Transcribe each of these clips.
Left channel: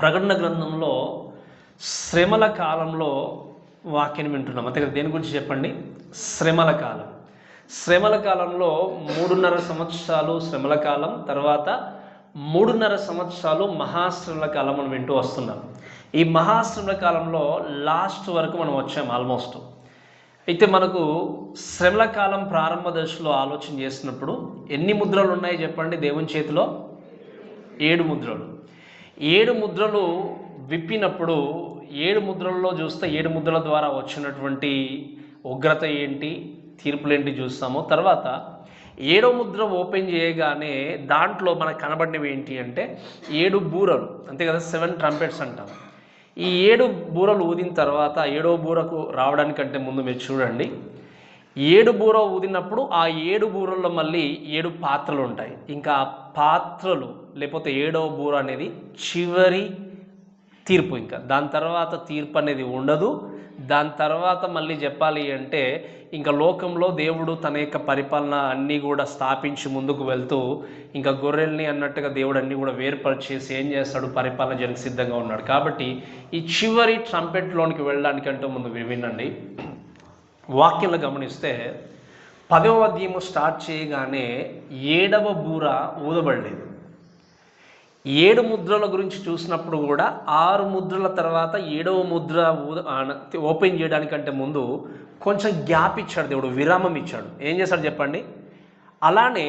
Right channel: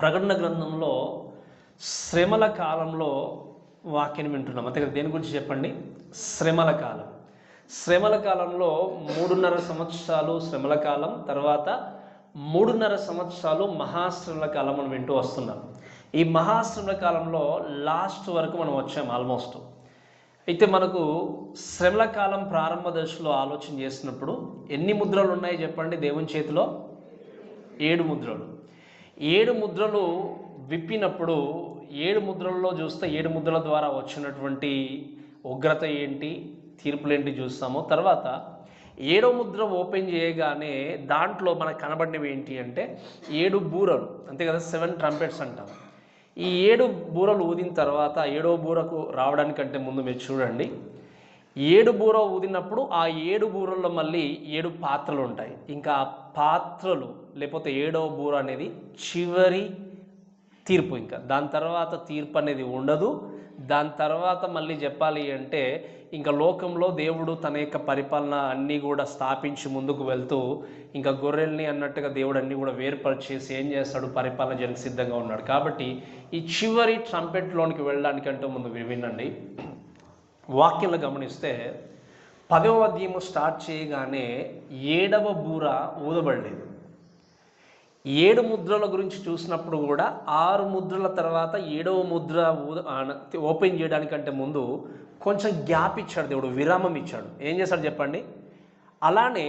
ప్రకటన గ్రంథంలో శ్రమల కాలంలో వాక్యం వింటున్నాం. అంతే కదా, దేని గురించి చెప్పండి? శ్రమల కాలం. శ్రమల కాలంలో 3.5 సంవత్సరాలు శ్రమల కాలం, తర్వాత 3.5 సంవత్సరాలు మహాశ్రమల కాలం మనం వింటూ వస్తున్నాం. ఈ మహాశ్రమల కాలంలో లాస్ట్ వరకు మనం వచ్చాం ఆల్మోస్ట్. అయితే మనకు శ్రమల కాలం ప్రారంభ దశలో ఆలోచన చేసినప్పుడు ఎన్ని ముద్రలు ఉన్నాయి చెప్పండి? దేవుని చేతిలో 7 ముద్రలు. 7 ముద్రలు విప్పినప్పుడు 7 ముద్రల్లో చూస్తే 7 ముద్రల ద్వారా వచ్చినటువంటి ఉగ్రత ఏంటి, తీర్పులేంటి చూస్తాము. తర్వాత 7వ ముద్ర ఓపెన్ చేయగానే దాంట్లో మనకు కనబడినవి ఏంటి అంటే 7 బూరలు, అంతే కదా, 7 ట్రంపెట్స్ అంటాం. ఈ 7 బూరలు ఊదిన తర్వాత 7వ బూరకు రావడానికంటే ముందు మీరు చూడండి, 7 బూర ఊదినప్పుడు ఆ 7 బూరల్లో మళ్ళీ 7 పాత్రలు ఉంటాయి. ఇంకా ఆ పాత్రలు లేకపోతే 7వ బూర అనేది చివరి తీర్పు. ఇంకా దాని తర్వాత తీర్పు అనేది ఉండదు. దాని తర్వాత మళ్ళీ చెప్పాలి అంటే ఇంకా లోకంలో దేవుడు తన యొక్క పరిపాలన అన్నీ కూడా స్థాపించి ముందుకు వెళ్తూ ఇంకా గొర్రెల్ని అన్నట్టుగా దేవుడు అన్నీ కూడా వేర్పరిచేసి ఏం చేస్తాడు, పరిపాలన జరిగి సిద్ధంగా ఉన్నాడు. కాబట్టి ఈ చివరి ట్రంపెట్లోనికి వెళ్ళడానికంటూ ముందు వినండి. వాక్యంలో గమనిస్తే 10వ అధ్యాయము స్టార్ట్ చేయగానే 7వ బూర ఊదబడలేదు. 7 ముద్రల గురించి చూసినప్పుడు కూడా 6 ముద్రల తర్వాత 7వ ముద్ర ఓపెన్ చేయడానికంటే ముందు కొంచెం గ్యాప్ ఇచ్చాడు దేవుడు, విరామం ఇచ్చాడు. ఏం చేశాడు చెప్పండి? అలానే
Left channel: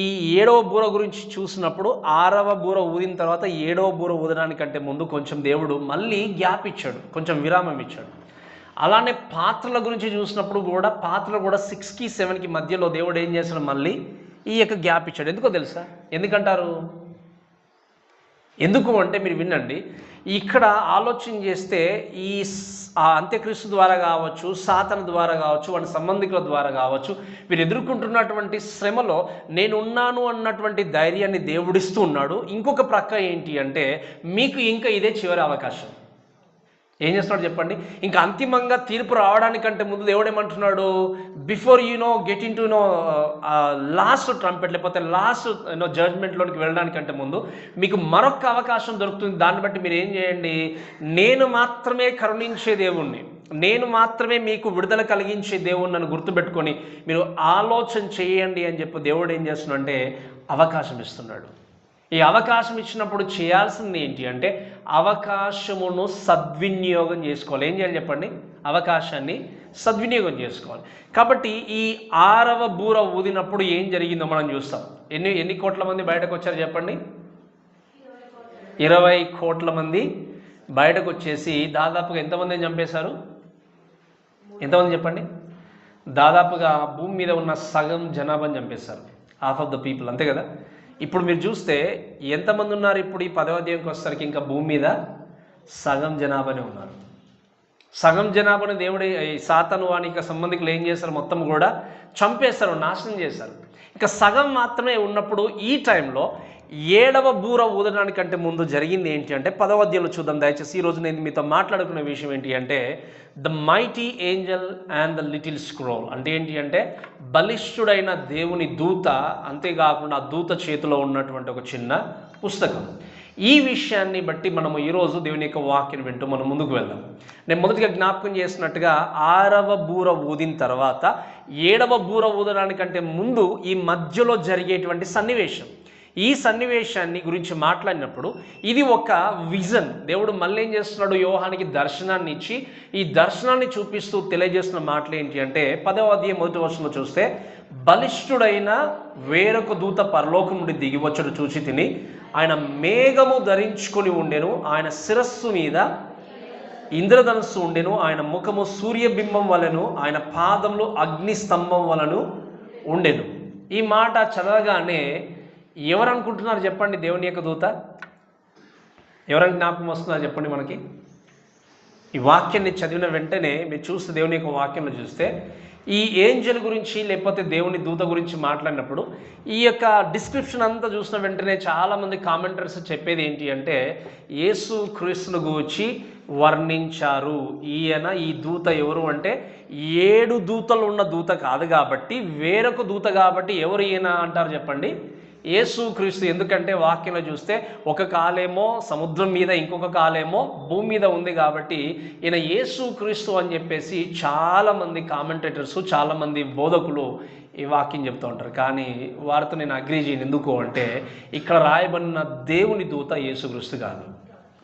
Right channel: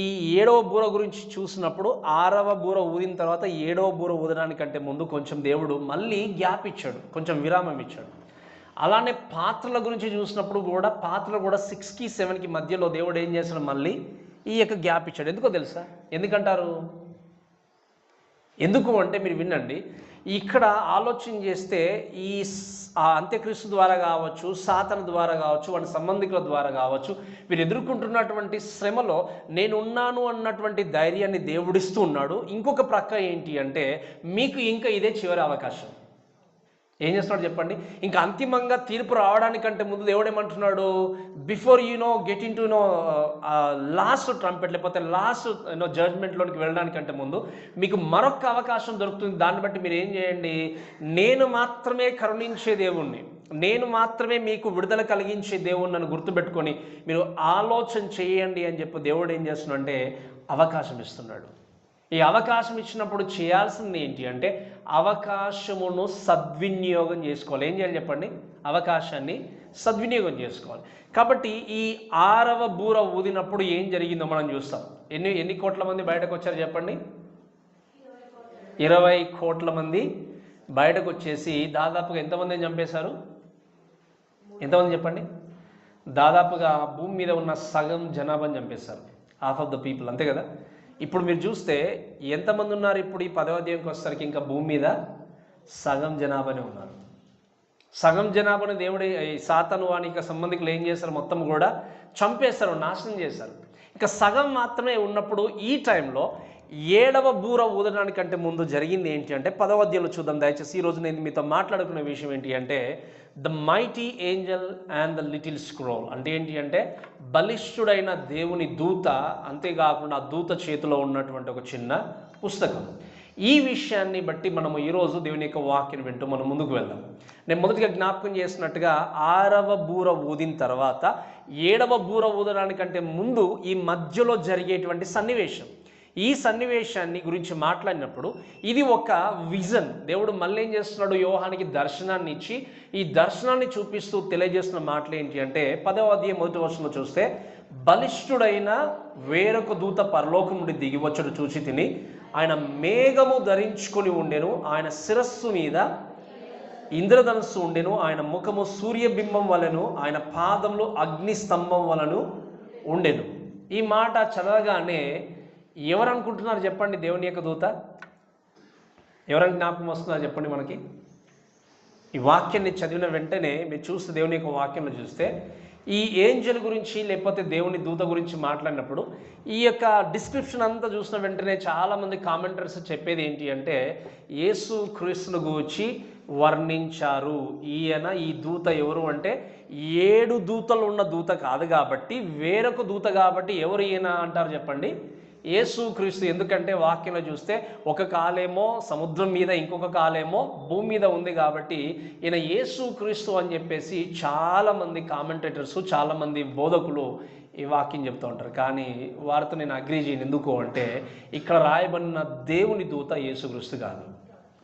ఈ 7వ బూర గురించి చూసినప్పుడు 6వ బూర ఊదిన తర్వాత 7వ బూర ఊదడానికంటే ముందు కొంచెం దేవుడు మళ్ళీ గ్యాప్ ఇచ్చాడు, కొంచెం విరామం ఇచ్చాడు. అలానే పాత్రల గురించి చూసినప్పుడు కూడా పాత్రలు కూడా 6కి 7కి మధ్యలో దేవుడు ఏం చేశాడు, మళ్ళీ ఈ యొక్క గ్యాప్ ఇచ్చాడు. ఎందుకో తెలుసా? ఎందుకంటారు? ఎందుకు అంటే మీరు వినండి. ఇక్కడ ఆలోచన చేస్తే ఈ అంత్యక్రీస్తు ద్వారా కావచ్చు, సాతాను ద్వారా కావచ్చు, వాటి సంబంధికుల ద్వారా కావచ్చు, వీరు ఎదుర్కొంటున్నటువంటి శ్రమలో నేనున్నాను అన్నటువంటి ధైర్యాన్ని దేవుడిస్తూ ఉన్నాడు. ఇంకొక ప్రక్క ఏంటి అంటే మీకు ఇంకా ఇదే చివరి అవకాశం. ఏం చేస్తున్నాడు చెప్పండి? ఇంకా అంతిమంగా తీర్పు రావడానికంటే ముందు దేవుడు ఏమంటున్నాడు, before get in to last trumpet లేకపోతే లాస్ట్ జడ్జ్మెంట్లోనికి వెళ్ళడానికంటే ముందు మీకు మరొక అవకాశం దొరుకుతుంది. దాన్ని బట్టి మీరు ఏం చేయండి, నేను మాత్రమే కరుణించే దేవుణ్ణి, నేను మాత్రమే మీకు విడుదల కలిగించే దేవుణ్ణి నన్ను గుర్తుపెట్టుకొని మీరు ఆలోచన చేయండి అని చెప్పి దేవుడు ఏం చేస్తున్నాడంటే అవకాశం ఇస్తున్నాడు. ఈ అవకాశం ఇచ్చినప్పుడు చేయాల్సింది ఏంటి అంటే అవకాశమును సద్వినియోగం చేసుకోవాలి. ఏం చేయాలి చెప్పండి? అవకాశాన్ని సద్వినియోగం చేసుకోవాలి. కాబట్టి ఈ 6వ బూర ఊదినప్పుడు ఏం జరిగిందో మనం చూస్తాం. ఎన్ని కోట్ల మంది బయటకు వచ్చారు చెప్పండి? 20 కోట్ల మంది బయటకు వచ్చేసి దాదాపుగా ఎంతమందిని చంపేశారు? ఎంతమంది చెప్పండి? దాదాపుగా భూమి మీద ఉన్న సగం జనాభాని చంపేశారు, హాఫ్ ఆఫ్ ద పీపుల్, అంతే కదా. ఇప్పుడు మీరు చూస్తే ఎంతమంది ఉన్నారు ఇప్పుడు ఈ 10వ అధ్యాయంకి వచ్చేసరికి? ఇంకా భూమి మీద సగం జనాభానే ఉన్నారు. సగం జనాభాని దేవుడు సాతాను వానికి సంబంధికులు ఏం చేశారు, మొత్తం కూడా చంపేశారు, నాశనం చేశారు. ఇక సగం మాత్రమే ఉన్నప్పుడు ఈ టైంలో 7వ బూర ఊదడానికంటే ముందు జరిగింది ఏంటి అంటే 10వ అధ్యాయంలో చూద్దాం దయచేసి. ఈరోజు నేను మీతో మాట్లాడుకునే విషయం ఏంటి అంటే the mighty Angel and the little scroll. అంటే ఏంటి అంటే బలిష్ఠుడైన దేవుని దూత, అంతేకాకుండా ఆ దూత చేతిలో ఉన్నటువంటి ఒక చిన్న పుస్తకం. ఈ విషయాన్ని బట్టి మనము ఈరోజు దేవుని యొక్క వాక్యం వింటూ మనం ముందుకు వెళ్దాం. నేను మొదటిగా జ్ఞాపకం చేసినట్టుగా 6వ బూర ఊదిన తర్వాత 7వ బూర ఊదడానికంటే ముందు ఈ మధ్యలో జరిగేటువంటి సన్నివేశం, ఈ సన్నివేశాన్ని గురించి మాట్లాడినప్పుడు ఇది ఒక విజన్. దేవుడు మళ్ళీ ఏం చేస్తున్నాడు, యోహానికి దర్శనాన్ని ఇచ్చి ఈ దర్శనాన్ని చూపిస్తూ తెలియజేస్తున్న మాటలు ఏంటి అంటే 10వ అధ్యాయం 1వ వచనంలో చూస్తే బలిష్ఠుడైన వేరొక దూత పరలోకం నుండి దిగివచ్చుడు చూచి తిని ఆయన మేఘము ధరించుకొని ఉండెను, ఆయన శిరస్సు మీద ఇంద్రధనుస్సు ఉండెను, ఆయన ముఖము సూర్యబింబం వలెను, ఆయన పాదములు అగ్ని స్తంభం వలను ఉండెను. ఈ మాట చదవగానే ఎవరు అనుకుంటున్నారు చెప్పండి? దేవుని యొక్క దూత. ఎవరైనా జ్ఞాపకం వస్తున్నారు చెప్పండి మనకి? ఈ వాక్యాన్ని చదివిన వెంటనే మీరు చూస్తే దేవుని యొక్క వాక్యంలో చూస్తే ఈ ఏంజల్ గురించి లేకపోతే దేవుని దూత గురించి మాట్లాడినప్పుడు ఈ యొక్క డిస్క్రిప్షన్ అంతా చూసిన వెంటనే చాలామంది కామెంటర్స్ చెప్పేది ఏంటి అంటే యేసు క్రీస్తును గూర్చి వర్ణించారు. ఈ దూత ఎవరు అంటే 7 దూతలు ఉన్న దూత కాదు కాబట్టి వేరొక దూత కాబట్టి ఎవరు ఈయన అంటారు చెప్పండి? యేసుక్రీస్తు. ఎందుకంటే వాక్యంలో చూస్తే ఒక కాలేమో సముద్రం మీద, ఇంకొక కాలేమో భూమి మీద ఉంది కాబట్టి ఈయన యేసుక్రీస్తు అని చెప్పేసి చాలామంది కామెంటేటర్స్, చాలామంది బోధకులు ఈ వాక్యం చెప్తూ ఉంటారు. కానీ వారితో నేను అగ్రీ చేయను. ఎందుకు అంటే ఇక్కడ రాయబడిన దేవుని దూత యేసుక్రీస్తు కాదు.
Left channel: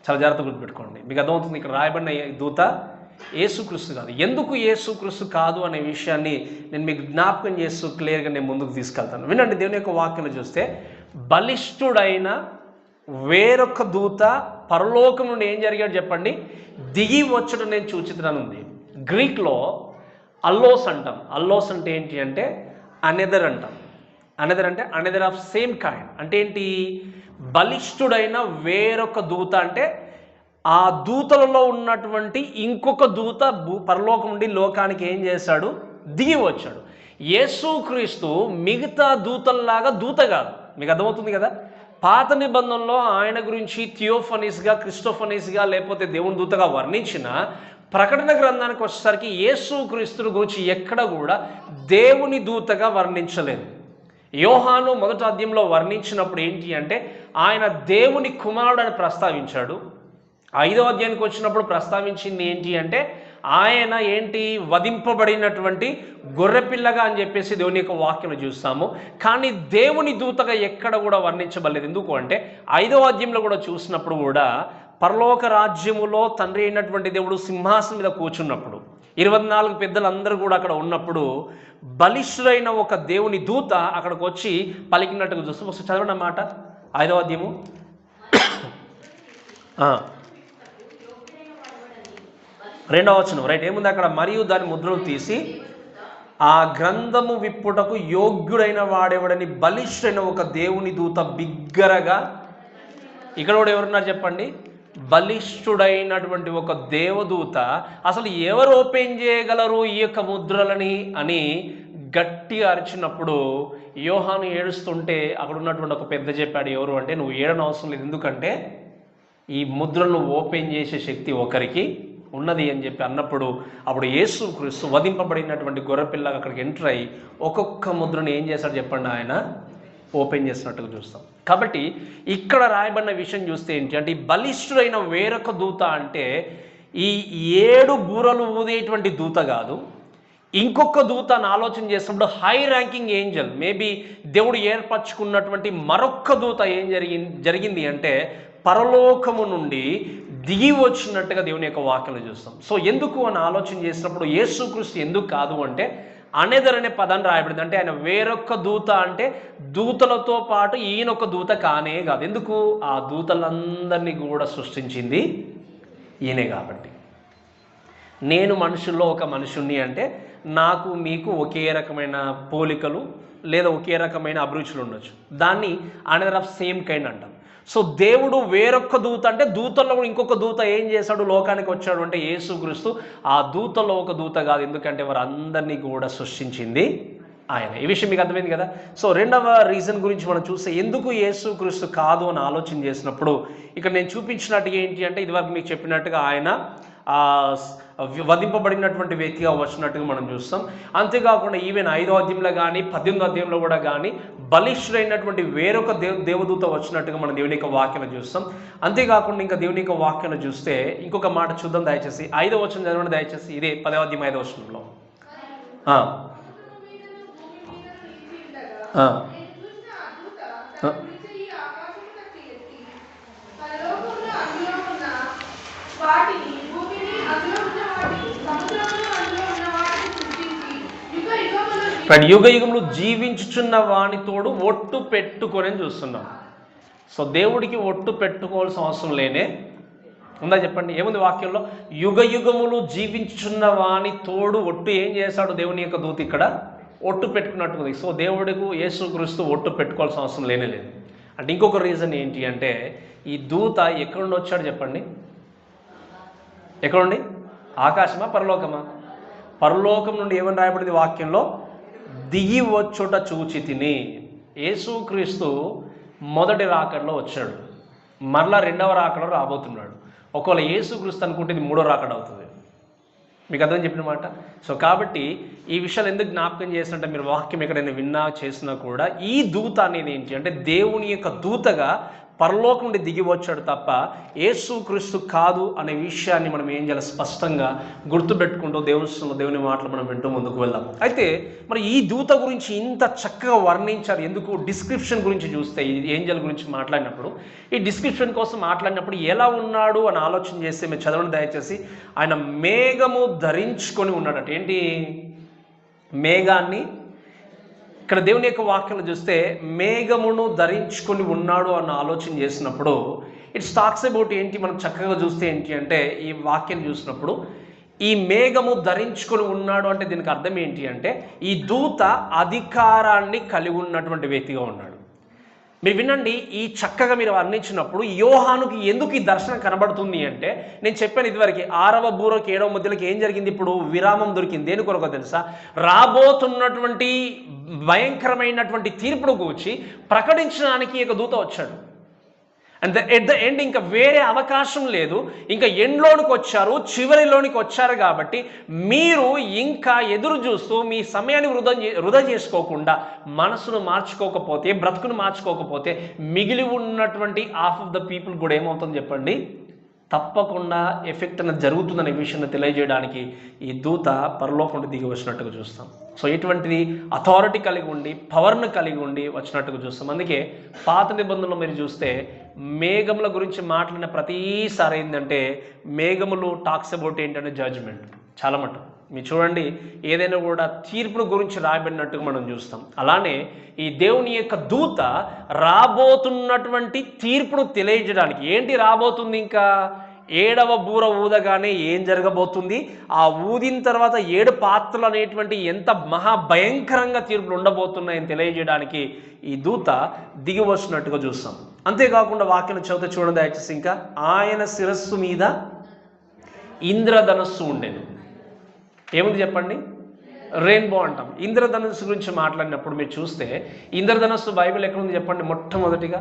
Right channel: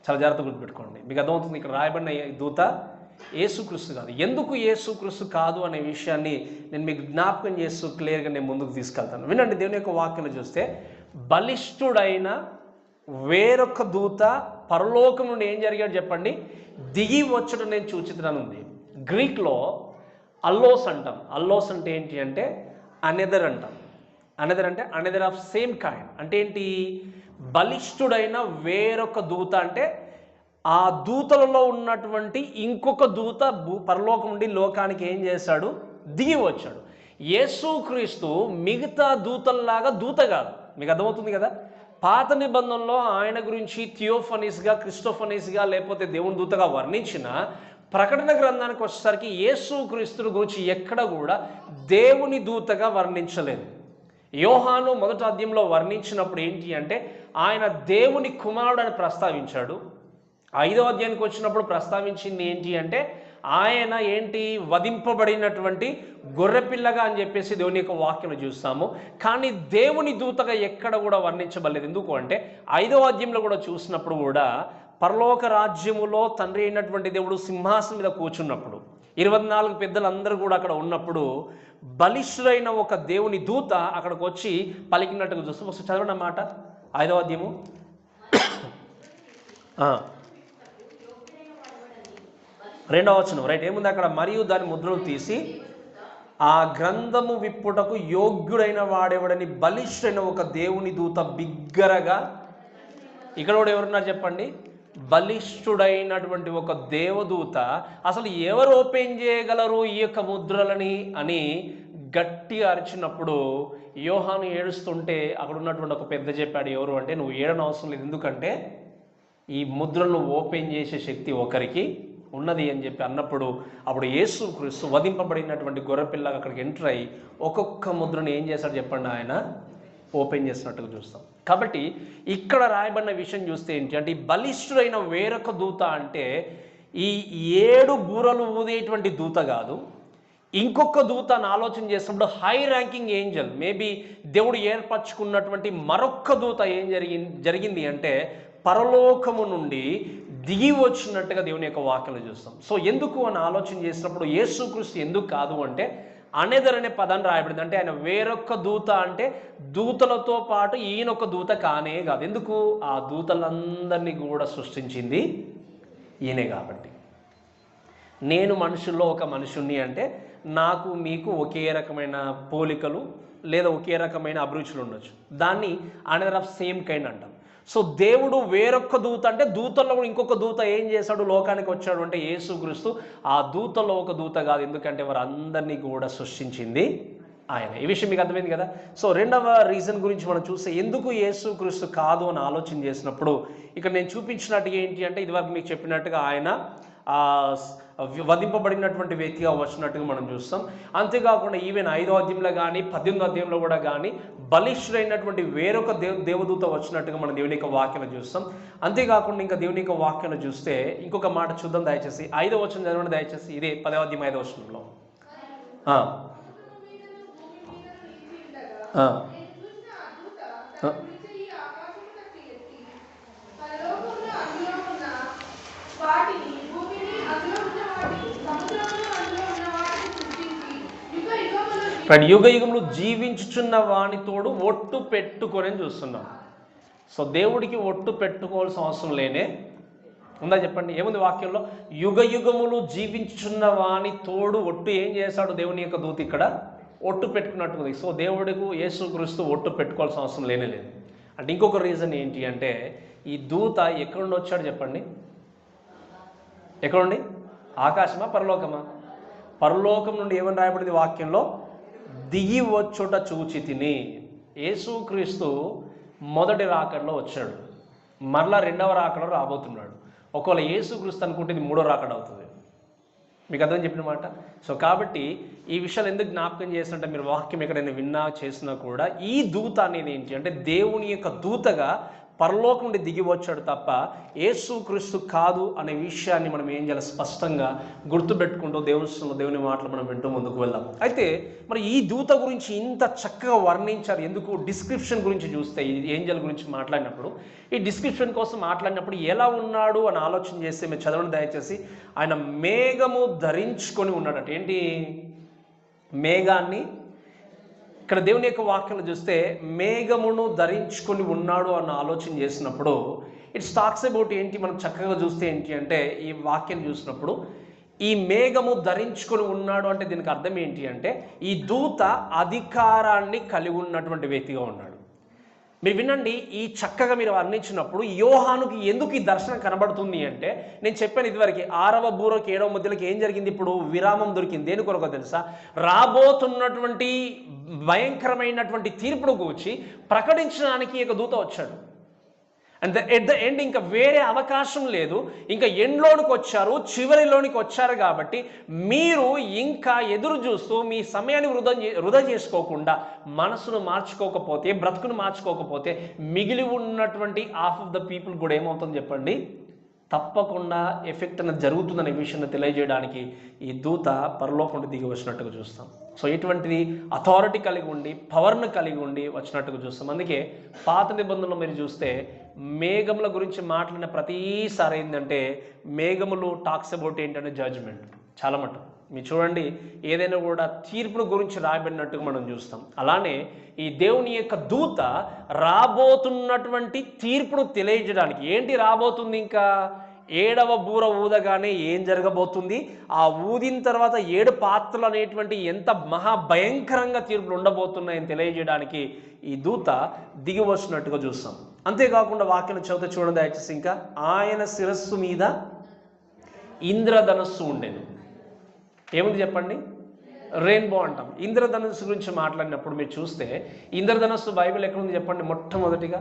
చాలా జాగ్రత్త గుర్తుపెట్టుకోండి. మీకు అర్థమవుతుంది, ఇక్కడ రాయబడిన దూత యేసుక్రీస్తు కాదు. ఎందుకు యేసుక్రీస్తు కాదు అనే విషయాన్ని నేను మీకు జ్ఞాపకం చేస్తూ క్లియర్గా నేను ముందుకు తీసుకెళ్తాను. వినండి, దేవుని యొక్క వాక్యంలో చూస్తే బలిష్ఠుడైన వేరొక దూత పరలోకం నుండి ఏం జరిగాడు చెప్పండి, దిగి వచ్చడం నేను చూచితున్నాను ఉంది. గ్రీక్లో అల్లోస్ అంటాం. అల్లోస్ అంటే ఏంటి అంటే అనెదర్ అంటాం. అనెదర్ అంటే అనెదర్ ఆఫ్ సేమ్ కైండ్. అంటే ఏంటి, బలిష్ఠుడైన వేరొక దూత అంటే ఆ దూతలలో ఉన్నటువంటి ఇంకొక దూత పరలోకం నుండి లోకానికి ఏం చేశాడు, దిగి వచ్చాడు. యేసుక్రీస్తు మిగతా దూతల్లాగా దూత కాదు. మీకు అర్థమవుతుంది కదా. పాత నిబంధనలో ఆయన గురించి థియోఫనీస్గా, క్రిస్టోఫనీస్గా, లేకపోతే దేవుని దూతగా వర్ణించిన ప్రకటన గ్రంథానికి వచ్చేసరికి యేసుక్రీస్తుని గురించి ఎక్కడ కూడా దేవుని దూతగా వర్ణించలేదు. యోహాను మొదటి అధ్యాయంలో వర్ణించినప్పుడు ఏంటి అంటే ఆయన దేవుని కుమారుడు అని ప్రస్తావించాడు. 5వ అధ్యాయానికి వచ్చినప్పుడు ప్రస్తావించింది ఏంటి అంటే ఆయన ఏంటి, వధింపబడినటువంటి గొర్రెపిల్లగా అని చెప్పేసి దేవుని యొక్క వాక్యం చూస్తాము. కానీ దేవుని దూతగా ఎక్కడ కూడా వర్ణించబడలేదు. ఎందుకు అంటే 5వ అధ్యాయంలో కూడా చూసినప్పుడు కూడా పరలోక రాజ్యములో తండ్రి అయినటువంటి దేవుడు సింహాసనం మీద కూర్చున్నప్పుడు 24 పెద్దలందరూ కూడా అక్కడ ఉన్నప్పుడు బలిష్ఠుడైన ఒక దేవుని దూత అక్కడికి వచ్చి పలికినట్టుగా చూస్తాం. ఒకసారి చదవండి అన్నమాట 5వ అధ్యాయము. రెండవ వచనం రైట్. ఏముంది అక్కడ, మరియు దాని ముద్రలు తీసి ఆ గ్రంథము విప్పుటకు యోగ్యుడైన వాడెవడని బలిష్ఠుడైన ఒక దేవుని దూత బిగ్గరగా. ఇక్కడ కూడా ఎవరున్నారు చెప్పండి, బలిష్ఠుడైనటువంటి ఒక దేవదూత. అసలు ఎవరు ఓపెన్ చేయగలరు ఈ యొక్క ముద్రలని అని గట్టిగా అరిచినప్పుడు యోహాను ఏడుస్తుంటే అక్కడ ఉన్నటువంటి ఒక పెద్ద చెప్పాడు, ఎవరు అంటే నువ్వు ఏడనవసరం లేదు, ఎందుకంటే ఈ ముద్రలను ఓపెన్ చేసే శక్తి ఒకరికి ఉన్నది అని చెప్పి అన్నప్పుడు అప్పుడు యేసుక్రీస్తు వధింపబడినటువంటి గొర్రెపిల్లగా అక్కడికి ఎంటర్ అయ్యి ఒక్కొక్క ముద్రను ఏం చేశాడు చెప్పండి, ఆయన ఓపెన్ చేసినట్టుగా చూస్తాం. కాబట్టి ఇక్కడ రాయబడిన విషయం చూస్తే ఏంటి అంటే ఈ బలిష్ఠుడైన వేరొక దూత అంటే ఈ 7 బూరలు ఊదేటువంటి దూత కాదు. ఇంకొక దూత అని ఆలోచన చేసినప్పుడు హై ర్యాంకింగ్ ఏంజల్, మేబీ దేవుడు ఏర్పరచుకున్నటువంటి మరొక్క దూత ఏం జరిగింది అంటే పరలోకము నుండి దిగి వచ్చినట్టుగా దేవుని యొక్క వాక్యలు చూస్తాం. సో ఎందుకు అని ఆలోచన చేసినప్పుడు యేసుక్రీస్తు ఎందుకు కాదు అంటే అనెదర్ అనే పదాన్ని రాయబడింది. అంటే ఆయన వేరొక దూత అంటే దూతలతో పాటు ఈయనొక దూత కానే కాదు. ఎందుకు, ఆ దూతలందరినీ కూడా సృష్టించింది ఈయనే కాబట్టి. నేను మనుషుల్లో ఒక మనుషుణ్ణి అంటే నాకు మీకు ఒకే రకమైన పోలికలు లేదా ఒకే రకమైన అభిరుచులు ఉండొచ్చు. దాన్ని అనెదర్ ఆఫ్ సేమ్ కైండ్ అంటాం. సో దేవుడు వేరొక దూత అంటే దూతల్లో ఇంకొక దూత ఏం చేశాడు, లోకానికి వచ్చాడు అంటే యేసుక్రీస్తు ఆ దూతలో ఒక దూత కాదు. ఎందుకంటే వారందరినీ కూడా సృష్టించింది ఆయన. ఈ విషయం మీకు అర్థమైంది కదా. సో రెండవ రీజన్ గురించి మనం చూస్తే ఎందుకు యేసుక్రీస్తు కాదు అని ఆలోచన చేసినప్పుడు ఇక్కడ నేను చూపించినట్టుగా ఏంటి అంటే ఇదివరకు మీకు చెప్పినట్టుగా ఆయన వధింపబడినటువంటి వ్యక్తిగా వచ్చినట్టుగా మనం చూస్తాం. అంతేకాకుండా ఈవెన్ 5వ అధ్యాయంలో కానీ 18వ అధ్యాయంలో కూడా కానీ బలిష్ఠుడైనటువంటి వేరొక దేవదూత వచ్చినట్టుగా మనం దేవుని యొక్క వాక్యాలు చూస్తాం. అంతేకాకుండా ఇంకా దేవుని యొక్క వాక్యాలు చూస్తే ఇంకొక మాట చూద్దాం దయచేసి. 5వ వచనం చదవండి దయచేసి. ఇదే 10వ అధ్యాయం 5వ వచనంలో యుగ యుగములు జీవించుచున్న వానితోడు ఒట్టు పెట్టుకొని చూస్తున్నాం. సో దేవుడికి ఒట్టు పెట్టుకోవాల్సిన అవసరం లేనే ఉందా చెప్పండి. ఏముంది వాక్యంలో, యుగ యుగములు జీవించుచున్న వాని తోడు ఒట్టు ఏం చేశాడు దేవుని యొక్క దూత ఇక్కడ ఒట్టు పెట్టుకున్నట్టుగా. సో దేవుడికి యేసుక్రీస్తు ఒట్టు పెట్టుకోవాల్సిన అవసరం లేనే లేదు. అంటే ఇంకొక రీజన్ ఏంటి అంటే ఈ దూత ఎక్కడి నుండి వచ్చాడు చెప్పండి, ఎక్కడుండి, ఆకాశమా పరలోకమా? పరలోకం నుండి ఏమని రాయబడింది వాక్యంలో, దిగి వచ్చుట చూచి తిని. యేసుక్రీస్తు మొదటి రాకడలో వచ్చాడు, మరలా రెండవ రాకడలో రాబోతున్నాడు. ఒకవేళ యేసుక్రీస్తు అనుకుంటే ఇది 3వ రాకడ అవుతుంది. మీకు అర్థం చెప్పిన మాట. సో కాబట్టి ఈ విషయాలు ఎందుకు జ్ఞాపకం చేసినట్టే, మీరు వాక్యం ఎక్కడైనా విన్నా చేసినా కూడా ఈ దూత అనేది ఏంటి అంటే దేవుని యొక్క దూతగా పరలోకం నుండి దిగి వచ్చాడు తప్ప యేసుక్రీస్తు కాదు అనే విషయాన్ని మనం ఏం చేయాలి, స్పష్టంగా గుర్తుపెట్టుకుంటూ దేవుని మాటలు మనం వింటూ ముందుకు వెళ్దాం. అయితే మరి ఈ దూత గురించి ఇంత చక్కగా వర్ణించారు ఎందుకు? డిస్క్రిప్షన్ గురించి చూస్తే, ఈ ఏంజల్ గురించి మాట్లాడినప్పుడు, ఈ డిస్క్రిప్షన్ కోసం మాట్లాడినప్పుడు ఎలా ఉన్నాడు అని ఆలోచన చేస్తే మీరు చదవండి దయచేసి. ఆయన మేఘము ధరించుకొని ఉన్నాడట. ఏంటి మేఘాన్ని? ఇక్కడ దేవుని యొక్క వాక్యాలు చూస్తే మేఘమును ధరించుకొని ఉన్నాడు అన్న ఆలోచన చేసినప్పుడు ఇట్స్ టాక్స్ అబౌట్ ఏంటి, మనం చక్కగా చూస్తే ఏంటి అంటే, ఈ వాక్యం చూసినప్పుడు ఈ మేఘము ధరించుకొని ఉన్నాడు అంటే దీనికి అర్థం ఏంటి అంటే, ఈ దూత అధికారాన్ని కలిగి ఉన్నటువంటి వ్యక్తిగా ఉన్నాడు. మీరు వినండి, ఈ చక్కగా మీరు వర్ణించినప్పుడు యోహానుకి ఎందుకు ఈ దర్శనం కనబడుతుంది అంటే, నేను చెప్పాను ఇదివరకు 6వ బూరకి 7వ ముద్రలకి ఏం జరిగింది, ఇప్పుడు విరామం దొరికింది. దేని కొరకు తెలుసా? రాబోతున్నటువంటి భయంకరమైనటువంటి తీర్పును గూర్చి ప్రకటించడానికి ఒక దూత వచ్చాడు. అండ్ ఎట్ ద ఎండ్ ఇంకా వేరే అవకాశం లేదు, ఇంకా ఎండ్లోనికి వచ్చారు, చివరిలోనికి వచ్చారు. కాబట్టి మీరు ఇంకా ఎదురు చూస్తూ మీ సమయాన్ని వృధా చేసుకోకుండా, మనసును మార్చుకోకపోతే, బ్రతుకును మార్చుకోకపోతే, మిగిలి ఉన్నటువంటి హాఫ్ ఆఫ్ ద పీపుల్ కూడా ఏమవుతుంది చెప్పండి, తప్పకుండా ఎఫెక్ట్ అనేది జరుగుతుందనే విషయాన్ని తెలియజేయడానికి ఈ దూత పరలోకం నుండి దిగి వచ్చినట్టుగా చూస్తాం. సో ఇటువంటిది అథారిటీ కలిగి ఉండి, పవర్ను కలిగి ఉండి వచ్చినట్టుగా చూస్తాం. అందుకే పాత నిబంధనలు మీరు చూస్తే మేఘముల గురించి మాట్లాడిన ప్రతిసారి ఏంటంటే, మేఘములు టాక్స్ అబౌట్ ఏంటంటే జడ్జ్మెంట్. చాలా మటుకు మీరు చూడండి, ఏదైనా కూడా తీర్పును గురించి రాయబడినట్టుగా మనం చూస్తాం. అలానే ఈ దేవుని యొక్క దూత రాబోతున్నటువంటి తీర్పును తెలియజేయడానికి, ఏంటి రాబోతుంది, ఇంకా 7వ బూర ఊదగానే ఏం జరగబోతుంది, ఆ ఊదిన తర్వాత 7 పాత్రలు అనేటువంటి ఎంత మహాభయంకరంగా తీర్పులు ఉండబోతున్నాయని తెలియజేయడానికి ఈ దూత దిగి వచ్చినట్టుగా చూస్తాం. అంతేకాకుండా వాక్యం చదువుతూ చూడండి దయచేసి. ఇంకా ఆయన శిరస్సు మీద ఇంద్రధనస్సు ఉండేను. ఏముంది చెప్పండి? రెయిన్బో అంటాం. ఇంద్రధనస్సు గురించి మాట్లాడినప్పుడు మీరు చూస్తే ఇంద్రధనస్సు బైబిల్ ఎక్కడ ఉంది చెప్పండి? మొట్టమొదటిగా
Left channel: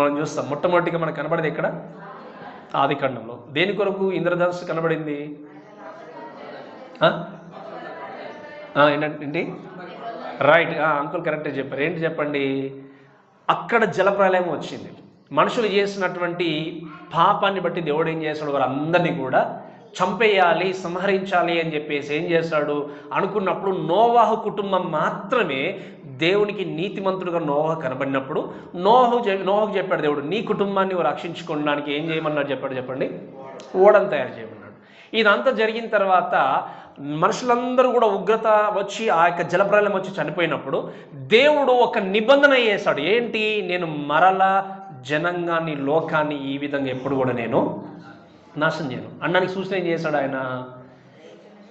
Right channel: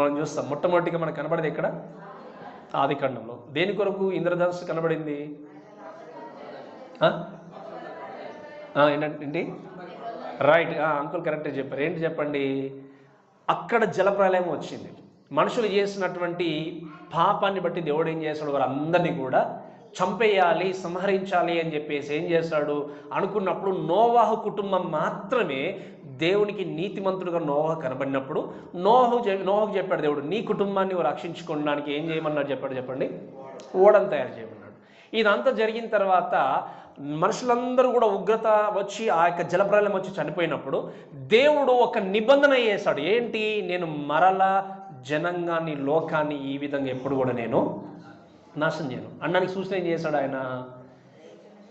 మనం చూస్తాం. మొట్టమొదటిగా మనకు కనబడేది ఎక్కడ? ఆదికాండంలో. దేని కొరకు ఇంద్రధనస్సు కనబడింది? ఏంటండి? రైట్, అంకుల్ కరెక్ట్గా చెప్పారు. ఏంటి చెప్పండి? అక్కడ జలప్రలయం వచ్చింది. మనుషులు చేసినటువంటి పాపాన్ని బట్టి దేవుడు ఏం చేస్తాడు, వారందరినీ కూడా చంపేయాలి, సంహరించాలి అని చెప్పేసి ఏం చేస్తాడు అనుకున్నప్పుడు, నోవాహు కుటుంబం మాత్రమే దేవునికి నీతిమంతుడుగా నోవాహు కనబడినప్పుడు నోవాహుకు చెప్పాడు దేవుడు, నీ కుటుంబాన్ని రక్షించుకోవడానికి ఏం చేయమన్నాడు చెప్పండి? ఓడను తయారు చేయమన్నాడు. ఇదంతా జరిగిన తర్వాత మనుషులందరూ కూడా ఉగ్రత వచ్చి ఆ యొక్క జలప్రలయం వచ్చి చనిపోయినప్పుడు దేవుడు ఒక నిబంధన చేశాడు. ఏంటి? నేను మరలా జనాంగాన్ని, లోకాన్ని ఈ విధంగా ఎప్పుడు కూడా నేను నాశనం చేయను అన్నానికి సూచన ఏం చేశాడు ఆయన?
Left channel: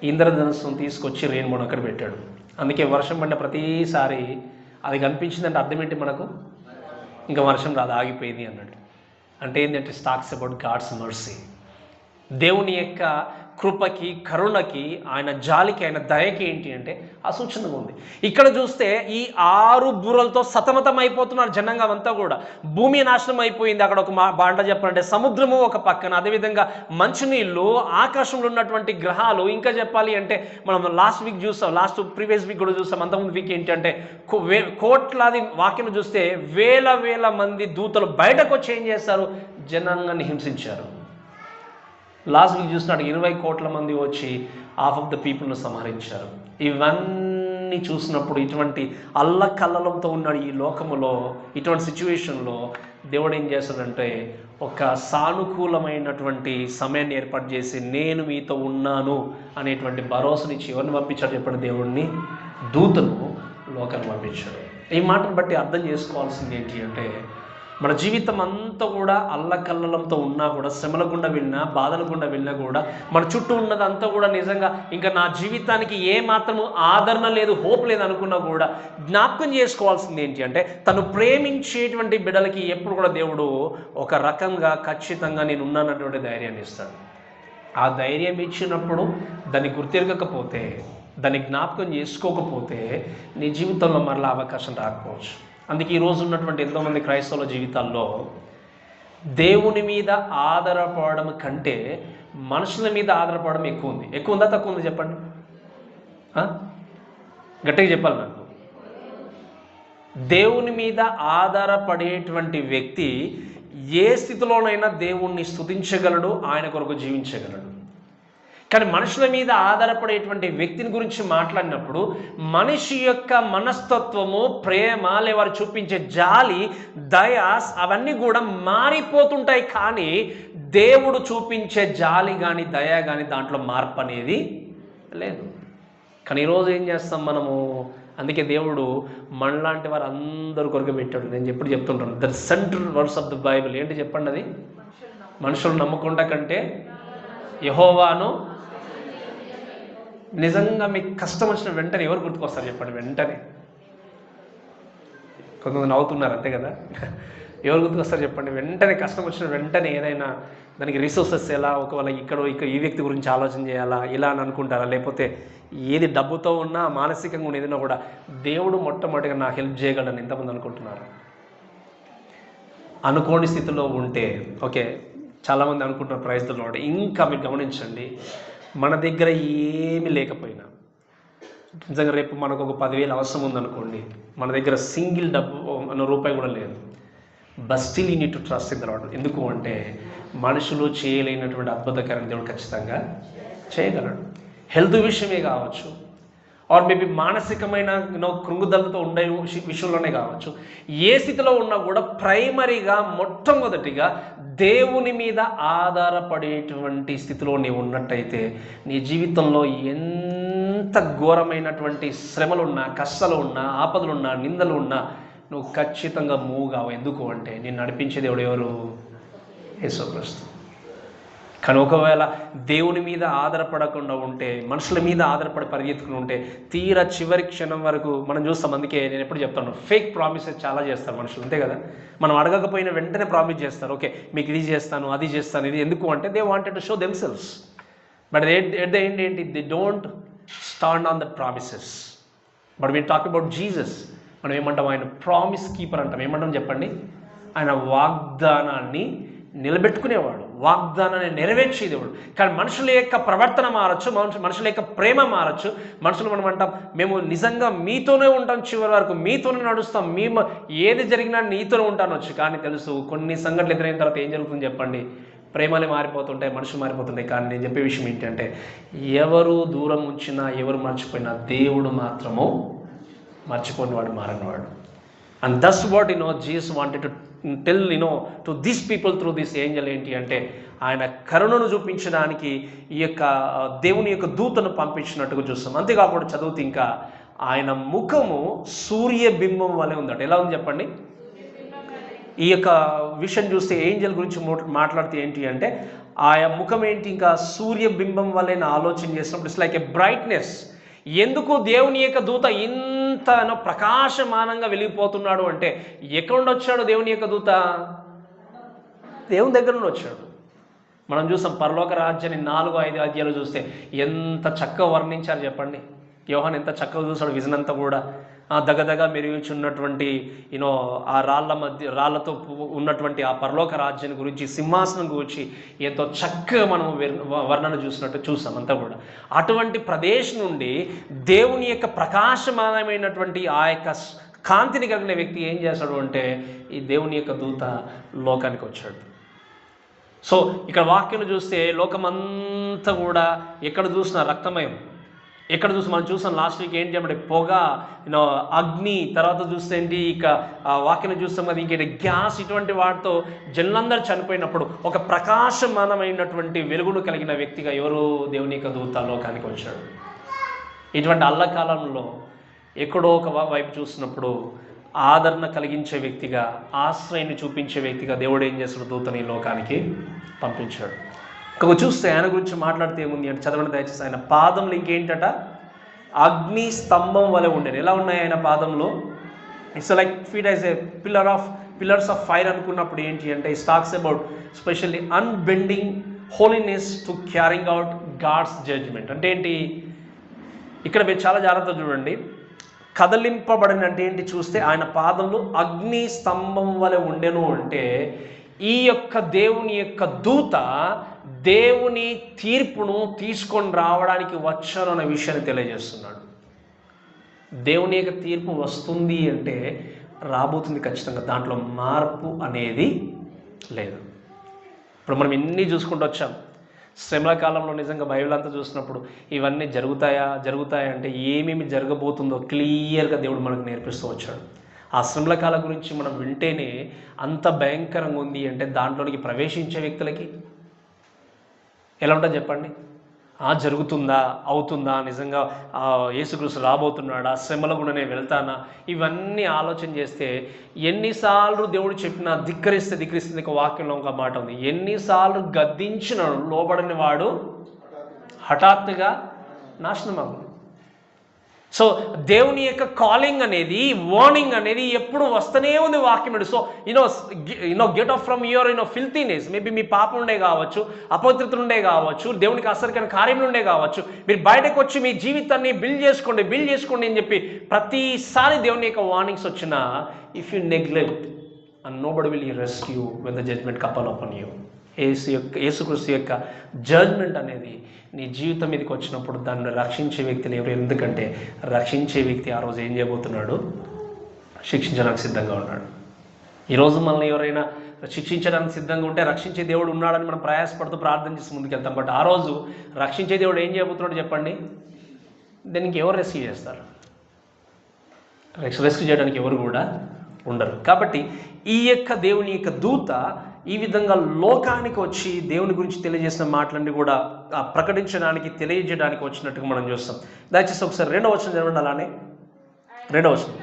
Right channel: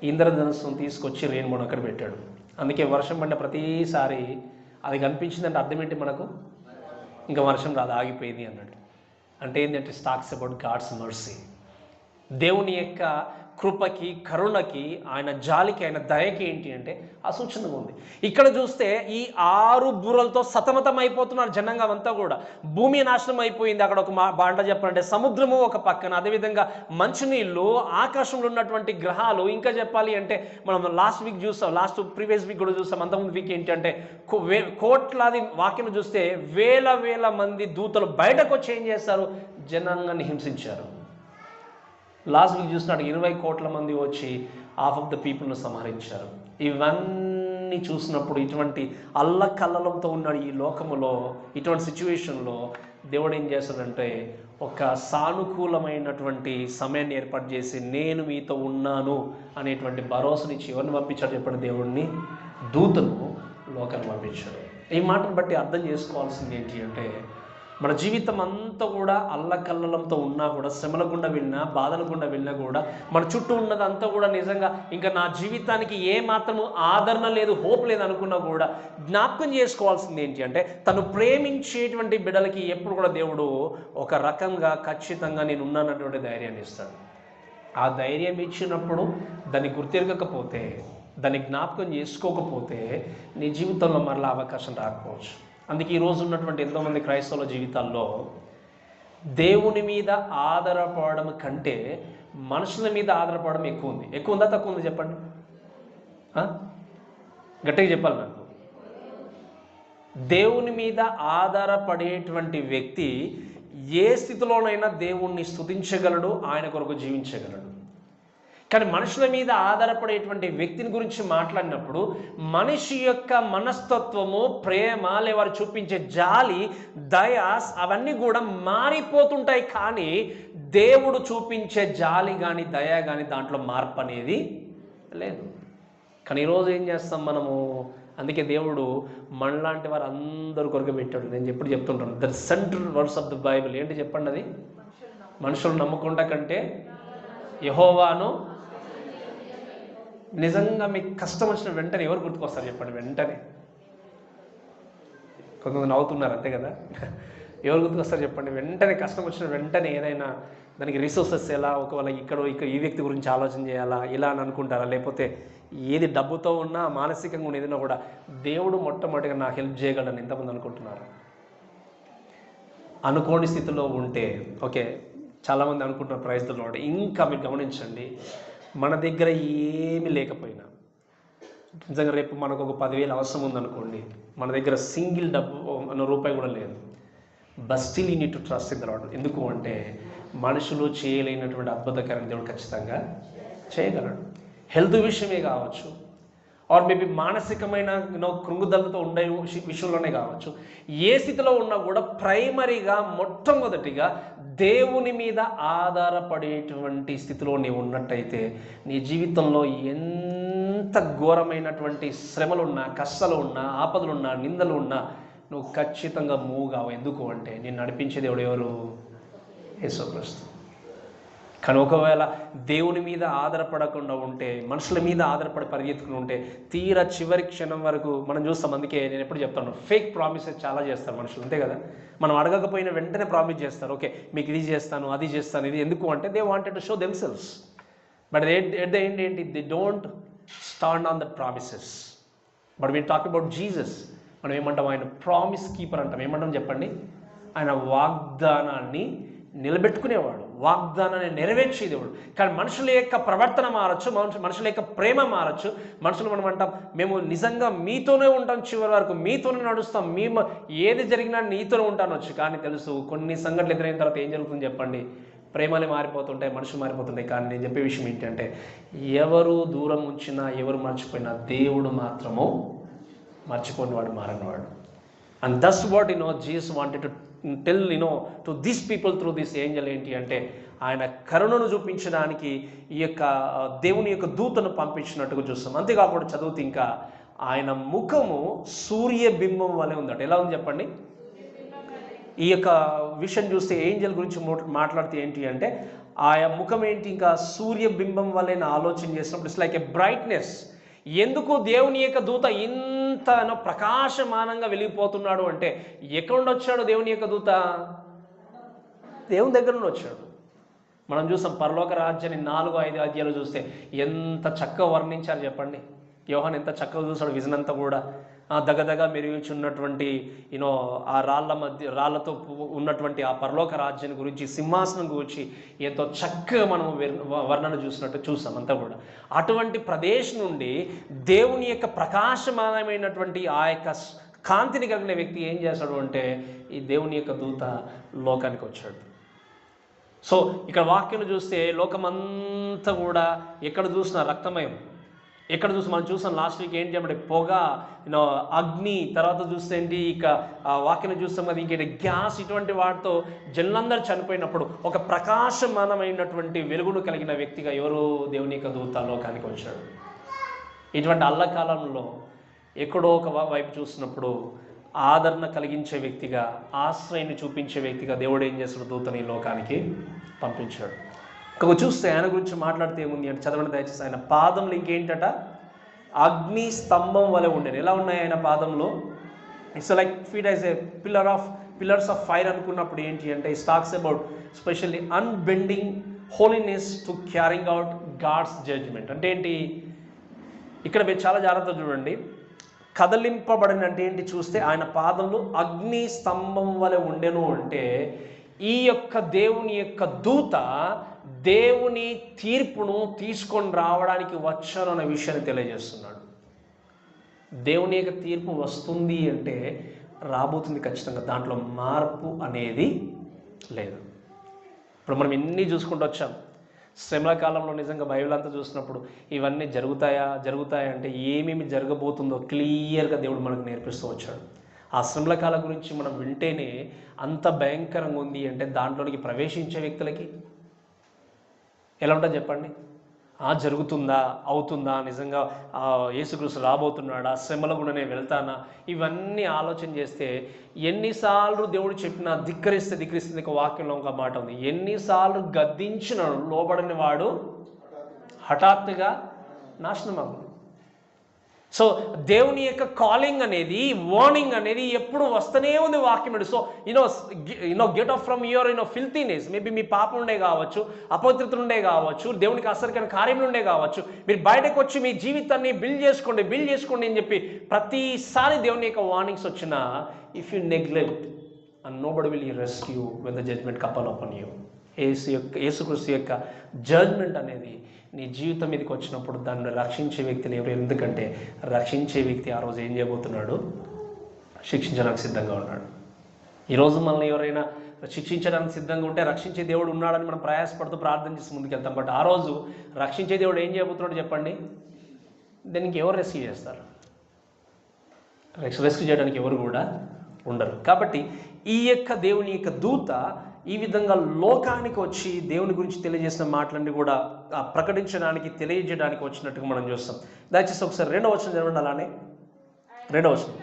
ఇంద్రధనుస్సును తీసుకొచ్చి రెయిన్బోను అక్కడ పెట్టాడు. అందుకే వర్షం పడిన ప్రతిసారి అది కనిపించిందంటే అర్థం ఏంటి మనకు? ఇంకా వర్షం రాదు, ఆగిపోయింది అన్నాడు. అంటే ఏంటంటే టాక్స్ అబౌట్ గాడ్స్ మర్సీ. దేవుని యొక్క కృపకి, కరుణకి, ఆయన జాలికి, ఆయన దయకి ఏంటి అంటే ఆ సూచనగా ఉంది. ఇక్కడ చూస్తే ఈ 6 బూరలతో సతమతం అయిపోతున్నారు జనాంగం అంతా కూడా. భూమి నాశనం అయిపోయింది. అక్కడ ఒక బాంట చెప్పాలంటే సముద్రము ఒక పక్కన, అదేవిధంగా మంచినీళ్ళు, ఆకాశంలో ఉన్నటువంటి గ్రహాలు, ఇంకా చెప్పాలి అంటే మనం లాస్ట్ వీక్ చూస్తాం, ప్రీవియస్ వీక్ కూడా చూస్తాం, అంతకుముందు వీక్ ఏంటి అంటే కోట్లాది వాక్యం చూస్తే వేల మంది దూతలు బయటకు వచ్చి ఏం చేస్తారు? జనాంగాన్ని హింసించారు. లాస్ట్ వీక్ చూసినట్టు 20 కోట్ల మంది వచ్చి హాఫ్ ఆఫ్ ద పీపుల్ను సంహరించారు. ఇవన్నీ చూసినప్పుడు ఇటువంటి అల్లకల్లలంతో ఉన్నాడు ఈ లోకములో. ఇటువంటి సిచ్యువేషన్లో దేవుడు ఏం చేస్తాడంటే ఒక సానుకూలమైనటువంటి సమయాన్ని ఏర్పాటు చేసి, నేను మీతో ఉన్నాను అనేటువంటి భరోసానిచ్చి ఎవరిని పంపించాడు చెప్పండి? దేవుడిని, దూతను లోకాన్ని పంపించాడు. ఈ మాటను బట్టి అర్థం చేసుకోవాల్సింది ఏంటి అంటే, మన జీవితం అంతా కూడా అల్లకల్లలంతో ఉన్నా కూడా, శ్రమల గుండా వెళ్ళినా, బాధల గుండా వెళ్ళినా కూడా, మన చుట్టూ ఉన్నదంతా కూడా నిజంగా ఇంకా నా జీవితానికి ఏ మాత్రము ఆదరణ లేదు, హోప్ లేదు అనుకున్నా కూడా జ్ఞాపకం చేసుకోవాల్సింది ఏంటి అంటే, తను ప్రేమించేటువంటి బిడ్డలకి ఎప్పుడు కూడా దేవుడు ఒక రకంగా ఖచ్చితంగా నేను ఉన్నానటువంటి ధైర్యాన్ని ఇస్తాడు. ఆ ధైర్యం ఇచ్చినప్పుడు దాన్ని గుర్తిరగకపోతే, దాన్ని జ్ఞాపకం చేసుకోకపోతే నీ జీవితంలో మరలా అవకాశం రాకపోవచ్చు. అందుకే ఈరోజు ఉన్నటువంటి ఎంతోమంది క్రైస్తవుల జీవితాల్లో దేవుని మీద ఆధారపడడం కంటే మనుషుల మీద ఆధారపడడం ఎక్కువ ఉందా తక్కువ ఉందా చెప్పండి, గట్టిగా చెప్పాలి నాకు. దేవుని మీద ఆధారపడేటువంటి వ్యక్తి ఏ స్థితిలోనైనా దేవుణ్ణి స్తుతించగలడు, ఆయన కొరకు జీవించగలడు. కానీ మనుషుల మీద ఆధారపడేటువంటి వ్యక్తిని గురించి మాట్లాడినప్పుడు మనిషి యొక్క మనస్తత్వము, ప్రేమ, వారు చూపించే జాలి, దయ అవన్నీ కూడా మారిపోతుంటాయి. కానీ దేవుడు చూపించే జాలి కానీ దయ కానీ దాంట్లో మార్పు అనేది లేదు. కానీ ఈరోజు ఏం చేస్తాం మనము? అందుకే దేవుడు మనలాంటి వారు అందరి కొరకు పెట్టాడు. నేను ఎప్పుడు చెప్తుంటాను, the central words of the Bible ఏంటి చెప్పండి? అది మనుషులు నమ్మకుండా కంటే యెహోవాను. నిజంగా మీకు కష్టం వచ్చిన వెంటనే ఎవరు గుర్తుకొస్తారు చెప్పండి? వెంటనే కొంతమంది నవ్వుతున్నారు అంతే కదా. ఎవరు గుర్తుకొస్తారు చెప్పండి? వెంటనే కష్టం వచ్చిన వెంటనే ఏదైనా దానికి రిసోర్సెస్ ఎలా, ఒకవేళ ఇక్కడ ఈ వ్యక్తి గురించి ఆలోచన చేయాలా ఇలా అని అనుకుంటారా? లేకపోతే ఏది డబ్బుతో ఉన్నా మానసికంగా ఉన్న ఏదైనా కూడా దేవుడు మొట్టమొదటిగా నాకు హెల్ప్ చేయగలని ఎంతమంది అనుకుంటున్నారు? అనుకోని స్థితిలో ఉంటే ఓకే, చాలామంది అనుకుంటున్నారు ప్రైజ్ ది లార్డ్. ఇంకా మీరు గమనించండి, మన దగ్గర ఏమీ లేకపోయినా, నిజంగా రేపు మనకు ఒక 10,000 అవసరం ఉందనుకోండి, మన దగ్గర సింగిల్ రూపాయి కూడా లేదు, but still you need to trust in the lord. ఎందుకు అంటే మనుషులు చేయలేనటువంటి అద్భుతకరమైన దేవుడు ఖచ్చితంగా చేయగలడు. హెల్త్ విషయమే కావచ్చు, ఆర్ మేబీ మానసికమైన కృంగుదలతో ఉండే విషయంలోనే కావచ్చు, ఏ స్థితిలో ఉన్నా కూడా ప్రైమరీగా మొట్టమొదటిగా దేవుని మీద ఆధారపడేటువంటి స్థితిలో నీవు ఉన్నట్టయితే నీ జీవితంలో ఎంత ఘోరమైనటువంటి శ్రమలున్నా, కష్టాలున్నా, ఆపదలున్నా, నిందలు ఉన్నా నువ్వు ఖచ్చితంగా మూవ్ కావు. ఎందుకు అంటే నేను నడిపించే దేవుడు ఎవరు? యేసుక్రీస్తు. కానీ ఒకవేళ దేవుని మీద ఆధారపడకుండా ఉంటే, మనుషుల మీద ఆధారపడి పరిగెత్తుకుని ఉంటే, తీరా చివరి క్షణం వరకు మనం చూస్తాం. అందుకే నేను ఎప్పుడు చెప్తాను, ఫేక్ ప్రామిసెస్ చాలా చేస్తారు మనుషులు, అంతే కదా. మనం అడగకపోయినా వెంటనే ప్రామిస్ చేస్తారు, ఓకే మీకు ఇది చేస్తాను, అది చేస్తాను, ఇది. ఎందుకు అంటే they wanted to show themselves, but at the end ఏంటి? They don't stand on the promises. But we talk about Jesus. మనం ఏమంటాం? ఆయన ప్రామిస్ కీపర్ అంటాం. ఏమంటాం చెప్పండి? ఆయన వాగ్దానాన్ని నిలబెట్టుకునేవాడు, వాగ్దానాన్ని నెరవేర్చే దేవుడు. కానీ మనుషుల యొక్క ప్రవర్తన మారచ్చు, మనుషుల యొక్క ప్రేమ మారచ్చు. మనుషులు మనం అంటాం, మేము నిజంగా మీతోనే ఉంటాం, చివరి వరకు మీతోనే నడుస్తాం, మేము ఏది జరిగినా నీతోనే ఉంటానొచ్చు. కానీ తెలుసు కొన్ని సంఘటనలు ఎదురైన తర్వాత ఏం జరుగుతుంది చెప్పండి? ప్రేమలే మారిపోతుంటాయి, మనుషులు మారిపోతుంటాయి. కానీ నేను చెప్పే విషయం ఏంటంటే ఎవరు దూరం ఉంచినా, ఎవరు మర్చిపోయినా దేవుడు మాత్రము మర్చిపోని వాడు, మారనివాడు. And that's what Jesus wanted to tell to this people through this angel. ఏంటి అంటే ఆయన కరుణను చూపించడానికి ఈ యొక్క దేవుని యొక్క దూతను పంపించినట్టుగా చూస్తాం. అంతేకాకుండా చదువుతూ ఇంకా ఆయన ముఖము సూర్యబింబం వలె ఉందట. ఎలా ఉంది చెప్పండి? ఈ యొక్క విషయం చూస్తే ఏంజల్ గురించి మాట్లాడితే ఏంటి అంటే ఆయన ముఖం ఏంటి? ఇంకా సూర్యబింబం వలె ఆలోచన చేసినప్పుడు ఇట్స్ లైక్ ఏ బ్రైట్నెస్. ఎందుకు దేవుని యొక్క దూత ఇంత ప్రకాశమానంగా వెలిగిపోతున్నాడు అంటే ఎక్కడ నుండి వచ్చాడు దేవుని యొక్క దూత? దేవుని దగ్గర నుండి వచ్చాడు. మనం చూసాం పరలోక రాజ్యాన్ని 4-5 అధ్యాయాలు చూస్తే ఎంత చక్కగా వర్ణించారు చెప్పండి. యోహాను ఎంత చక్కగా చూసాడు విజన్ అంతా కూడా. దగ్గదగా మెరుగుచున్నటువంటి ఆ రాళ్లతో ఉన్నటువంటి ఆ పరలోక రాజ్యాన్ని గురించి, సింహాసనం గురించి ఎంతో చక్కగా మనం వర్ణన చూసాం అంతా కూడా. అటువంటి ప్రదేశం నుండి దేవుని యొక్క ప్రకాశమానమైనటువంటి ఆ యొక్క కాంతిని కలిగిన వ్యక్తి ఏం చేశాడు అంటే ఈ దేవుని యొక్క దూత లోకానికి వచ్చాడు. సో ఇక్కడ వాక్యం చూస్తే లోకమంతా కూడా ఎక్కడ చూసినా రక్తమయం. ఎక్కడ చూసి మనం చూసాం లాస్ట్ వీక్ ఏంటి అంటే పొగ, అగ్ని, తర్వాత చూస్తే ఏంటి ఇక వాక్యం చూస్తాం కదా ఇంకేంటి గ్యాస్, ఇటువంటి వాటితో జనులందరూ చనిపోయినప్పుడు ఒక ప్రకాశమానమైనటువంటి వెలుగును కలిగిన వ్యక్తిగా ఎవరు? దేవుని యొక్క దూత లోకానికి వచ్చాడు. ఇటువంటి అల్లకాలంలో ఎక్కడో ఒక వైపు చూసినప్పుడు ఆదరణ కలిగించే వ్యక్తిగా, ఆశ్రయాన్ని చూపించే వ్యక్తిగా దేవుడు ఏం చేస్తాడు? దూతని లోకానికి పంపించాడు. ఇంకొక చూస్తే ఆయన గురించి మాట్లాడితే ఏముంది అంటే చదవండి దయచేసి. ఆయన పాదంలో ఇంకేంటట? అగ్ని స్తంభం వలె ఉండేది. ఎలా ఉన్నాయి ఆయన పాదంలో? It's like feet as a pillars of fire అనుకున్నప్పుడు ఏంటి అంటే it talks about specially unbending holiness to carrying out God's judgement. అంటే ఏంటి? ఇక్కడ మీరు చాలా జాగ్రత్తగా చూడండి. కదలింపబడిన అంటే ఏంటి చూస్తే ఆయన పాదంలో అగ్ని స్తంభం వలె ఉండెను అంటే ఈ యొక్క దేవుని యొక్క దూత దేవుని తీర్పును తీసుకొని రావడానికి వచ్చాను అనే విషయాన్ని తెలియజేస్తున్నాడు. దేవుని యొక్క తీర్పు వస్తుంది అంటే రాబోతుంది ఖచ్చితంగా, దాంట్లో మార్పు అనేది లేదు. ఇప్పుడు మనం ఎన్ని చూసుకుంటూ వచ్చాం. శ్రమల కాలంలో నిజంగా బైబిల్ అంతా చూసినప్పుడు ఇవన్నీ జరుగుతాయా అంటే ఏమేమి జరగబోతుందో క్లియర్గా దేవుడు మనకు నేర్పిస్తూ వచ్చాడు. ఆ శ్రమల కాలం గురించి మనం వింటేనే అంత భయంకరంగా ఉంది అంటే దాంట్లోనికి ప్రవేశించే వ్యక్తులకి ఎలా ఉంటుంది చెప్పండి? జరుగుతుందా, అవుతుందా, నిజంగా యేసుక్రీస్తు రాబోతున్నాడా, శ్రమల కూడా నేను వెళ్తానా, ఇవన్నీ ఆలోచన చేస్తే ఎన్నిసార్లు దేవుడు చెప్పినా ధిక్కరిస్తే వాక్యంలో ఒక మాట ఉంది, ఎన్నిసార్లు గద్దించిన లోబడిన వాడు హఠాత్తుగా నాశనమగు. సో దేవుని యొక్క కాలింగ్ అనేది, వార్నింగ్ అనేది ఎప్పుడు వస్తూనే ఉంది వాక్యం. So get off from your filthiness. Maybe మీ పాపం ఉండే కావచ్చు, అపవిత్రతలు ఉండే కావచ్చు, దేవునికి అసరికైన కార్యములు ఉండే కావచ్చు. మీరు బయటకు వచ్చి మీ జీవితాన్ని బిల్డ్ చేసుకోండి అని చెప్పి ప్రతిసారి దేవుని యొక్క వార్నింగ్స్ వచ్చినా, if you neglect and nobody will rescue when the judgment couple upon you. యేసుక్రీస్తు యొక్క జడ్జ్మెంట్ అనేది నీ జీవితం మీదకి వచ్చినప్పుడు దాన్ని రక్షించే వ్యక్తిని ఎవరు? ఎందుకంటే రక్షించే వ్యక్తి ఆ రోజు ఏం చేయబోతున్నాడు? శిక్షించడానికి సిద్ధంగా ఉన్నాడు. ఈరోజు మనల్ని ఎవరైనా శిక్షించడానికి సిద్ధంగా ఉంటే రక్షించే దేవుడు ఉన్నాడని మనం ప్రయాసపడుతూ ప్రార్థన చేసి ముందుకెళ్తాం. బట్ ఆ రోజు రక్షించే దేవుడు ఏం చేయబోతున్నాడు చెప్పండి? దీనికి ఎవరు రెస్క్యూ చేస్తారు? రెస్క్యూ చేయడానికి ఎవరు కూడా ఉండరు. కాబట్టి ఈ యొక్క దేవుని యొక్క దూత ఈ విధంగా లోకానికి వచ్చి దేవుని గురించి తెలియజేసిన మాటలన్నీ కూడా ప్రకటించడానికి, తెలియజేయడానికి వచ్చినట్టుగా మనం చూస్తాం. దయచేసి ఒకసారి 2వ వచనం చదవండి. అలానే 2వ వచనం.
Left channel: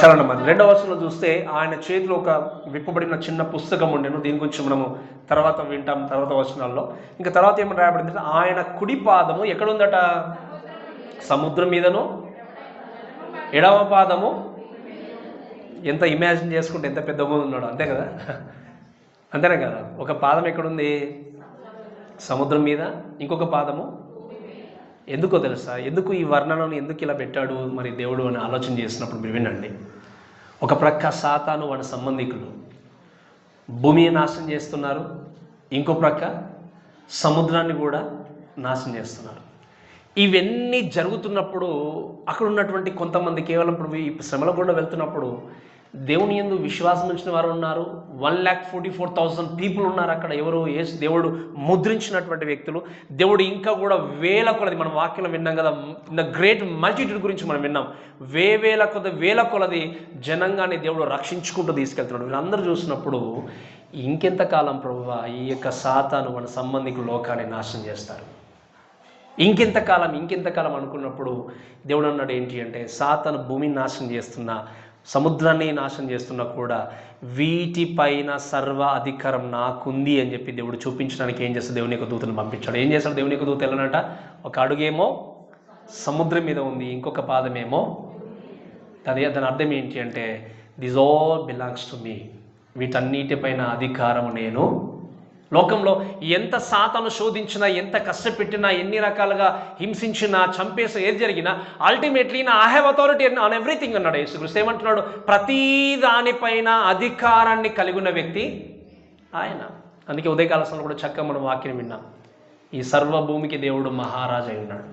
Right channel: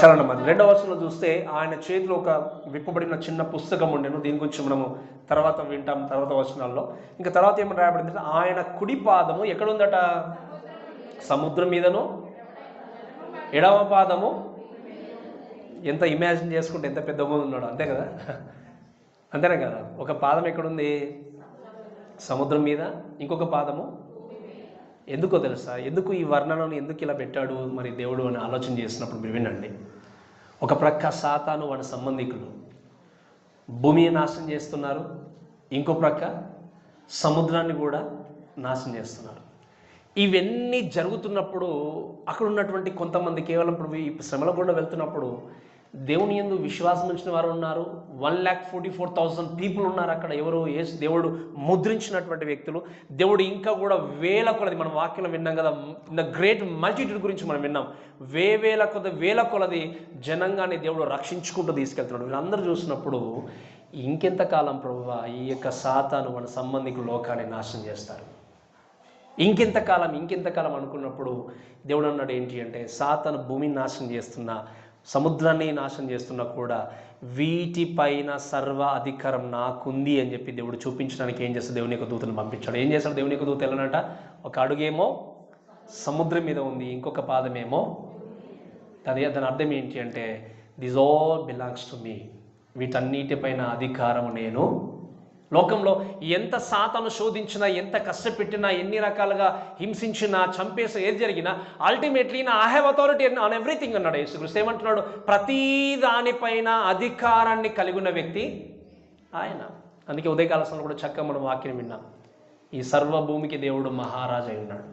చదవండి మరి. 2వ వచనంలో చూస్తే ఆయన చేతిలో ఒక విప్పబడిన చిన్న పుస్తకం ఉండేను. దీని గురించి మనము తర్వాత వింటాం, తర్వాత వచనాల్లో. ఇంకా తర్వాత ఏమని రాయబడింది? ఆయన కుడి పాదము ఎక్కడుందట? సముద్రం మీదను, ఎడమ పాదము, ఎంత ఇమాజిన్ చేసుకుంటే ఎంత పెద్దగా ఉన్నాడు, అంతే కదా? అంతేనే కదా? ఒక పాదం ఎక్కడుంది? సముద్రం మీద, ఇంకొక పాదము ఎందుకో తెలుసా? ఎందుకు ఈ వర్ణనను ఎందుకు ఇలా పెట్టాడు మరి దేవుడు అని ఆలోచన చేసినప్పుడు మీరు వినండి. ఒక ప్రక్క సాతాను వాడి సంబంధికులు భూమిని నాశనం చేస్తున్నారు, ఇంకో ప్రక్క సముద్రాన్ని కూడా నాశనం చేస్తున్నారు. ఇవన్నీ జరుగుతున్నప్పుడు అక్కడ ఉన్నటువంటి కొంతమంది కేవలం ఇప్పుడు ఈ శ్రమల గుండా వెళ్తున్నప్పుడు దేవుని యందు విశ్వాసం ఉంచిన వారు ఉన్నారు. 1,44,000 పీపుల్ ఉన్నారు అక్కడ. ఎవరు? దేవుడు ముద్రించినటువంటి వ్యక్తులు. దేవుడు ఇంకా కూడా వేల కొలది, మనం వాక్యంలో విన్నాం కదా, ద గ్రేట్ మల్టిట్యూడ్ గురించి మనం విన్నాం. వేల కొలది జనంగాన్ని దేవుడు రక్షించుకుంటూ తీసుకెళ్తున్నాడు. వీళ్ళందరూ చూసినప్పుడు ఇంకెంతకాలం ప్రభువా ఈ యొక్క సాతాను మన సంబంధికులు లోకాన్ని నాశనం చేస్తారు, ఇంకెంతకాలం అనుకున్నప్పుడు దేవుడు అన్నాడు ఏంటి అంటే, సాతాను భూమిని నాశనం చేస్తున్నా, సముద్రాన్ని నాశనం చేస్తున్నా కూడా వీటిపైన సర్వ అధికారం నాకుంది అని చెప్పి దేవుడు చూపించడానికి ఏం చేస్తాడు? దేవుని యొక్క దూతను పంపించాడు. ఏం చేస్తాడు దేవుని యొక్క దూత? వెళ్ళనట, ఒక అడుగేమో సముద్రం మీద ఉంది, ఇంకొక పాదమేమో దాని అర్థం ఏంటి అంటే, this all belongs to me. వీటన్నిటిపైన అధికారం నేను. లోకంలో ఎంత సాతాను శోధించినా, ఎంత కష్టపెట్టినా, ఎన్ని రకాలుగా హింసించినా, చంపేసి ఏది జరిగినా ultimately I have authority on everything అన్నాడు యేసుక్రీస్తు. ఏమంటున్నాడు? ప్రతి దానిపైన అధికారాన్ని కలిగి ఉన్న వ్యక్తి ఆయన. అందుకే ఉదయకాల సమయంలో కూడా చక్కగా మనం వాక్యం విన్నాం, ఈ సర్వభూమికి దేవుడు మహారాజు అయి ఉన్నాడు.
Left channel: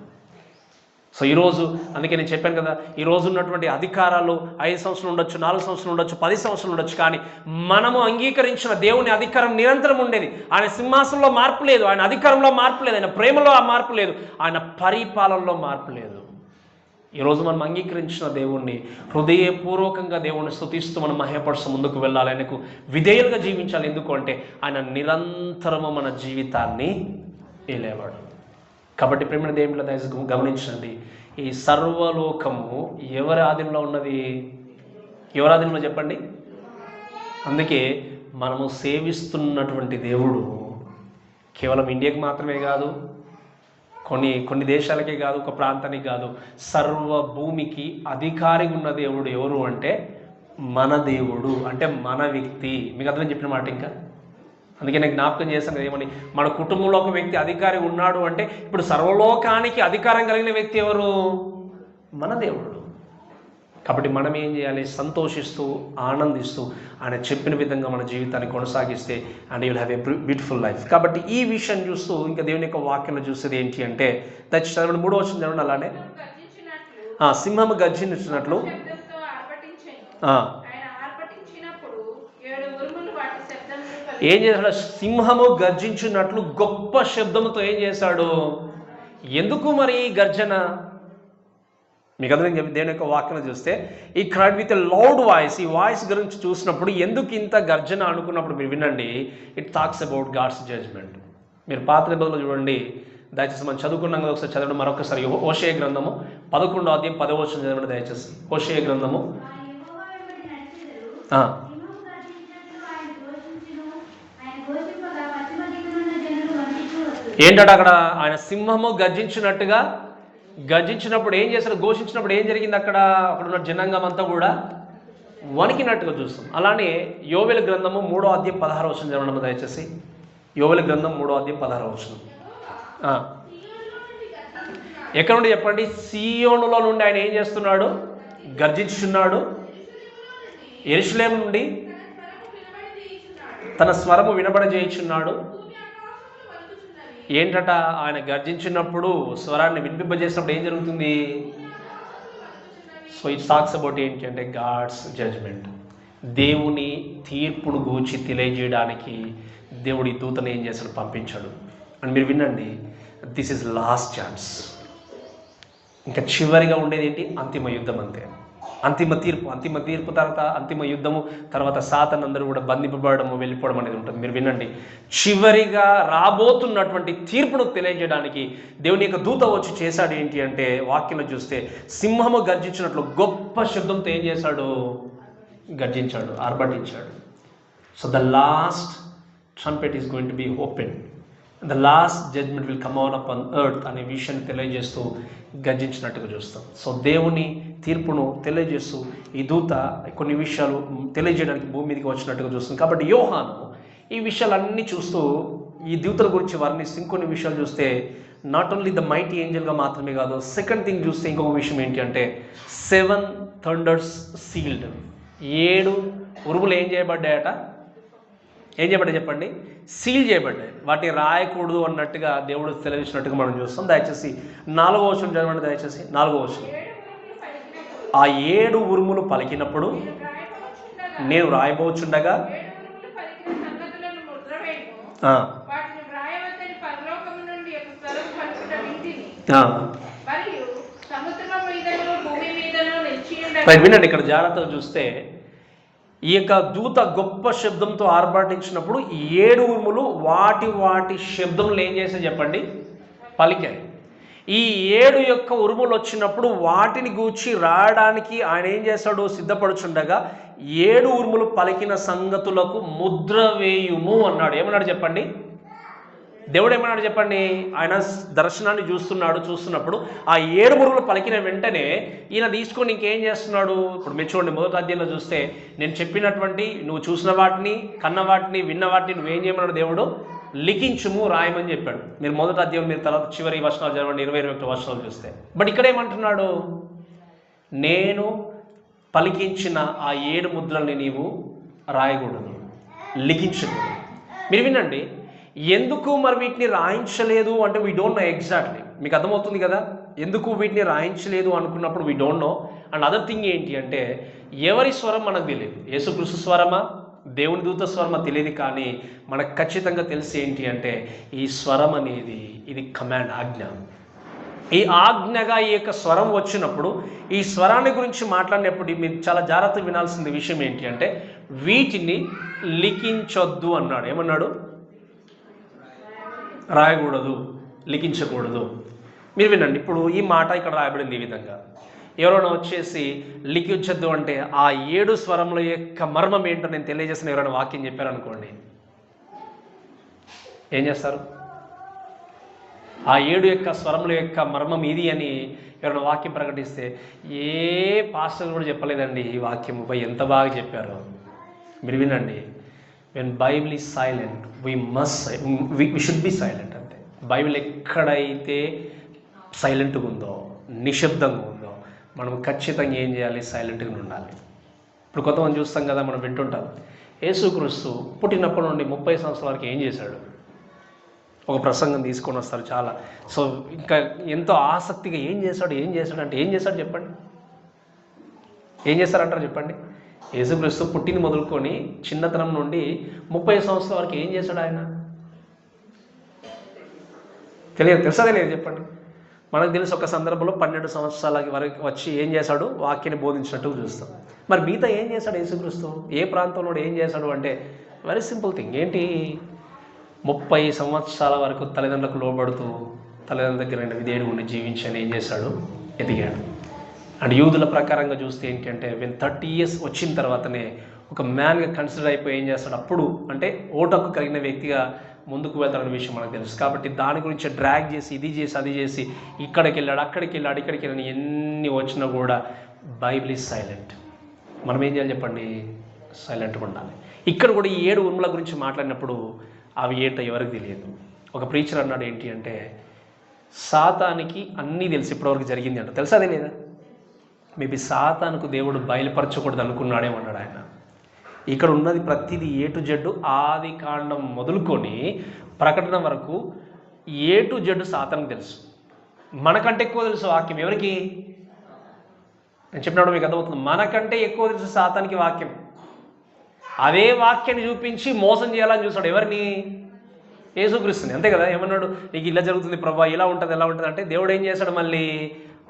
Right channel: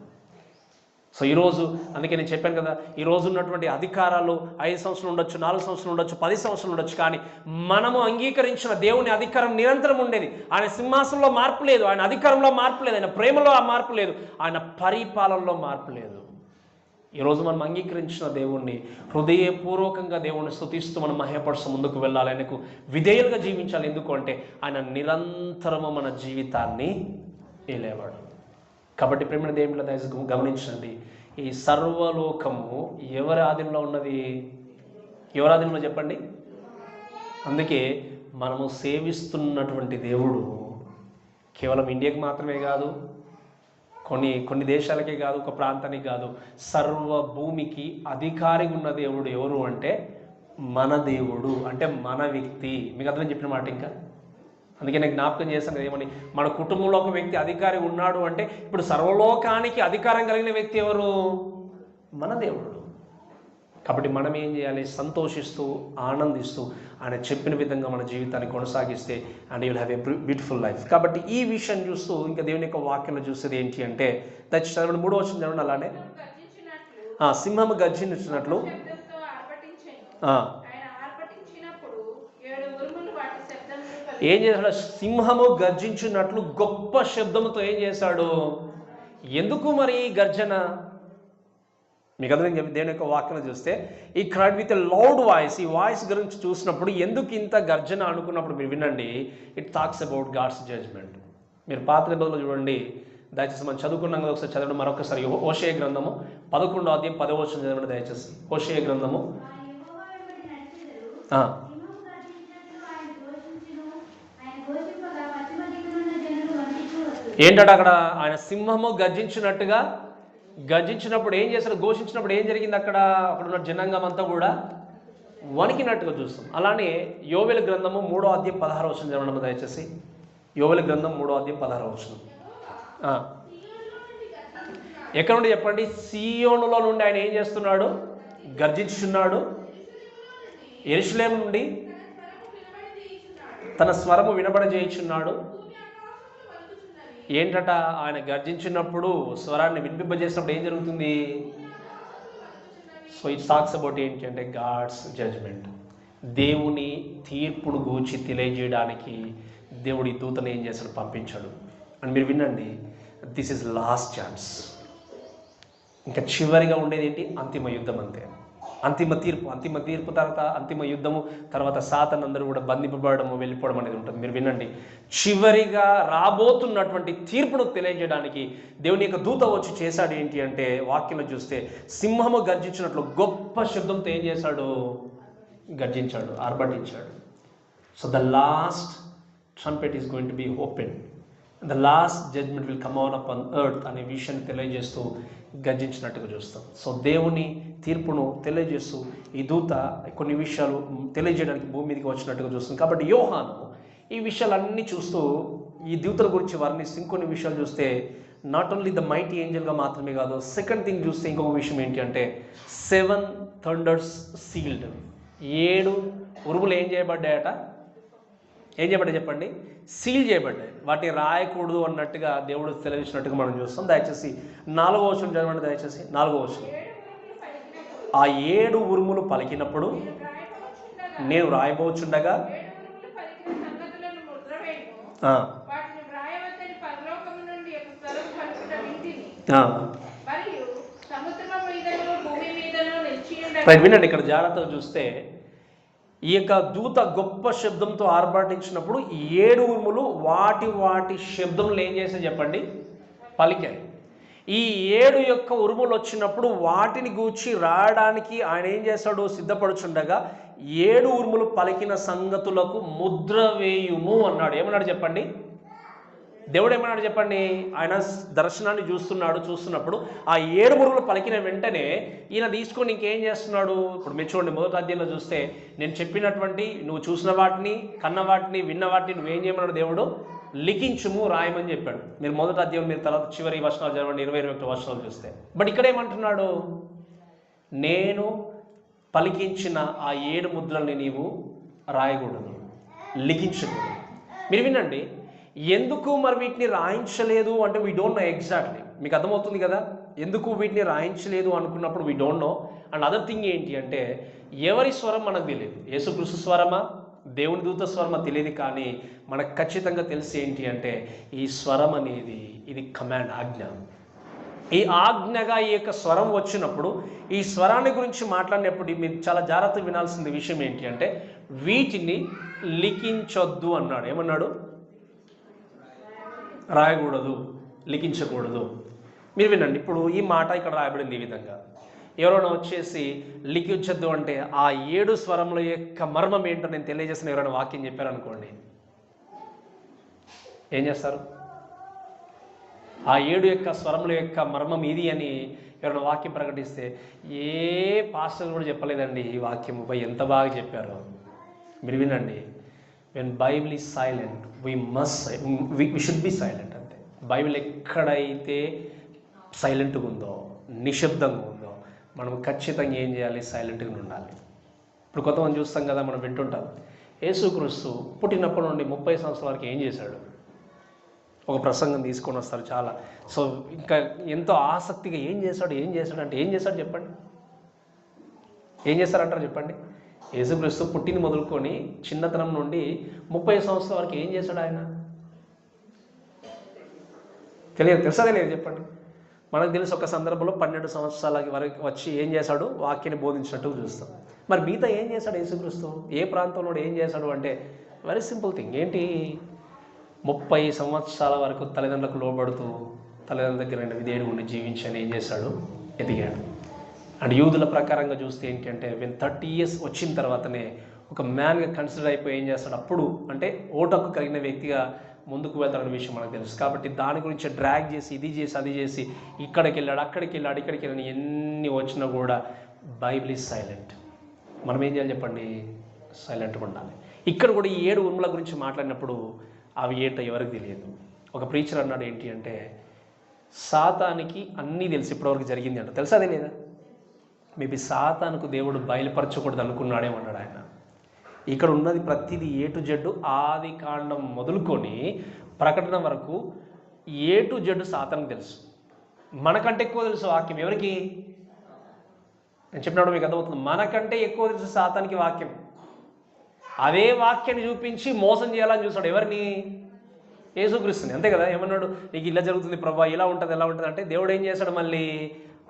సో ఈరోజు అందుకే నేను చెప్పాను కదా, ఈరోజు ఉన్నటువంటి అధికారాలు 5 సంవత్సరాలు ఉండొచ్చు, 4 సంవత్సరాలు ఉండొచ్చు, 10 సంవత్సరాలు ఉండొచ్చు, కానీ మనము అంగీకరించిన దేవుని అధికారం నిరంతరం ఉండేది. ఆయన సింహాసనంలో మార్పు లేదు, ఆయన అధికారంలో మార్పు లేదు, ఆయన ప్రేమలో ఆ మార్పు లేదు, ఆయన పరిపాలనలో మార్పు లేదు. ఈరోజు మనం అంగీకరించిన దేవుణ్ణి హృదయపూర్వకంగా దేవుణ్ణి స్తుతిస్తూ మనం మహిమపరుస్తూ ముందుకు వెళ్ళాలి, ఆయనకు విధేయులుగా జీవించాలి. ఎందుకు అంటే ఆయన నిరంతరము మన జీవితాన్ని ఏలేవాడు. కాబట్టి ప్రేమ దేవుళ్ళ దయచేసి గమనించండి, ఈ సర్వలోకము ఎవరి ఆధీనంలో ఉన్నది? ఎవరి ఆధీనంలో చెప్పండి? అందుకే మనము సేవిస్తున్నటువంటి దేవుడు కేవలం ఇండియాకి మాత్రమే కాదు, కొన్ని దేశాలకే కాదు, ఒక ప్రాంతానికి కాదు, సర్వ భూమికి అధికారిగా ఉన్న దేవుడు ఎవరు అంటే మన దేవుడు, అంటే మన వ్యక్తి. మీకు అర్థం చెప్పిన మాట ఇంకా అందుకే నేను జ్ఞాపకం చేశాను కదా ఏమని, మన కుటుంబంలో ఒక వ్యక్తి అధికారి ఉన్నాడు అంటే ఇప్పుడు సర్వలోకానికి అధికారం కలిగిన వ్యక్తి ఎవరు? మన దేవుడు. కాబట్టి మనం ఏం చేయాలి? సంతోషిస్తూ ఆనందిస్తూ ఆయన చెప్పిన విధంగా మన జీవితాన్ని కొనసాగిస్తే and you will have a beautiful life. కాబట్టి ఈ విషయం చూస్తూ ఇంకా దేవుని యొక్క వాక్యంలో చూసేది ఏంటి అంటే, దయచేసి చదవండి 3వ వచనం చదవండి. అలానే సింహము గర్జించినట్లు ఏం చేశాడు? సింహము గర్జించినట్లు గొప్ప శబ్దంతో ఏం చేశాడు? ఎందుకు మరి ఈ గర్జన? మీకు అందరం చెప్పి దేవుని యొక్క వాక్యం చూస్తే ఈ cried with a loud voice, ఈ వాయిస్ గురించి చూసినప్పుడు ఎందుకు ఇంత గర్జన అనుకున్నప్పుడు మీరు వినండి, it talks about God's judgment. మీరు పాత నిబంధనలో చూడండి, దయచేసి మనం చదువుకున్నాం కదా, ఒకసారి చదవడం మరొకసారి. హోషేయ గ్రంథము 11వ అధ్యాయం 10వ వచనం చదవండి దయచేసి. హోషేయ గ్రంథము ఏంటంటే అక్కడ ఆయన సింహము గర్జించినప్పుడు ఏం చేశారు? ఘోషించినప్పుడు ఏం జరిగింది? అక్కడ ఉన్న జనాంగం అంతా కూడా వణికినట్టుగా చూస్తాం. అలానే యోవేలు గ్రంథము 3వ అధ్యాయం 16వ వచనం చదవండి దయచేసి. యోవేలు గ్రంథం 3వ అధ్యాయం 16వ వచనం. ఎక్కడ నుండి చెప్పండి? సీయోనులో నుండి ఆయన ఏం చేస్తున్నాడు? గర్జించుచున్నాడు. యెరూషలేము నుండి తన స్వరము వినబడజేయుచున్నాడు. ఏంటట? ఆయన గర్జించినప్పుడు, స్వరాన్ని వినిపింపజేసినప్పుడు ఏం జరుగుతుంది? సో ఇట్ టాక్స్ అబౌట్ ఏంటి అంటే గాడ్స్ జడ్జ్మెంట్. దేవుని తీర్పును గూర్చి తెలియజేయడానికి దేవుడి దూతను ఏం చేశాడు? పంపించాడు. అని మీరు వినండి, దిస్ ఈజ్ లాస్ట్ ఛాన్స్. ఇంకా చివరిగా ఉండేది ఏంటి? అంతిమ యుద్ధం. అంతే, అంతిమ తీర్పు తర్వాత అంతిమ యుద్ధము తర్వాత సాతాను అందరూ కూడా బంధింపబడము, వెళ్ళిపోవడం అనేది ఉంటుంది. మీరు వినండి, చివరిగా రాబోతున్నటువంటి తీర్పును తెలియజేయడానికి దేవుని యొక్క దూత వచ్చి చేశాడు ఏంటి అంటే, వాక్యంలో చూస్తే సింహము గర్జించినట్లు గొప్ప శబ్దంతో ఏం చేశాడు? గర్జించాడు, ఆర్భటించాడు. So the last trumpet is going to be open, the last judgement will come on up on earth అనే విషయాన్ని తెలియజేస్తూ గర్జించినట్టుగా చూస్తాం. సో దేవుని తీర్పును తెలియజేస్తూ ఈ దూత కొన్ని విషయాలు తెలియజేయడానికి భూమి మీదకి వచ్చినట్టుగా చూస్తాం. కాబట్టి యోహాను ఈ విషయాలన్నీ చూస్తూ ఈ దూతల గురించి వర్ణిస్తూ ఇంకొన్ని విషయాలు చూస్తే నాట్ ఓన్లీ ద మైటీ ఏంజల్గా మాత్రమే కాదు, సెకండ్ థింగ్ చూస్తే ఇంకొక విషయం ఏంటి అంటే 7 థండర్స్ సీల్డ్. 7 ఉరుములు ఏం చేయబడ్డాయట? ఏం చేయబడ్డాయి చెప్పండి? సీల్ చేయబడ్డాయి. వాటిని రాయకూడదు అన్నట్టుగా దేవుడు తెలియజేసినట్టుగా మనం చూస్తాం. దయచేసి 4వ వచనం చదవండి దయచేసి. 4వ వచనం. ఆ 7 ఉరుములు పలికినప్పుడు నేను రాయబోచుండగా వినండి, ఇక్కడ జాగ్రత్తగా చూస్తే ఈ యొక్క దూత గొప్ప శబ్దంతో ఆర్భాటించినప్పుడు 7 ఉరుములు వాటి శబ్దములు ఏం చేసి చెప్పండి? పలికాయి. ఈ 7 యొక్క ఉరుములు వచ్చినప్పుడు వాటిని గూర్చి రాయడానికి ఆయన ఏం చేశాడు? సిద్ధపడుచుండగా 7 ఉరుములు పలికిన సంగతులకు ముద్ర వేయుము అన్నాడు. ఏమన్నాడు చెప్పండి? దేవుడు ఏమన్నాడు చెప్పండి? ఆయన దర్శనాన్ని చూస్తున్నప్పుడు ఆ 7 ఉరుములు పలికిన వెంటనే ఈయన తీసుకొని ఇంకేం చేస్తున్నాడు? ఇప్పుడు మీరు చూడండి, మొదటి అధ్యాయంలో చూస్తే నేను చెప్పినటువంటి నువ్వు చూసిన వాటిని, కన్న వాటిని, విన్న వాటిని నువ్వేం చేయమన్నాడు? దేవుడు లిఖించుము, రాయమని చెప్పాడు. మీరు మొదటి అధ్యాయం మీరు తర్వాత చివరి వచనాలు చదవండి, 20-21 వచనాలు చూస్తే. బట్ ఇక్కడ ఏమంటున్నాడు? నేను పలికించిన ఆ 7 ముద్రల్ని నీవు రాయకూడదు, లిఖించకూడదు. మీరు వినండి, ఎందుకు మరి వీటిని రాయించలేదు అంటే వీ డోంట్ నో ఎగ్జాక్ట్లీ. మీకు అర్థమవుతుంది కదా ఎందుకు వీటిని రాయించలేదు అనుకున్నప్పుడు we don't know. And other thing ఏంటి అంటే ఎవరి స్వరం మనకు తెలియదు. యేసుక్రీస్తు స్వరమా, దేవుని దూత స్వరమా తెలియదు. కానీ మనకు ఖచ్చితంగా తెలిసి ఏంటి అంటే ఈ స్వరం అనేది ఇది కమాండ్, ఆజ్ఞ. ఈ ఆజ్ఞగా ఈ యొక్క స్వరం వచ్చినప్పుడు ఈ స్వరాన్ని గురించి మాట్లాడినప్పుడు మీరు చాలా జాగ్రత్తగా వినాల్సిన విషయం ఏంటి అంటే వీటిని లిఖించొద్దు అన్నాడు. ఏమన్నాడు? రాయకూడదు, లిఖించకూడదు. మీరు వినండి, ఇప్పుడు ఈ మాట ఇక్కడ రాయబడింది ఈ విధంగా. ఎవరైనా వచ్చేసి లిఖించొద్దు అంటే ఆ 7 స్వరముల యొక్క మర్మం ఏంటో నేను తెలియజేసిన ఎవరైనా వాక్యం చెప్పారనుకోండి, ఏం చేస్తారు? ఆ 7 యొక్క స్వరముల యొక్క మర్మం ఇది అని ఎవరైనా వాక్యం ప్రకటిస్తే ఏ పాస్టర్ కూడా చెప్పలేదండి ఈ వాక్యం, ఎంత బాగా చెప్పారు. మీరు వినండి, when Bible is silent we should be silent. అంతే. బైబిల్ ఎక్కడైతే సైలెంట్గా ఉందో, నిశ్శబ్దంగా ఉందో, మనం ఖచ్చితంగా ఏం చేయాలి? సైలెంట్గా ఉండాలి. ఇప్పుడు కొంతమంది చూస్తాం కదా, మనం వింటుంటాం, యేసుక్రీస్తు పుట్టినప్పటి నుండి 30 సంవత్సరాల వరకు ఏం చేశాడు? ఒక ప్రసంగం తీసుకొని వస్తారు చాలా. సో ఇంకా ఎంతో ఆసక్తిగా ఏం చేశాడు అంటే ఏం చేశాడు చెప్పండి? ఏం చేస్తారంటారు చెప్పండి? యేసుక్రీస్తు పుట్టింది మొదలుకొని చిన్నతనం నుండి 30 సంవత్సరాల వరకు ఏం చేశాడు ఆయన? తెలుసా తెలియదు చెప్పండి. మనకు తెలిసి ఒక సందర్భంలో 12 సంవత్సరాల వరకు వచ్చి ఏం చేశాడు? వాక్యాన్ని బోధించినట్టు చూస్తాం. మరి మిగతా ఏం చేశాడు యేసుక్రీస్తు? ఏ ప్రాంతంలో ఏం చేశాడు అంటే వెరీ సింపుల్ థింగ్. ఏంటి? 30 సంవత్సరాల వరకు తల్లిదండ్రులకు లోబడుతూ తల్లిదండ్రుల దగ్గర విధేయుడు ఉండి జీవించని ఏం చేశాడు? ఎదిగాడు. అండ్ యూదుల ప్రకారంగా చూస్తే ఏంటంటే when 30 years వచ్చిన తర్వాతనే ఒక మ్యాన్గా కన్సిడర్ అయిపోయి ఏం చేస్తాడు? అప్పుడు అంటే ఓటకు కలిగిన వ్యక్తిగా ముందుకు వెళ్తాడన్న విషయం మనకు తెలుసు. కాబట్టి దాని గురించి డ్రాగ్ చేసి ఇది చేసి అది చేసి ఇక్కడికి వెళ్ళాడు, అక్కడికి వెళ్ళాడు, ఇక్కడికి వెళ్ళాడు, ఎన్ని వచ్చినా కూడా బైబిల్ ఈజ్ సైలెంట్. మనం ఏం చేయాలి చెప్పండి? సైలెంట్గా ఉండాలి. ఇక్కడ కూడా ఈ 7 ఉరుముల గురించి మాట్లాడినప్పుడు అవి ఏంటో ఎవరికి తెలియదు. ఒక ప్రీచర్ అన్నాడు ఏంటి అంటే, సాతానికి అన్నీ తెలిసి ఇప్పటివరకు జరిగింది అంట. తెలుసా తెలియదా? మేబీ సాతానుకు దేవుడు బయలుపరచకూడదు అనుకున్నాడేమన్నాడు ఆయన. ఇక్కడ ఉన్నది ప్రతిదీ A to Z, ఆది కాండం మొదలుకొని ప్రకటన వరకు A to Z సాతానికి తెలుసు. మనకంటే ఎక్కువ తెలుసు వాక్యం. ఎవరికి? నేను చెప్పినప్పుడు మీకు అర్థమవుతుంది. మనకంటే ఎక్కువ తెలుసు సాతానికి వాక్యం. అదే వాక్యాన్ని చూపించి మోసం చేయాలని చూస్తాడు. ఎవరిని? యేసుక్రీస్తుని. అంతే కదా. ఏమన్నాడు? నీకు ఇలా జరుగుతుంది ప్రభా, ఇలా ఉంటుంది, ఎలా ఉంటుంది అంటే దేవుడు ఏం చేశాడు? మళ్ళీ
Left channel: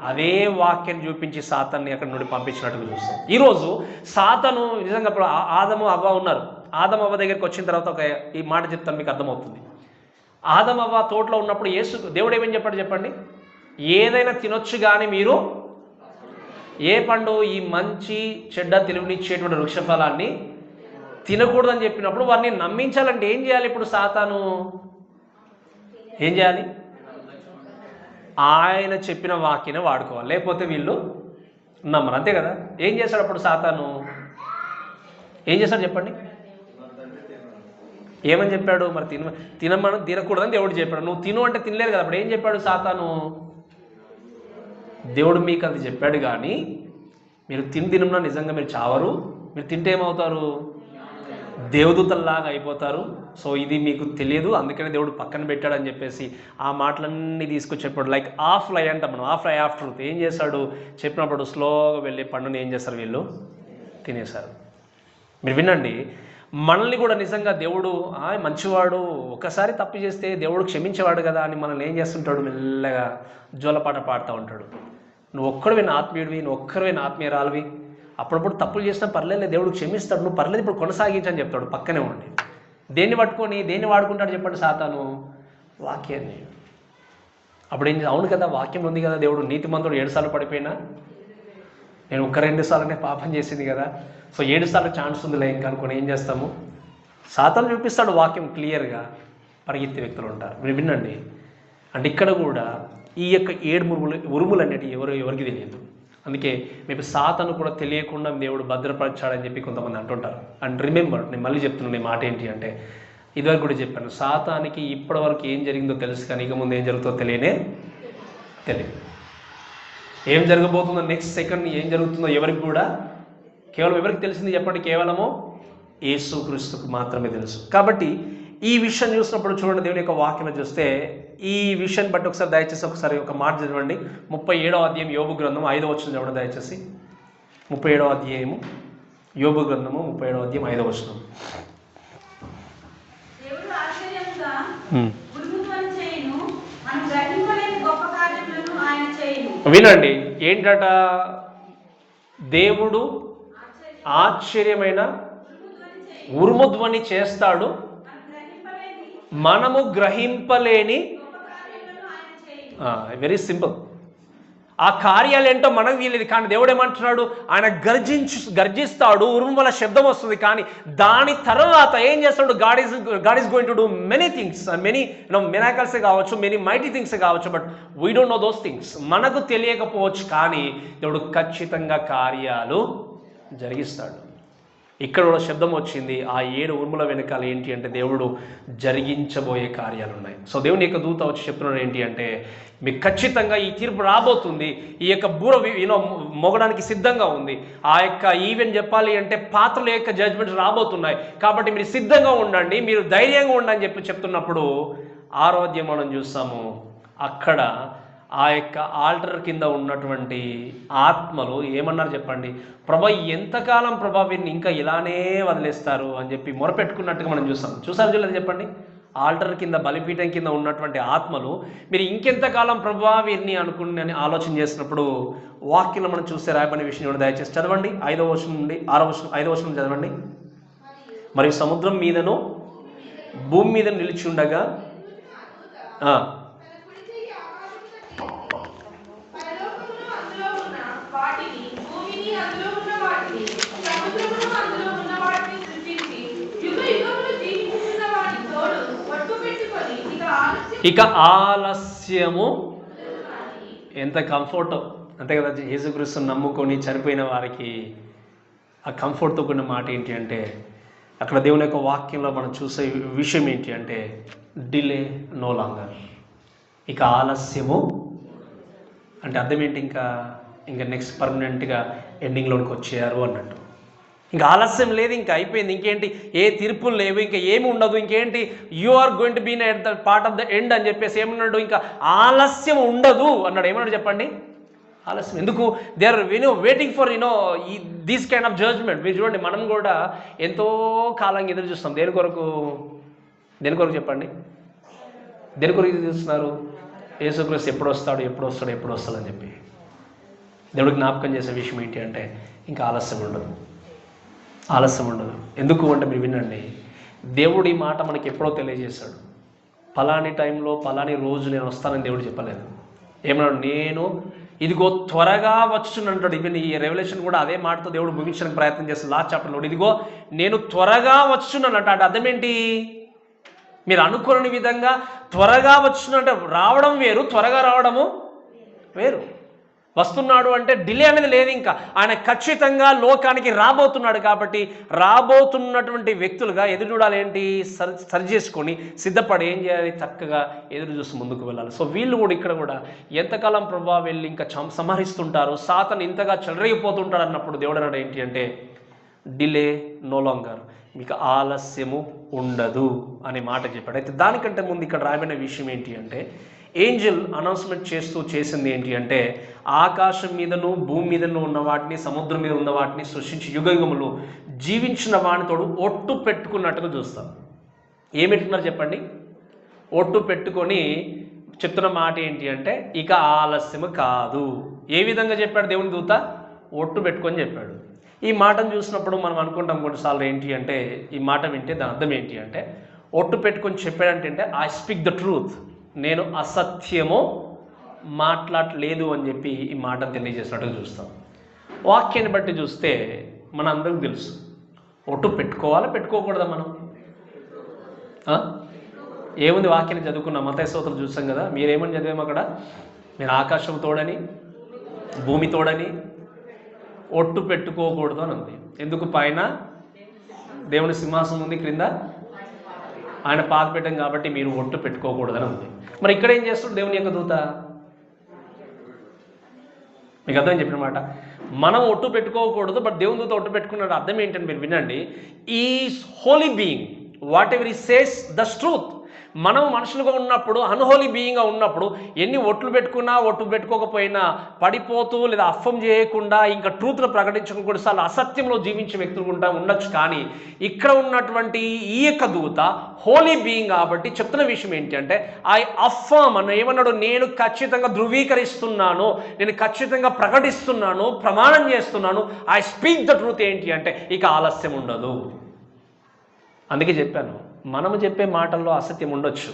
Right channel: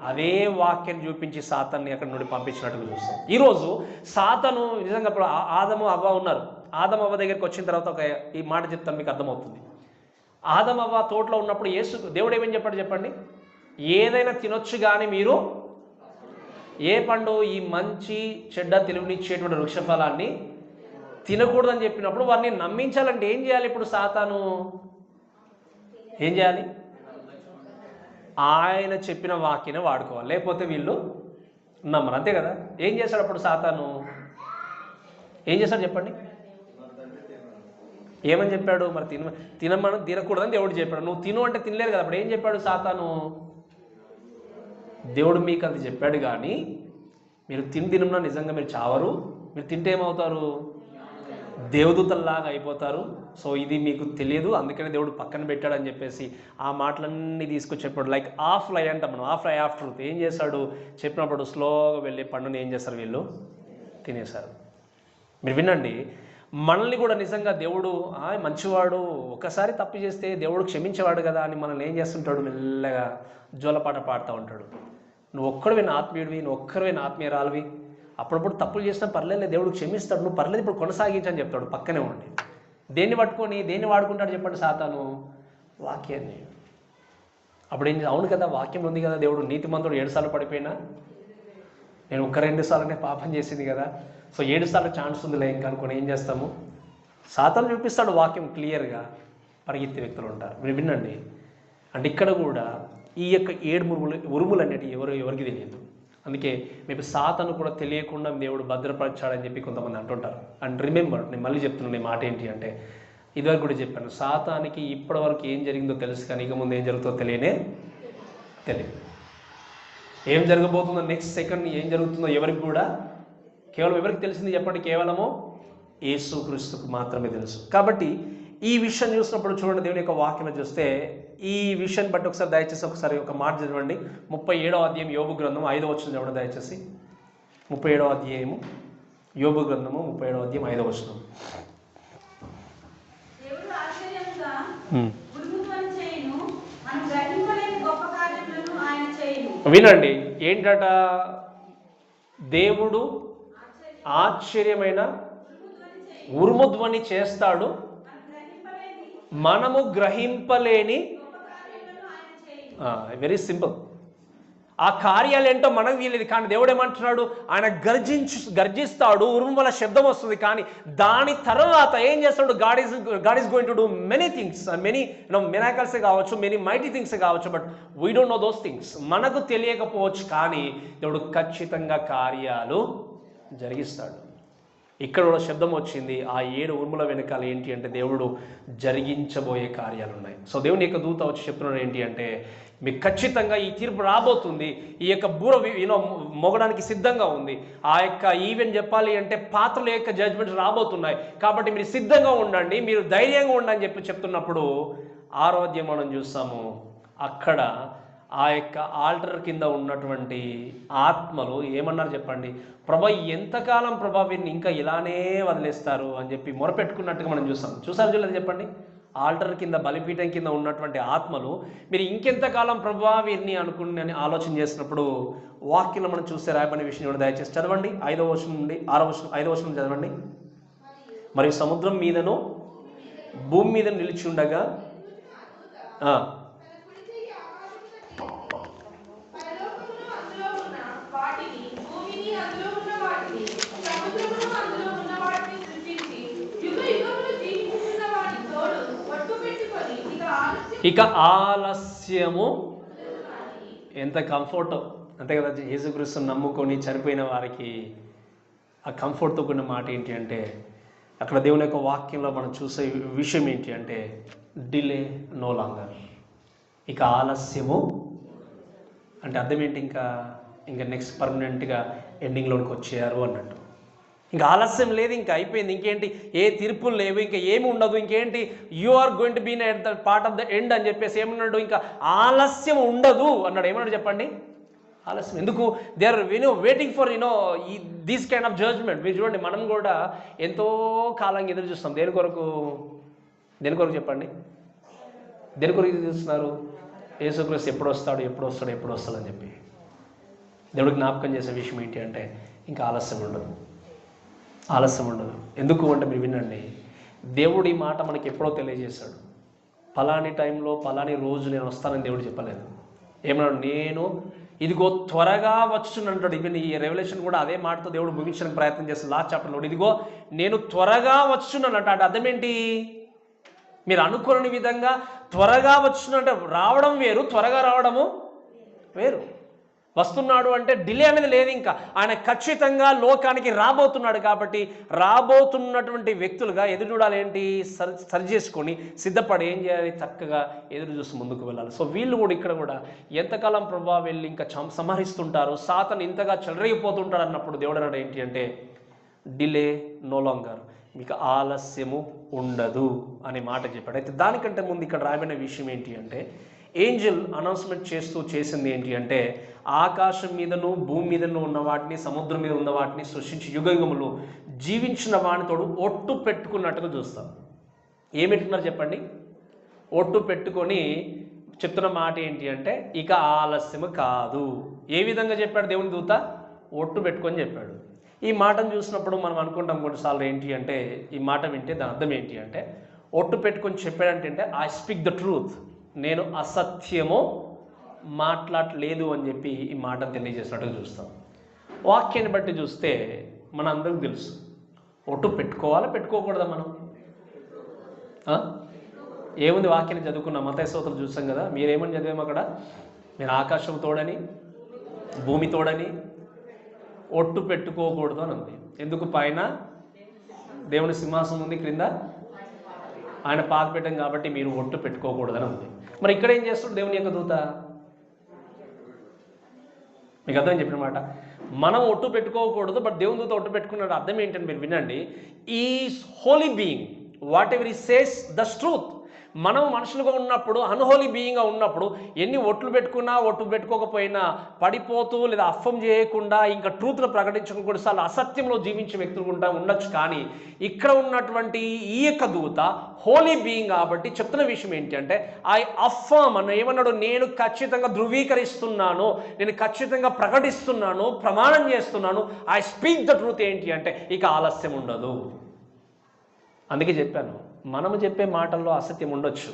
అదే వాక్యాన్ని చూపించి సాతాన్ని అక్కడి నుండి పంపించినట్టుగా చూస్తాం. ఈరోజు సాతాను నిజంగా ఇప్పుడు ఆదము అవ్వ ఉన్నారు. ఆదము అవ్వ దగ్గరికి వచ్చిన తర్వాత ఈ మాట చెప్తాను, మీకు అర్థమవుతుంది. ఆదము అవ్వ తోటలో ఉన్నప్పుడు దేవుడు ఏమని చెప్పాడు చెప్పండి? ఏదైనా తినొచ్చు కానీ మీరు ఏ పండు, ఈ మంచి చెడ్డ తెలివినిచ్చేటువంటి వృక్షఫలాన్ని తినకూడదని చెప్పినప్పుడు వారిని నమ్మించాలంటే ఏం చేయాలి? ఇప్పుడు సాతాను ఏం చేయాలి? ఆయన చెప్పిన వాక్యాన్ని వాడుకోవాలి, లేకపోతే వీళ్ళు నమ్మరు. అంతే కదా. ఏం చేశాడు అప్పుడు సాతాను? ఏం చేశాడు చెప్పండి? ఏమని చెప్పాడు? మరి తినకూడదని దేవుడు చెప్పాడు. నువ్వు తిను అంటే తినలేదు కదా. అప్పుడు ఏం చెప్పాడు సాతాను? దేవుడు మీకు అది చెప్పాడు కానీ మీరు తినడం నిజంగా మీరు చావరు, మీరు తింటే ఏమవుతారు? దేవదూతల్లాగా అయిపోతారు. సో ఇది మీకు తెలియదు, అందుకనే దేవుడు పక్కన పెట్టాడని చెప్పేసి ఆ మాటలన్నీ తీసుకొచ్చేప్పుడు లైక్ ఆఫ్ లై అంటాం మనం, ఆఫ్ లై ఆఫ్ ట్రూత్. ఏం చేశాడు? చెప్పినప్పుడు స్లోగా వెళ్ళి పండుని ఏం చేస్తారు? వీళ్ళు తినేశారు. మీరు వినండి, మనల్ని కూడా నిజంగా దేవుడు మంచివాడు, ఒకసారి తప్పు చేస్తే దేవుడు క్షమించేవాడు కదా అని మనల్ని ఏం చేస్తుంటాడు? మెల్లగా జోలపాట పాడుతూ ఉంటాడు. నువ్వు ఒక్కడివి నా ఆత్మీయుడివి, నువ్వు ఒక్కరివి నా ఆత్మీయురాలివి, అప్పుడప్పుడు తప్పులు చేసినా పర్లేదు, దేవుడు క్షమిస్తాడు, నువ్వు పర్లేదు ఇప్పుడు కొనసాగించని చెప్తాడు పక్కనే ఉండి. దేన్ని పట్టుకొని దేన్ని వాడుకుంటాడు చెప్పండి సాతాను? వాక్యాన్ని. అప్పుడు ఏం అవును కదా, వాక్యం ఉంది కదా, దేవుడు నీతిమంతుడు 7 సార్లు పడిపోయినా నేను 1-2 సార్లనే పాపం చేసింది కదా, సో 7 సార్లు ఛాన్స్ ఉందిలే ఇంకా అనుకుని ఏం చేస్తాము? సాతాను చూపిస్తాడు వాక్యం క్లియర్గా, పరిగెత్తే వ్యక్తులు ఉంటారు. మీరు వినండి, అంటే ఇక్కడ కూడా ఈ యొక్క 7 ఉరుములు అనేటివి ఎవరికి తెలియదు. అందుకే మీకు సాతాను కూడా తెలియకుండా దేవుడు భద్రపరచాడని చెప్పి కొంతమంది అంటుంటారు. అండ్ రిమెంబర్, నేను మళ్ళీ చెప్తున్నాను ఈ మాట ఏంటి అంటే, ఇదివరకు కూడా చెప్పాను, సాతానికి ఇప్పటివరకు ఏం జరిగిందో తెలుసు కానీ ఇక ముందు ఏం జరుగుతుందో తెలియదు. ఏం జరగబోతుందో నెక్స్ట్ సెకండ్ ఏం జరుగుతుందో ఎవరికి కూడా కేవలం ఎవరికి తెలిసింది చెప్పండి? కేవలము యేసుక్రీస్తుకు మాత్రమే తెలుసు. కాబట్టి ఈ విషయం చూసినప్పుడు చూడండి, దేవుని యొక్క వాక్యం చూస్తే ఈ విషయాన్ని బట్టి ఒకసారి దయచేసి ఒకసారి ఒక మాట చదవండి. 37వ అధ్యాయం యోబు గ్రంథం 5వ వచనం చదవండి దయచేసి. 37వ అధ్యాయము యోబు గ్రంథము 37వ అధ్యాయం 5వ వచనం. వినండి, ఏంటట? దేవుడు ఆశ్చర్యమైన ఉరుముధ్వని చేస్తాడు, మనము గ్రహింపలేని. Very simple. ఆ కార్యాలు ఏంటో మనకు తెలియదు, కానీ దేవుడు ఏమంటున్నాడు? ఆయన గర్జిస్తాడు, ఉరుము వల్ల శబ్దం వస్తుంది, కానీ దాని తర్వాత ఏం చేస్తాడు? God is going to do many things, many miracles కావచ్చు, మెనీ మైటీ థింగ్స్ కావచ్చు, but we don't know those things. మనకు తెలియకపోవచ్చు, కానీ దేవుడు ఖచ్చితంగా కార్యాలు జరిగిస్తాడు. ఇక్కడ కూడా శబ్దం వచ్చింది. ఆ 7 ఉరుముల వెనకాల ఏంటి అంటే దేవుడు జరిగించబోయే కార్యాలు ఉన్నాయి. సో దేవుని యొక్క దూత వచ్చి చెప్తున్నాడు ఏంటి అంటే, మీకు ఖచ్చితంగా ఈ తీర్పు రాబోతుంది, ఈ యొక్క బూర మోగడానికి సిద్ధంగా ఉంది. ఆ యొక్క ఈవెన్ చెప్పాలి అంటే పాత్రల యొక్క జడ్జ్మెంట్స్ రాబోతున్నాయి, కాబట్టి మీరు సిద్ధంగా ఉండండి, మీరు ధైర్యంగా ఉండండి అని చెప్తున్నప్పుడు 6వ అధ్యాయం మనం చూస్తాము. అక్కడ ఆ యొక్క ఆల్టర్ కింద ఉన్నటువంటి ఆత్మలు ఏమన్నారు చెప్పండి, ప్రభా ఎంతకాలం ప్రభా వీరిని ఇంకా ఇలానే వదిలేస్తారు అని చెప్పి మొరపెట్టుకున్నట్టుగా మనం చూసారు చూడలేదు చెప్పండి. ఆల్టర్ కింద బలిపీఠం కింద ఉన్నటువంటి ఆత్మలు మీరు ఇంకెంతకాలం ప్రభా వీరిని అనుకుని ఆలోచన చేసినప్పుడు వాక్యంలో మనం చూస్తే రాయబడిన విషయం కూడా దయచేసి చదవండి. 5వ వచనం నుండి 5వ వచనం చదవండి. మరియు సముద్రం మీదను భూమి మీద నిలిచి ఉండగా ఇక ఆలస్యము, ఎంత కంఫర్ట్ అంతే కదా. యేసుక్రీస్తుని నమ్ముకొని చనిపోయిన వారికి ఆ కంఫర్ట్తో కూడిన మాట ఏంటి అంటే, అక్కడ దేవుని యొక్క వాక్యంలో మనం చూసే విషయం ఏంటి అంటే, డిలే నో లాంగర్. ఇక ఆలస్యము అంటే అర్థం ఏంటి, ఇంకా నెక్స్ట్ పర్మనెంట్గా ఎండింగ్లోనికి వచ్చేయారు అన్నట్టు. ఇంకా ఆలస్యం లేదు, ఇంకా అయిపోయింది, ఇంకేంటి ఏ తీర్పులు లేవు, ఇంకా ఏమి ఉండదు, ఇంకేంటి you are going to be at the part of the end అని చెప్పేసి ఏమన్నాడు, ఇంకా ఆలస్యం ఉండదు అన్నాడు. ఏమన్నాడు చెప్పండి, ఆలస్యం ఎందుకు? They are waiting for these kind of judgment. మీరు చూడండి, మనం కూడా ఎంతో కాలంగా ఎదురు చూస్తాం. దేని కొరకు చెప్పండి, దేని కొరకు ఎదురు చూస్తున్నారు? యేసుక్రీస్తు ఎప్పుడు వస్తాడు అని చెప్పి. దేవుడికి జ్ఞాపకం చేసే విషయం ఏంటి అంటే, ఇంకా ఆలస్యం ఉండదు. ఎందుకు అంటే మీరు వినండి, దేవుడు ఈ మాట మనకి ఎప్పుడో తెలియజేశాడు. పలాని టైంలో పలాని రోజు నేను వస్తానని దేవుడు చెప్పలేదు. ఏమన్నాడు, నేను ఇదిగో త్వరగా వచ్చునంటాడు. ఈవెన్ ఈ రెవల్యూషన్ కూడా అదే మాటతో దేవుడు ముగించడానికి ప్రయత్నం చేస్తాడు. లాస్ట్ చాప్టర్లో ఇదిగో నేను త్వరగా వచ్చున్నానంట. అంటే అర్థం ఏంటి, మీరు అనుకోని విధంగా త్వరగా వచ్చునంటే రావడం వేరు, త్వరగా రావడము వేరు. వస్తున్నాడు అంటే డిలే అనేది లేదు. ఇంకా ఆయన ఖచ్చితంగా లోకానికి రాబోతున్నాడు. కాబట్టి రాబోతున్నటువంటి వ్యక్తులుగా ఎదురు చూడాలి. ఏంటి, సరి చేసుకొని సిద్ధపడి ఏం చేయాలి, చక్కగా ఎదురు చూసి ముందుకు వెళ్ళాలి. సో వీళ్ళు కూడా ఇక్కడ కూడా ఎంతకాలం ప్రభావ వెళ్ళి ఇంకా సంహరిస్తుంటారు, సాతాను ఇంతగా చెలరేగిపోతుంటాడు అన్నప్పుడు దేవుడు అన్నాడు ఏంటి అంటే, డిలే నో లాంగర్, మీకు ఆలస్యము ఉండదు అనే మాట చెప్పాడు. అయితే దానికంటే ముందు ఇక్కడ రాబడిన విషయం ఏంటి అంటే, ఏంజల్ అనౌన్స్మెంట్ చేసింది ఏంటి అంటే, ఆకాశం మీదను భూమి మీదను ఉన్న వాటిని, సముద్రం మీద ఉన్న వాటిని సృష్టించి యుగయుగములు జీవించిన వానితోడు ఒట్టు పెట్టుకున్నట్టుగా చూస్తాం. ఏం పెట్టుకున్నారు చెప్పండి, ఒట్టు పెట్టుకొని చెప్తున్న మాట ఏంటి అంటే, ఇక ఆలస్యము కాదు. ఏ విధంగా చెప్పాడు దేవుని దూత, ఒట్టు పెట్టుకొని చెప్పాడు. ఈ మాటను చూసినప్పుడు మనం అనుకుంటాం కొన్నిసార్లు ఏంటి అంటే, ఈ మాట వింటే దాని అర్థం ఏంటి అంటే, ఒట్టు పెట్టుకొని చెప్పాడంటే ఐ స్పీక్ ద ట్రూత్, నేను అసత్యము మాట్లాడలేదు అని చెప్పి ఈ మాటను తెలియజేసినట్టుగా చూస్తాం. వాక్యాన్ని బట్టి చూస్తే మన అందరికి తెలుసు, ఒట్టు పెట్టుకోవాలా పెట్టుకోకూడదా మనం? ఏముంది, వాక్యాన్ని చదువుకున్నాం, మత్తయి స్తోత్రం చూస్తాం కదా. మీరేమని చదివాము అక్కడ, మీరు ఆకాశం తోడని భూమి తోడని ఒట్టు పెట్టుకోకూడదు అని ఉంది. ఎందుకు? పైన దేవుని సింహాసనం ఉంది, క్రింద ఆయన పాదపీఠం, కాబట్టి మీరు ఒట్టు పెట్టుకోకూడదని ఉంది. మరి ఇక్కడ ఏం చేస్తాడు దేవుని యొక్క దూత? మీకు అర్థం చెప్పిన మాట, మనం ఒట్టు పెట్టుకోకూడదు, బట్ దేవుని దూత ఒట్టు పెట్టుకున్నాడు. అర్థం ఏంటని మీరు వినండి, ఈ holy being whatever he says that's truth. మనం మనుషులుగా ఉన్నప్పుడు, అన్హోలీ బీయింగ్గా ఉన్నప్పుడు ఎన్ని ఒట్లు పెట్టుకున్నా, ఒట్టు పెట్టుకోకపోయినా పడిపోతూ లేదా అఫం చేయకుండా ఇంకా ట్రూత్ను ప్రకటించకుండా కొన్నిసార్లు అసత్యంలో జీవించే వ్యక్తులు ఉండొచ్చు. కానీ ఇక్కడ ఉన్నటువంటి ఈ యొక్క దూత హోలీ బీయింగ్ కాబట్టి చెప్తున్న విషయం ఏంటి అంటే, ఐ అఫర్మ్ అని ఏమన్నాడు, నేను ఖచ్చితంగా ధృవీకరిస్తున్నాను, నేను ఖచ్చితంగా ప్రకటిస్తున్నాను, ప్రమాణం చేస్తున్నాను, ఐ స్పీక్ ద ట్రూత్. ఏంటి అంటే, ఇక ఆలస్యం ఉండదు. అందుకే చెప్పాను, మనము చెప్పే మాటల్లో అసత్యం ఉండొచ్చు.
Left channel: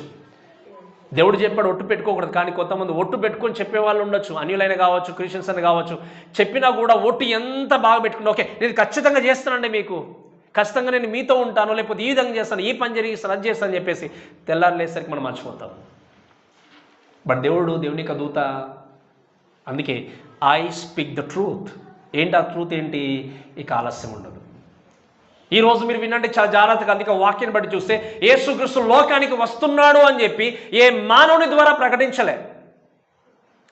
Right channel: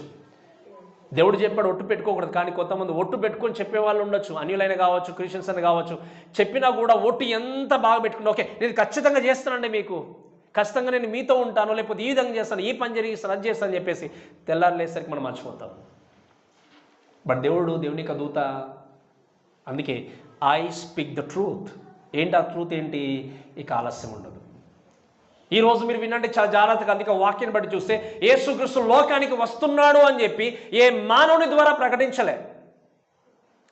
దేవుడు చెప్పాడు ఒట్టు పెట్టుకోకూడదు, కానీ కొంతమంది ఒట్టు పెట్టుకొని చెప్పేవాళ్ళు ఉండొచ్చు, అన్యులైన కావచ్చు, క్రిస్టియన్స్ అని కావచ్చు. చెప్పినా కూడా ఒట్టు ఎంత బాగా పెట్టుకున్నా, ఓకే నేను ఖచ్చితంగా చేస్తానండి, మీకు ఖచ్చితంగా నేను మీతో ఉంటాను, లేకపోతే ఈ విధంగా చేస్తాను, ఈ పని జరిగిస్తాను, అది చేస్తాను అని చెప్పేసి తెల్లారులేసరికి మనం మర్చిపోతాం. బట్ దేవుని యొక్క దూత, అందుకే ఐ స్పీక్ ద ట్రూత్. ఏంటి ఆ ట్రూత్ ఏంటి? ఇక ఆలస్యం ఉండదు. ఈరోజు మీరు వినండి చాలా జాగ్రత్తగా, అందుకే వాక్యాన్ని బట్టి చూస్తే యేసుక్రీస్తు లోకానికి వస్తున్నాడు అని చెప్పి ఏ మానవుని ద్వారా ప్రకటించలే.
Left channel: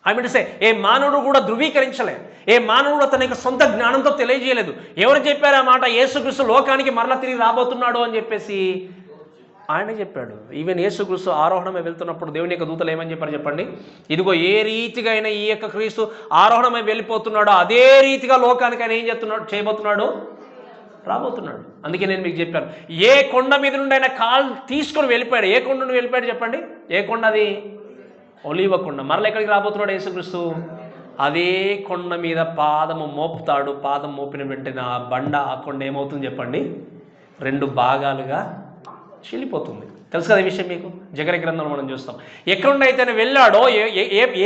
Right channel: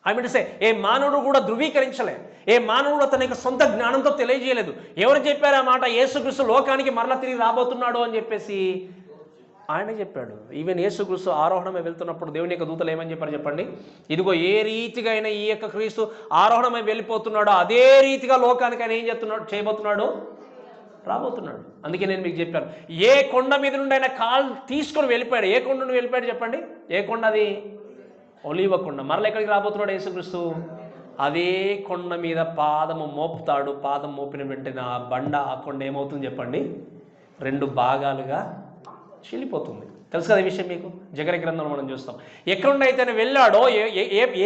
ఐ మీన్ సే ఏ మానవుడు కూడా ధృవీకరించలే, ఏ మానవుడు తన యొక్క సొంత జ్ఞానంతో తెలియజేయలేదు. ఎవరు చెప్పారు ఆ మాట? యేసుక్రీస్తు లోకానికి మరలా తిరిగి రాబోతున్నాడు అని చెప్పేసి ఆయన చెప్పాడు. ఈవెన్ యేసుక్రీస్తు ఆరోహణమై వెళ్తున్నప్పుడు దేవుని యొక్క దూతలు ఏమని చెప్పారు చెప్పండి? ఇదిగో ఏ రీతిగా అయినా ఈ యొక్క క్రీస్తు ఆరోహణమై వెళ్ళిపోతున్నాడో అదే రీతిగా లోకానికి ఆయన ఏం చేయబోతున్నాడు? రాబోతున్నాడు. అందుకే నేను మీకు చెప్పాను, ఏ కొండ మీద నుండి ఆయన కాలు తీసుకొని వెళ్ళిపోయాడు. ఏ కొండ నుండి వెళ్ళిపోయాడు చెప్పండి? ఏ కొండ అది? ఒలీవ కొండ. మరలా ఎక్కడికి రాబోతున్నాడు యేసుక్రీస్తు? అదే కొండ మీద పాదము మోపుతాడు. పాదం మోపిన వెంటనే ఆ బండ, ఆ కొండ ఏమవుతుంది చెప్పండి? 2 భాగాలుగా చీలిపోతుంది. తెలుసు కదా ఈ విషయం మీకు? జకర్యా గ్రంథంలో మనం చూస్తాం. ఎక్కడ నుండి అయితే ఆయన వెళ్ళాడో,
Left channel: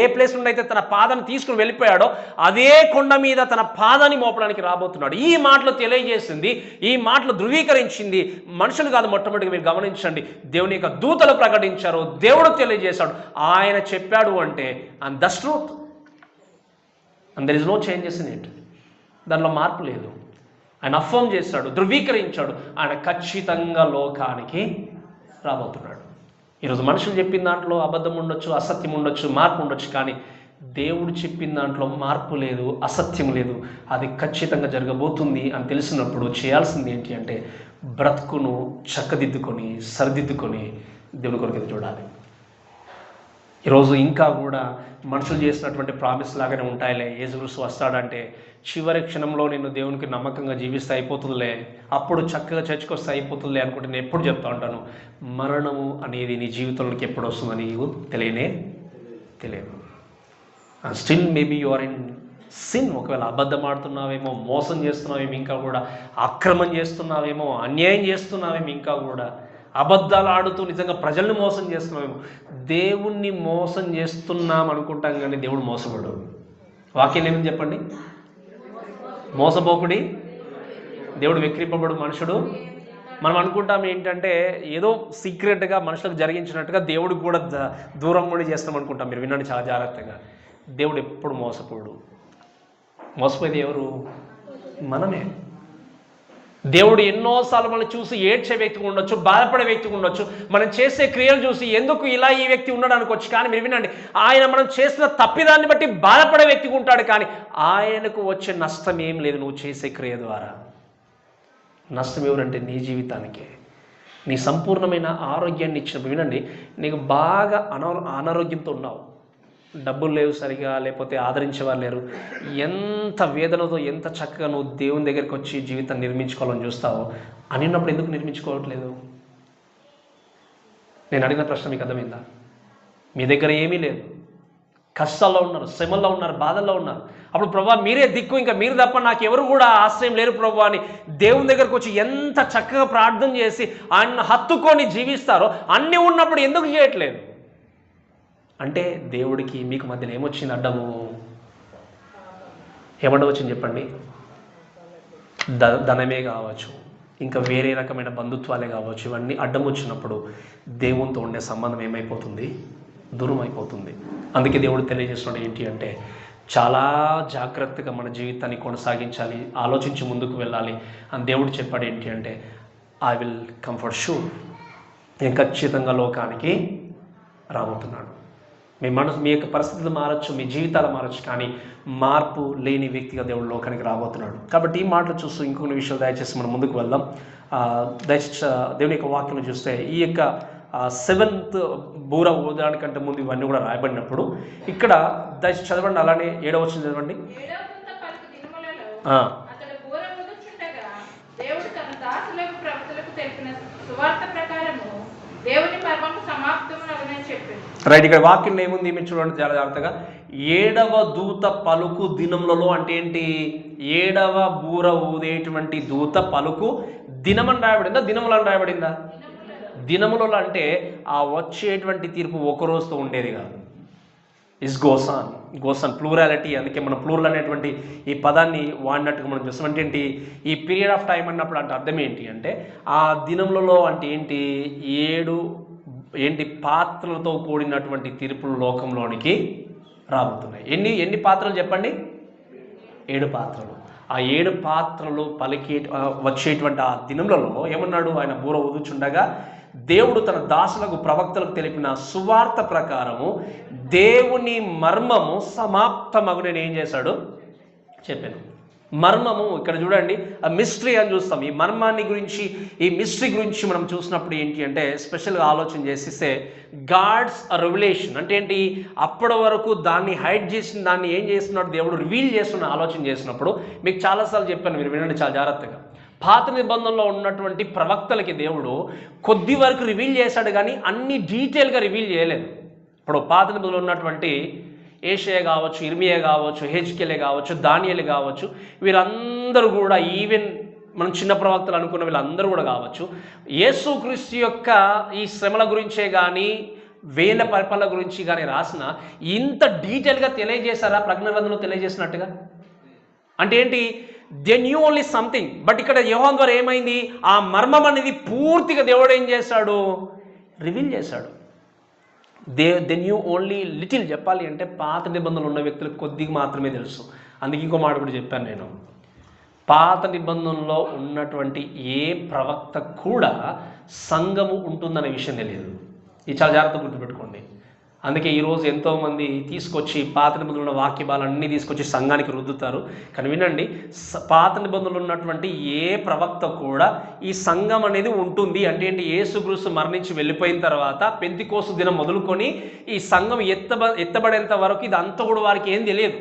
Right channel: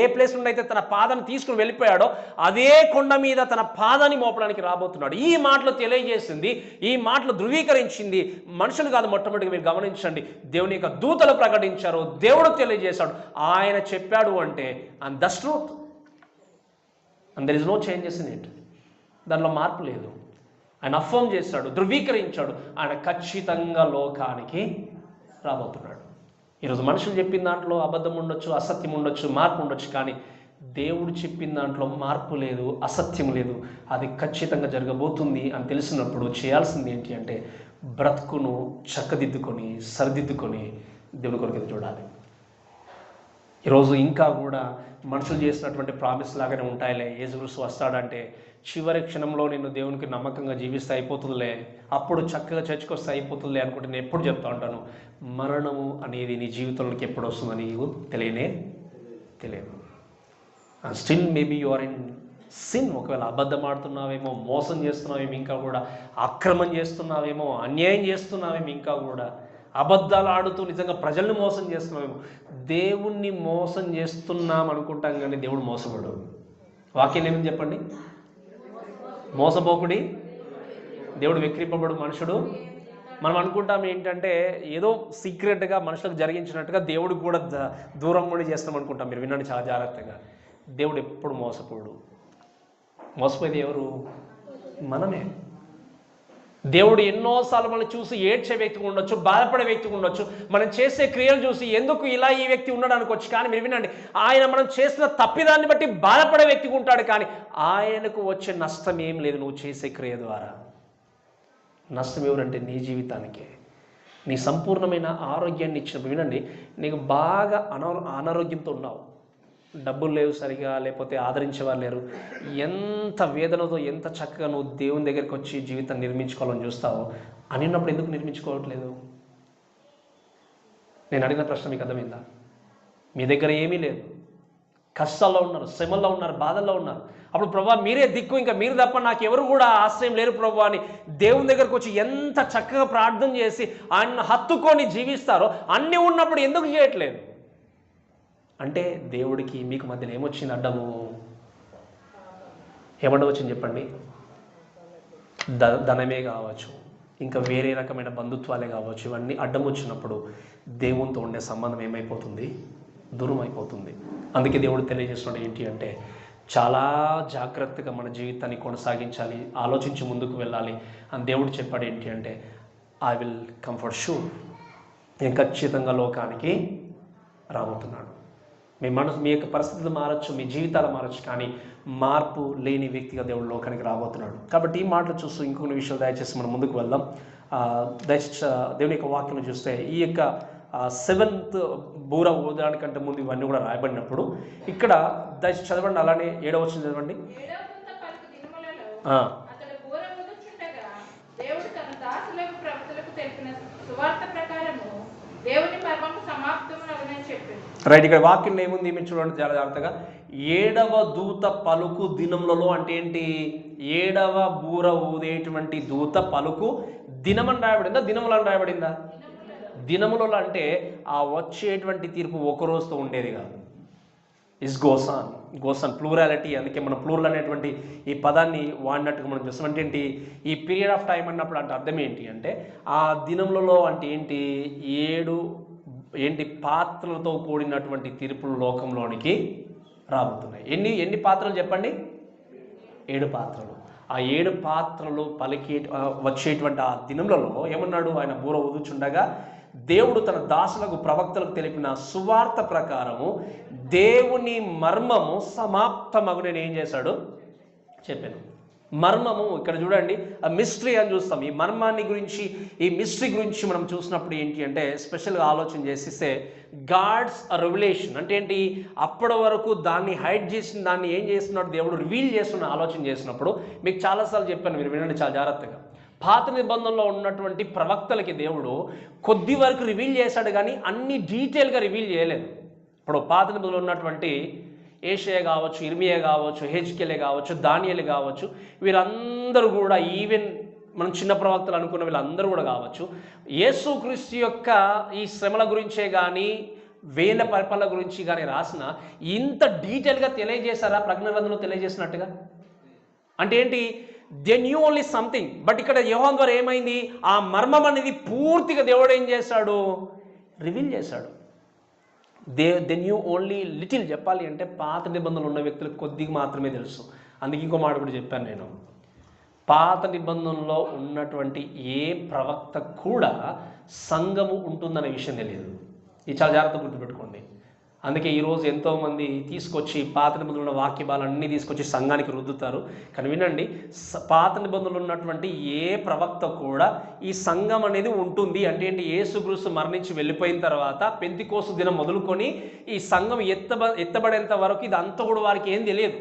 ఏ ప్లేస్ నుండి అయితే తన పాదాన్ని తీసుకుని వెళ్ళిపోయాడో అదే కొండ మీద తన పాదాన్ని మోపడానికి రాబోతున్నాడు. ఈ మాటలు తెలియజేసింది, ఈ మాటలు ధృవీకరించింది మనుషులు కాదు. మొట్టమొదటిగా మీరు గమనించండి, దేవుని యొక్క దూతలు ప్రకటించారు, దేవుడు తెలియజేశాడు. ఆయన చెప్పాడు అంటే and that's truth, and there is no changes in it. దానిలో మార్పు లేదు. ఆయన అఫర్మ్ చేశాడు, ధృవీకరించాడు, ఆయన ఖచ్చితంగా లోకానికి రాబోతున్నాడు. ఈరోజు మనుషులు చెప్పిన దాంట్లో అబద్ధం ఉండొచ్చు, అసత్యం ఉండొచ్చు, మార్పు ఉండొచ్చు, కానీ దేవుడు చెప్పిన దాంట్లో మార్పు లేదు, అసత్యం లేదు. అది ఖచ్చితంగా జరగబోతుంది అని తెలిసినప్పుడు చేయాల్సింది ఏంటి అంటే బ్రతుకును చక్కదిద్దుకొని సరిదిద్దుకొని దేవుని కొరకు ఎదురు చూడాలి. ఈరోజు ఇంకా కూడా మనుషులు చేసినటువంటి ప్రామిస్ లాగానే ఉంటాయిలే. యేసుక్రీస్తు వస్తాడంటే చివరి క్షణంలో నేను దేవునికి నమ్మకంగా జీవిస్తే అయిపోతుందిలే, అప్పుడు చక్కగా చర్చకు వస్తే అయిపోతుందిలే అనుకుంటే నేను ఎప్పుడు చెప్తా ఉంటాను, మరణము అనేది నీ జీవితంలోకి ఎప్పుడు వస్తుందని నీకు తెలియదు. Still maybe you are in sin. ఒకవేళ అబద్ధం ఆడుతున్నావేమో, మోసం చేస్తున్నావేమో, ఇంకా కూడా అక్రమం చేస్తున్నావేమో, అన్యాయం చేస్తున్నావేమో, ఇంకా కూడా అబద్ధాలు ఆడుతూ నిజంగా ప్రజల్ని మోసం చేస్తున్నామేమో. దేవుణ్ణి మోసం చేస్తున్నాం అనుకుంటాం కానీ దేవుడు మోసపోడు. వాక్యం ఏమని చెప్పండి? మోసపోకుడి, దేవుడు వెక్కిరింపబడు మనుషుడు. మనం అనుకుంటాం ఏంటంటే ఏదో సీక్రెట్గా మనుషులకు జరిగించినట్టుగా దేవుడికి కూడా దూరం కూడా చేస్తాం అనుకుంటాం. మీరు వినండి చాలా జాగ్రత్తగా, దేవుడు ఎప్పుడు మోసపోడు. మోసపోయేది ఎవరు? మనమే. దేవుడు ఎన్నోసార్లు మనం చూసి ఏడ్చే వ్యక్తిగా ఉండొచ్చు, బాధపడే వ్యక్తిగా ఉండొచ్చు, మనం చేసే క్రియలు చూసి ఎందుకు ఇలా ఈ వ్యక్తి ఉన్నాడు అనుకోవచ్చు. కానీ మీరు వినండి, ఆయన మనం చేసిన తప్పిదాన్ని బట్టి బాధపడే వ్యక్తిగా ఉంటాడు, కానీ ఆయనకు వచ్చే నష్టం ఏం లేదు నువ్వు చేసే క్రియ ద్వారా. నష్టం ఎవరంటే నీ జీవితానికే. నీ సంపూర్ణమైన ఆరోగ్యాన్ని ఇచ్చినప్పుడు వినండి, నీకు బాగా అనారోగ్యంతో ఉన్నావు, డబ్బులు లేవు సరిగా, లేకపోతే ఆదరించేవారు లేరు, ఎంత వేదనతో ఎంత చక్కగా నువ్వు దేవుని దగ్గరికి వచ్చి జీవితాన్ని నిర్మించుకోవాలని చూస్తావో అన్నప్పుడు ఎందుకు నిర్మించుకోవట్లేదు? నేను అడిగిన ప్రశ్న మీకు అర్థమైందా? మీ దగ్గర ఏమీ లేదు, కష్టాల్లో ఉన్నారు, శ్రమల్లో ఉన్నారు, బాధల్లో ఉన్నారు. అప్పుడు ప్రభా మీరే దిక్కు, ఇంకా మీరు తప్ప నాకు ఎవరు కూడా ఆశ్రయం లేరు ప్రభా అని దేవుని దగ్గరకు వచ్చి ఎంత చక్కగా ప్రార్థన చేసి ఆయన హత్తుకొని జీవిస్తారో అన్నీ ఉన్నప్పుడు ఎందుకు చేయట్లేదు అంటే దేవుడికి మీకు మధ్యలో ఏమొచ్చింది? అడ్డము. ఏమడ్డం వచ్చింది చెప్పండి? ధనమే కావచ్చు, ఇంకా వేరే రకమైన బంధుత్వాలే కావచ్చు, ఇవన్నీ అడ్డం వచ్చినప్పుడు దేవునితో ఉండే సంబంధం ఏమైపోతుంది? దూరం అయిపోతుంది. అందుకే దేవుడు తెలియజేస్తున్నాడు ఏంటి అంటే చాలా జాగ్రత్తగా మన జీవితాన్ని కొనసాగించాలి, ఆలోచించి ముందుకు వెళ్ళాలి అని దేవుడు చెప్పాడు. ఏంటి అంటే ఐ విల్ కంఫర్ట్ షూర్, నేను ఖచ్చితంగా లోకానికి రాబోతున్నాను. మీ యొక్క పరిస్థితులు మారచ్చు, మీ జీవితాలు మారచ్చు, కానీ మార్పు లేని వ్యక్తిగా దేవుడు లోకానికి రాబోతున్నాడు. కాబట్టి ఈ మాటలు చూస్తూ ఇంకొన్ని విషయాలు దయచేసి మనం ముందుకు వెళ్దాం. దయచేసి దేవుని యొక్క వాక్యం చూస్తే ఈ యొక్క 7th బూర ఊదడానికంటే ముందు ఇవన్నీ కూడా రాయబడినప్పుడు ఇక్కడ దయచేసి చదవండి, అలానే 7వ వచనం చదవండి. రైట్, ఇక్కడ వాక్యంలో ఏముంది మీరు చూడండి చాలా జాగ్రత్తగా. 7వ దూత పలుకు దినములలో అంటే ఏంటి? 7వ బూర ఊదేటువంటి దూత పలుకు దినమని రాయబడిందా, దినములని రాయబడిందా? దినములలో అంటే ఆ వచ్చేటువంటి తీర్పు ఒక రోజుతో ఉండేది కాదు. Is goes on plurality. అందుకే మనం ప్లూరల్ అనేటువంటి ఈ పదాన్ని వాడినట్టుగా మనం చూస్తాం. అంటే ఏంటి? ఈ పీరియడ్ ఆఫ్ టైం అన్నప్పుడు అంటే అర్థం ఏంటి అంటే ఆ దినములలో అంటే ఏంటి? 7 పాత్రలతో కూడినటువంటి తీర్పులు లోకంలోనికి రాబోతున్నాయి. ఎన్ని పాత్రలు చెప్పండి? 7 పాత్రలు. ఆ 7 పాత్రలు వచ్చేటువంటి ఆ దినములలో ఏమన్నాడు? ఆయన బూర ఊదుచుండగా దేవుడు తన దాసులకు ప్రవక్తలకు తెలిపిన సువార్త ప్రకారము దేవుని మర్మము సమాప్తమగునని ఏం చేశాడు? చెప్పాను. మర్మము ఇక్కడ చూడండి, ఆ మిస్టరీ అని చూస్తాం. ఈ మర్మాన్ని గురించి, ఈ మిస్టరీ గురించి మనం చూసినప్పుడు ఏంటి అంటే స్పెషల్గా ఆలోచన చేసిస్తే గాడ్స్ రెవల్యూషన్ అంటే ఏంటి? అప్పటి వరకు దాన్ని హైడ్ చేసిన దాన్ని ఏం చేస్తున్నాడు దేవుడు? రివీల్ చేస్తున్న ఆలోచన చేసినప్పుడు మీకు చాలాసార్లు చెప్పాను, మీరు వినండి చాలా జాగ్రత్తగా. పాత నిబంధనలో ఉన్నటువంటి ప్రవక్తలకి దేవుడు కొద్ది వరకు రివీల్ చేశాడు, కానీ అన్ని డీటెయిల్గా రివీల్ చేయలేదు. ఇప్పుడు పాత నిబంధనలో ఉన్నటువంటి ఏషయ కావచ్చు, ఇర్మియా కావచ్చు, హెజ్కేలే కావచ్చు, దానియేలు కావచ్చు, వీరందరూ కూడా ఈవెన్ మనం చిన్న ప్రవక్తలు అనుకున్న వీళ్ళందరూ కూడా కావచ్చు, యేసుక్రీస్తు యొక్క ఈ శ్రమల గురించే కానీ వేల పరిపాలన గురించి కానీ రాసిన ఇంత డీటెయిల్గా తెలియజేశారా ప్రకటన గ్రంథంలో తెలియజేసినట్టుగా? అంటే ఏంటి? They knew only something. But ఇక్కడ యోహాను ద్వారా ఏమైంది? ఆ మర్మం అనేది పూర్తిగా దేవుడు ఏం చేశాడు? రివీల్ చేశాడు. They knew only little. చెప్పాలి అంటే పాత నిబంధనలు ఉన్న వ్యక్తులకు కొద్దిగా మాత్రమే తెలుసు. అందుకే ఇంకో మాట కూడా చెప్పాను నేను, పాత నిబంధనలో ఉన్నటువంటి ఏ ప్రవక్త కూడా సంఘము ఉంటుందనే విషయం తెలియదు. ఇది చాలా జాగ్రత్తగా గుర్తుపెట్టుకోండి. అందుకే ఈరోజు ఎంతోమంది తీసుకొచ్చి పాత నిబంధనల వాక్య భాగాలన్నీ తీసుకొచ్చి సంఘానికి రుద్దుతారు. కానీ వినండి, పాత నిబంధనలు ఉన్నటువంటి ఏ ప్రవక్త కూడా ఈ సంఘం అనేది ఉంటుంది అంటే ఏంటి? యేసుక్రీస్తు మరణించి వెళ్ళిపోయిన తర్వాత పెంతెకోస్తు దినం మొదలుకొని ఈ సంఘం ఎత్తబడేంత వరకు ఇదంతా కూడా వారికి ఏం తెలియదు.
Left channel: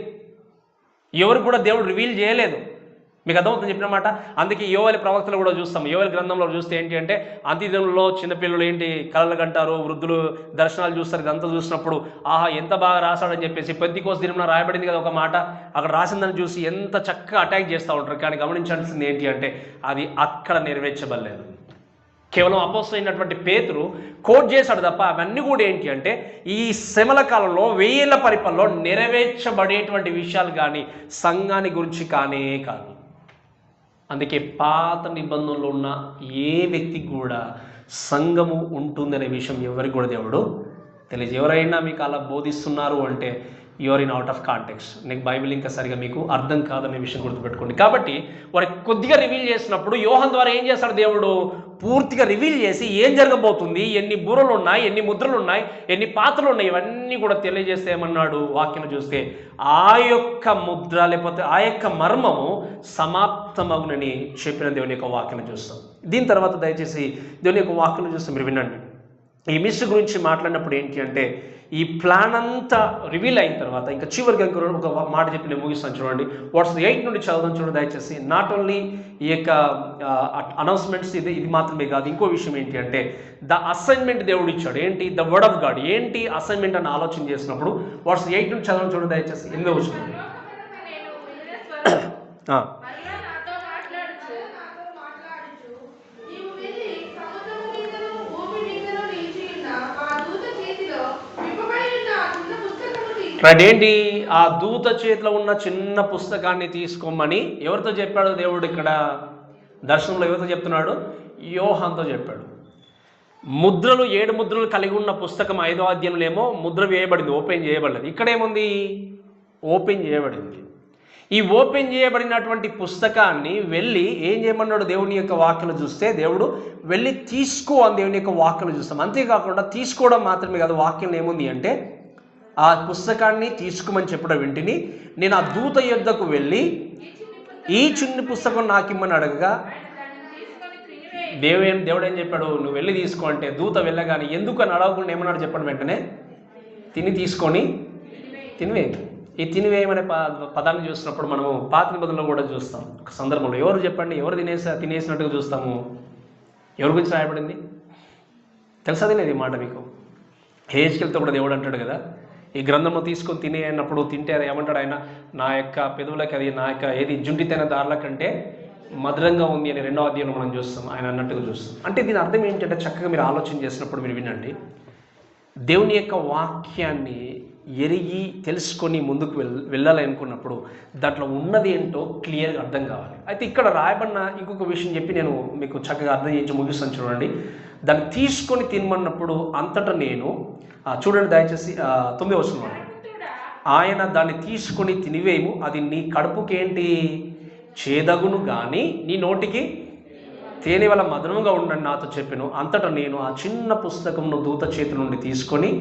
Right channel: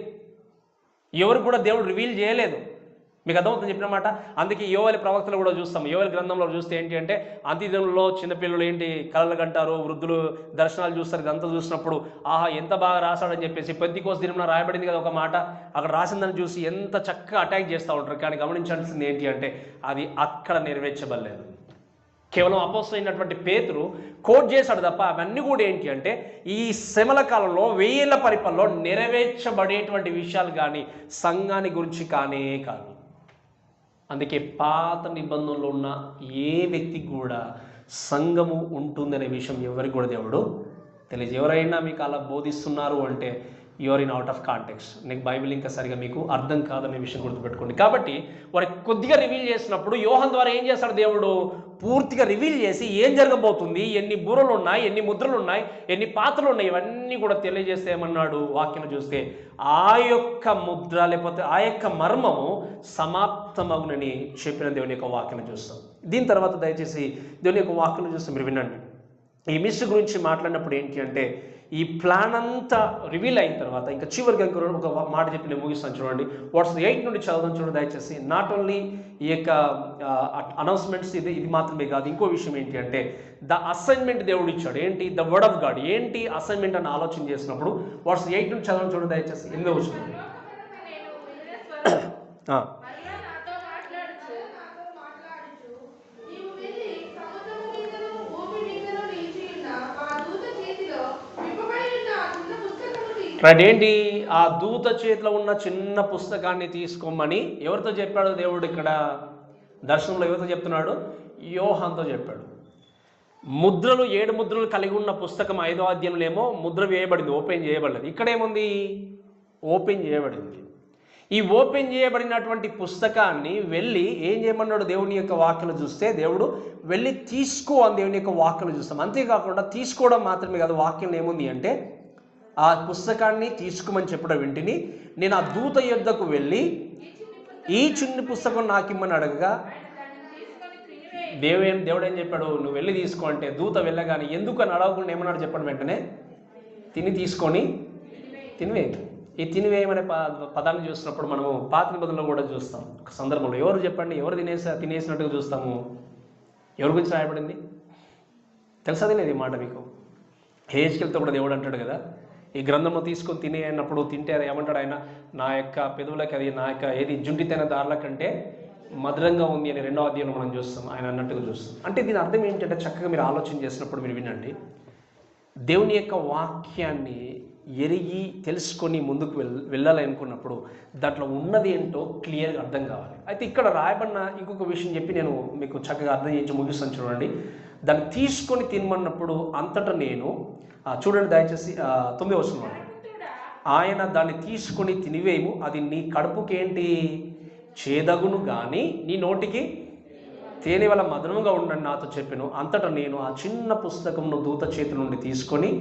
ఎవరు కూడా దేవుడు రివీల్ చేయలేదు. మీకు అర్థమవుతుంది చెప్పిన మాట. అందుకే యోవేలు ప్రవక్తలు కూడా చూస్తాం. యోవేలు గ్రంథంలో చూస్తే ఏంటి అంటే అంత్యదినంలో చిన్నపిల్లలు ఏంటి కలలు కంటారు, వృద్ధులు దర్శనాలు చూస్తారు. ఇదంతా చూసినప్పుడు ఆహా ఎంత బాగా రాశాడని చెప్పేసి పెంతెకోస్తు దినంలో రాయబడింది కదా ఒక మాట, అక్కడ రాసిందని చూసి ఎంత చక్కగా అటాక్ చేస్తూ ఉంటారు. కానీ గమనించాల్సింది ఏంటి అంటే అది అక్కడ నెరవేర్చబడలేదు. కేవలం అపోస్తలుడు అయినటువంటి పేతురు కోట్ చేశాడు తప్ప అవన్నీ కూడా ఏంటి అంటే ఈ శ్రమల కాలంలో వేల పరిపాలనలో నెరవేర్చబడేటువంటి విషయాలు కానీ సంఘాన్ని గురించి కానే కాదు. అందుకే పాత నిబంధనలో ఉన్న ఏ వ్యక్తికి కూడా సంఘము ఉంటుందనే విషయం ఎవరికి కూడా దేవుడు తెలియదు. ఎవరైనా మీకు అలా బోధిస్తున్నారు అంటే you're in out of context. నీకు బైబిల్ ఇంకా సరిగా మీకు అర్థం కాదనే విషయం గుర్తుపెట్టుకోండి. కాబట్టి వారికి కొద్దిగా రివీల్ చేసినప్పుడు యోహాను ద్వారా ఏం చేస్తాడు దేవుడు? పూర్తిగా రివీల్ చేసి ఏం జరగబోతుంది, ఎన్ని బూరలు ఉన్నాయి, ఎన్ని ముద్రలు ఉన్నాయి, ఎన్ని పాత్రలు ఉన్నాయి, ఇవన్నీ కూడా తెలియజేస్తే ఏమన్నాడు? వాక్యం చూస్తే ఆ యొక్క ముద్ర లేకపోతే ఆ యొక్క మర్మము సమాప్తమగునని చెప్పిన దేవుని యొక్క వాక్యం చూస్తాం. దీని తర్వాత దయచేసి దేవుని యొక్క వాక్యం చూస్తే మీరు వినండి. ఈ మిస్ గురించి మాట్లాడినప్పుడు ఏంటి అంటే ఈ ప్లాన్ అంతా రివీల్ అయిన తర్వాత ఇంకా చివరికి ఒక మాట చెప్పి నేను ముగిస్తాను. చూడండి, వాట్స్ 8 నుండి చదువుదాం చూడండి దయచేసి. నాట్ ఓన్లీ ఈ యొక్క అనౌన్స్మెంట్స్ ఇది మాత్రమే కాదు, ఇంకో విషయం ఏంటి అంటే ద అసైన్మెంట్ దేవుడు ఇచ్చాడు. ఏంటి? The word of God. ఏంటి అసైన్మెంట్ అని ఆలోచన చేసినప్పుడు వాట్స్ 8 నుండి చదవడం చూడండి దయచేసి. 8వ వచనం. రైట్. ఏంటి? ఆ దూత చేతిలో ఉన్న చిన్న పుస్తకాన్ని తీసుకోమని ఎవరితో చెప్పాడు దేవుడు? ఇక్కడ దర్శనంలో ఎవరితో చెప్తున్నాడు? యోహానుతో చెప్పాడు. ముద్రలు 7 ముద్రలు కలిగి ఉన్న పుస్తకం 5వ అధ్యాయంలో ఏమో ముద్ర వేయబడింది, ఓపెన్ చేయబడలేదు. ఇక్కడేముంది? ఓపెన్ చేయబడింది. ఈ ఓపెన్ చేయబడినటువంటి పుస్తకాన్ని వెళ్ళి ఏం చేయమన్నాడు? దేవుని యొక్క వాక్యలు చూస్తే దేవుడు వెళ్ళి తీసుకో అని దేవుని యొక్క వాక్యలు చూస్తాం. అంతేకాకుండా తీసుకోవడం మాత్రమే కాదు, వాక్యం ఏముంది అంటే ఆ పుస్తకాన్ని తీసుకోమని చెప్పడం వెంటనే నేను ఆ దూత యొద్దకు వెళ్ళి ఈ చిన్న పుస్తకం నాకు ఇమ్మని అడగగా దేవుడు ఏం చెప్పాడు? నువ్వు వెళ్ళి తీసుకో అంటే దూత వెళ్ళగానే ఎందుకు అని అడగకుండా ఏమన్నాడు చెప్పడం వెంటనే తీసుకొని తినివేయి. ఈ తినివేయమనే పదాన్ని చూసినప్పుడు మనము పాత నిబంధనలో కూడా చూస్తాం. ఒక సందర్భంలో ఎవరు చెప్పండి, ఎవరు తినేసినట్టుగా చూస్తాము? ఎవరి గురించి రాయబడింది తెలుసా? తినేది మాట మీకు హెజ్కేలుతో కూడా దేవుడు అంటాడు కదా, ఈ గ్రంథంలో తీసుకొని తినే అన్నప్పుడు తింటే అది ఏమంటాడు ఆయన? నా యొక్క పెదవులకి అది నా యొక్క ఏది జుంటితైన దారుల కంటే మధురంగా ఉంది అని 2వ అధ్యాయంలో మనం చూస్తాం, ఆయన అన్నట్టుగా చూస్తాం. అంటే దీని అర్థం ఏంటంటే చక్కగా మీరు ఆలోచన చేసినప్పుడు మీరు వినండి, దేవుని యొక్క వాక్యాన్ని ఎరిగి తెలుసుకొని ముందుకు వెళ్ళాలనుకున్నప్పుడు దాంట్లో ఉన్నది ఏంటో క్లియర్గా అర్థం కావాలి. అయితే ఇక్కడ రాయబడిన ఇంకొక విషయం చెప్పి నేను మీకు చక్కగా అర్థం చేయించి ముగిస్తాను. చూడండి, దాన్ని తీసుకొని తినమన్నప్పుడు అంతటా నేను చూడండి దయచేసి 9వ వచనం. ఆయన దాన్ని తీసుకొని తినివేయము, అది నీ కడుపుకేంటి? చేదగును కానీ నీ నోటికి తేనె వల్ల మధురంగా ఉండని నాతో చెప్పాను. అంతటా నేను ఆ చిన్న పుస్తకంను దూత చేతి నుండి తీసుకొని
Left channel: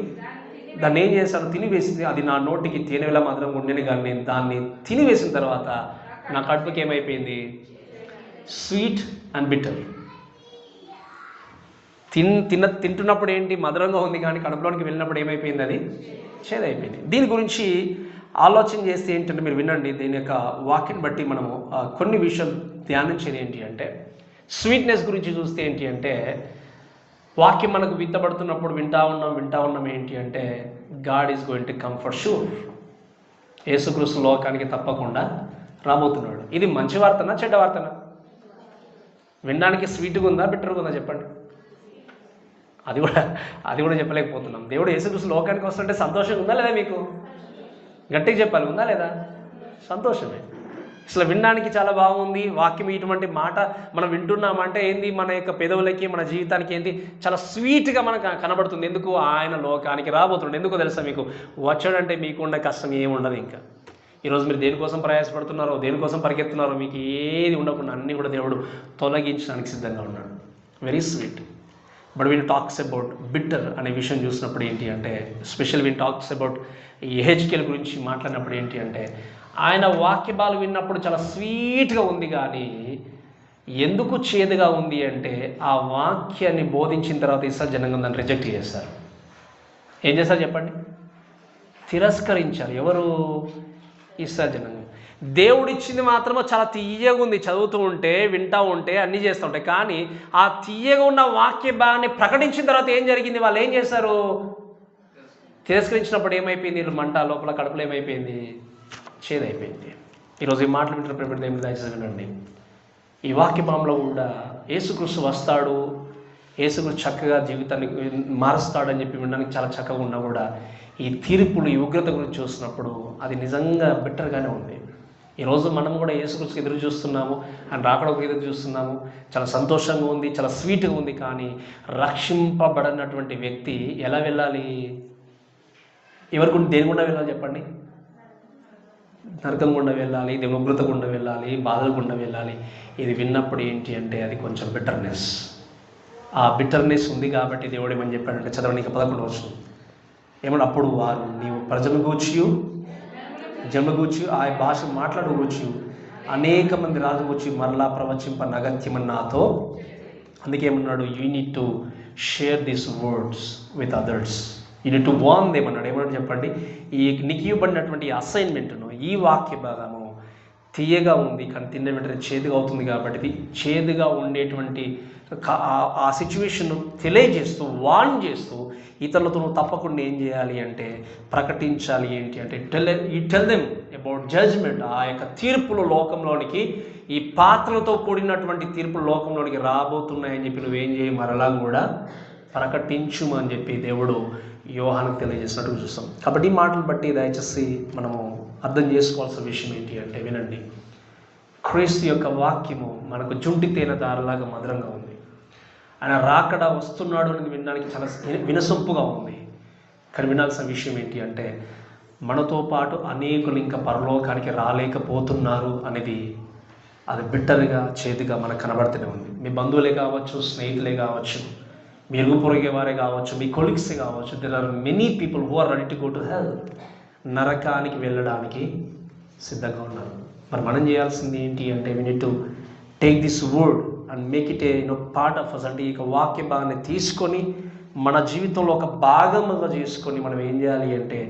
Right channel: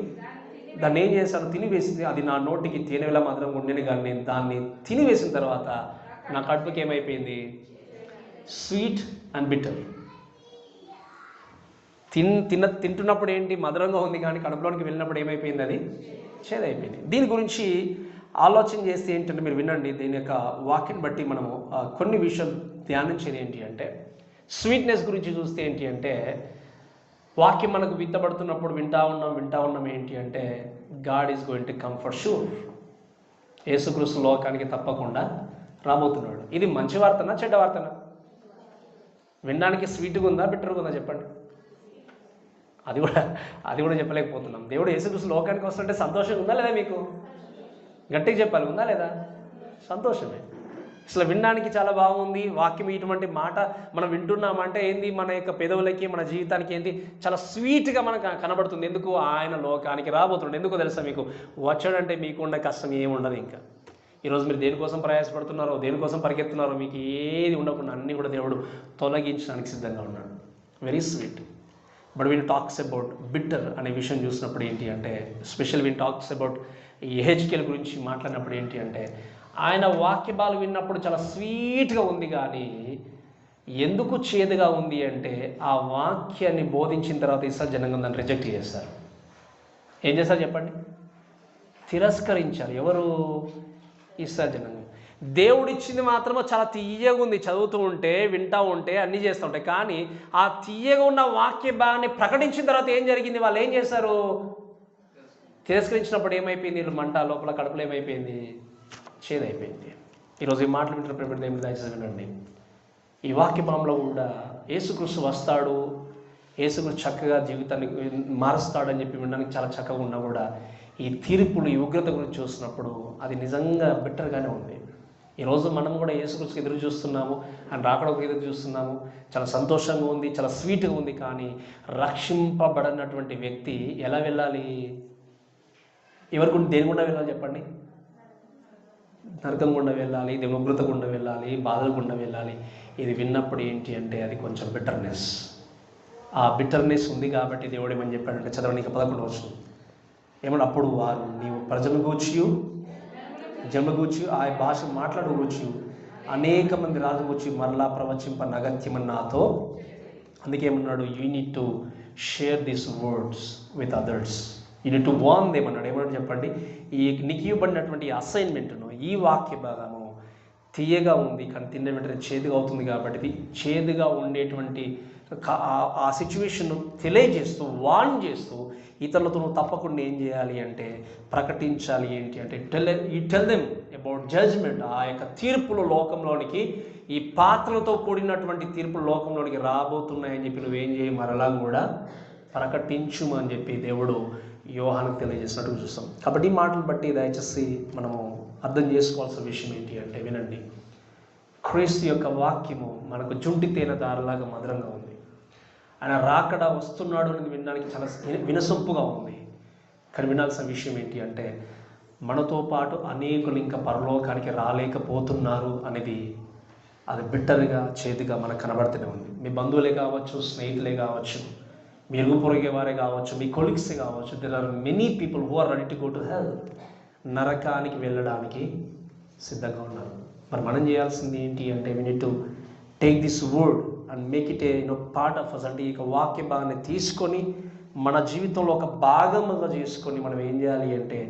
దాన్ని ఏం చేశాను, తినివేసింది. అది నా నోటికి తేనె వల్ల మధురంగా ఉండేది, కానీ నేను దాన్ని తినివేసిన తర్వాత నా కడుపుకి ఏమైపోయింది, స్వీట్ అండ్ బిటర్. తింటున్నప్పుడు ఏంటి, మధురంగా ఉంది, కానీ కడుపులోనికి వెళ్ళినప్పుడు ఏమైపోయింది, అది చేదైపోయింది. దీని గురించి ఆలోచన చేస్తే ఏంటంటే, మీరు వినండి, దీని యొక్క వాక్యం బట్టి మనము కొన్ని విషయాలు ధ్యానించేది ఏంటి అంటే, స్వీట్నెస్ గురించి చూస్తే ఏంటి అంటే, వాక్యం మనకు విత్తబడుతున్నప్పుడు వింటా ఉన్నాం ఏంటి అంటే, God is going to come for sure. యేసుక్రీస్తు లోకానికి తప్పకుండా రాబోతున్నాడు. ఇది మంచి వార్తనా చెడ్డ వార్తనా? వినడానికి స్వీట్గా ఉందా బిట్టర్గా ఉందా చెప్పండి? అది కూడా చెప్పలేకపోతున్నాం. దేవుడు యేసుక్రీస్తు లోకానికి వస్తుంటే సంతోషంగా ఉందా లేదా? మీకు గట్టిగా చెప్పాలి, ఉందా లేదా? సంతోషమే. అసలు వినడానికి చాలా బాగుంది. వాక్యం ఇటువంటి మాట మనం వింటున్నామంటే ఏంది, మన యొక్క పెదవులకి మన జీవితానికి ఏంటి, చాలా స్వీట్గా మనకు కనబడుతుంది. ఎందుకు? ఆయన లోకానికి రాబోతున్నాడు. ఎందుకో తెలుసా మీకు? వచ్చాడంటే మీకున్న కష్టం ఏముండదు. ఇంకా ఈరోజు మీరు దేనికోసం ప్రయాసపడుతున్నారో, దేనికోసం పరిగెత్తున్నారో, మీకు ఏది ఉండకుండా అన్నీ కూడా దేవుడు తొలగించడానికి సిద్ధంగా ఉన్నాడు. Very sweet. But when talks about bitter అనే విషయం చూసినప్పుడు ఏంటి అంటే, స్పెషల్ వీన్ టాక్స్ అబౌట్ ఈ హెచ్కేల్ గురించి మాట్లాడినప్పుడు ఏంటి అంటే, ఆయన వాక్యభాలు విన్నప్పుడు చాలా స్వీట్గా ఉంది, కానీ ఎందుకు చేదుగా ఉంది అంటే, ఆ వాక్యాన్ని బోధించిన తర్వాత ఇస్రాయేల్ జనాంగం దాన్ని రిజెక్ట్ చేస్తారు. ఏం చేస్తారు చెప్పండి? తిరస్కరించారు. ఎవరు? ఇస్రాయేల్ జనాంగం. దేవుడిచ్చింది మాత్రమే చాలా తీయగా ఉంది, చదువుతూ ఉంటే వింటూ ఉంటే అన్నీ చేస్తూ ఉంటాయి. కానీ ఆ తీయగా ఉన్న వాక్య భాగాన్ని ప్రకటించిన తర్వాత ఏం జరిగింది? వాళ్ళు ఏం చేశారు? తిరస్కరించినప్పుడు ఏమైపోయింది? వీళ్ళు మంట లోపల కడుపులో ఏమైపోయింది? చేదైపోయింది. ఈరోజు ఈ మాటలు వింటున్న ప్రేమ దయచేసి వినండి. ఈ వాక్య భాగంలో కూడా యేసుక్రీస్తు వస్తాడు, యేసుక్రీస్తు చక్కగా జీవితాన్ని మారుస్తాడని చెప్పి వినడానికి చాలా చక్కగా ఉన్నా కూడా, ఈ తీర్పులు, ఈ ఉగ్రత గురించి చూసినప్పుడు అది నిజంగా బెటర్గానే ఉంది. ఈరోజు మనం కూడా యేసుక్రీస్తుకి ఎదురు చూస్తున్నాము, ఆయన రాకడకు ఎదురు చూస్తున్నాము. చాలా సంతోషంగా ఉంది, చాలా స్వీట్గా ఉంది. కానీ రక్షింపబడినటువంటి వ్యక్తి ఎలా వెళ్ళాలి? ఎవరికి దేని గుండా వెళ్ళాలి చెప్పండి? నరకం గుండా వెళ్ళాలి, దేవుని ఉగ్రత గుండా వెళ్ళాలి, బాధల గుండా వెళ్ళాలి. ఇది విన్నప్పుడు ఏంటి అంటే, అది కొంచెం బిటర్నెస్. ఆ బిటర్నెస్ ఉంది కాబట్టి దేవుడు ఏమని చెప్పాడంటే, చదవడానికి 11వ వచనం ఏమన్నా, అప్పుడు వారు నీవు ప్రజలు గూర్చి జన్మగూర్చి ఆ భాష మాట్లాడవచ్చు, అనేక మంది రాజు వచ్చి మరలా ప్రవచింప అగత్యమని నాతో. అందుకేమన్నాడు? You need to share this words with others, you need to warn them అన్నాడు. ఏమన్నాడు చెప్పండి? ఈ నీకు ఇవ్వబడినటువంటి అసైన్మెంట్ను, ఈ వాక్య భాగము తీయగా ఉంది, కానీ తిన్న వెంటనే చేదుగా అవుతుంది. కాబట్టి ఇది చేదుగా ఉండేటువంటి ఆ సిచ్యువేషన్ తెలియజేస్తూ, వార్న్ చేస్తూ, ఇతరులతో నువ్వు తప్పకుండా ఏం చేయాలి అంటే ప్రకటించాలి. ఏంటి అంటే, టెల్ దెమ్ అబౌట్ జడ్జ్మెంట్. ఆ యొక్క తీర్పులు లోకంలోనికి, ఈ పాత్రలతో కూడినటువంటి తీర్పులు లోకంలోనికి రాబోతున్నాయని చెప్పి నువ్వేం చేయి, మరలా కూడా ప్రకటించుము అని చెప్పి దేవుడు యోహానుకు తెలియజేసినట్టు చూస్తాం. కాబట్టి ఈ మాటలు బట్టి దయచేసి మనము అర్థం చేసుకోవాల్సిన విషయం ఏంటి అంటే, వినండి, క్రీస్తు యొక్క వాక్యము మనకు జుంటి తేనె దారిలాగా మధురంగా ఉంది. ఆయన రాకడ వస్తున్నాడు అనేది వినడానికి చాలా వినసొంపుగా ఉంది. కానీ వినాల్సిన విషయం ఏంటి అంటే, మనతో పాటు అనేకులు ఇంకా పరలోకానికి రాలేకపోతున్నారు అనేది, అది బిట్టర్గా, చేదుగా మనకు కనబడుతూనే ఉంది. మీ బంధువులే కావచ్చు, స్నేహితులే కావచ్చు, మీ ఇరుగు పొరుగే వారే కావచ్చు, మీ కొలీగ్సే కావచ్చు. There are many people who are ready to go to hell. నరకానికి వెళ్ళడానికి సిద్ధంగా ఉన్నారు. మరి మనం చేయాల్సింది ఏంటి అంటే, we need to take this word and make it a part of us. అంటే ఈ వాక్య భాగాన్ని తీసుకొని మన జీవితంలో ఒక భాగముగా చేసుకొని మనం ఏం చేయాలి అంటే,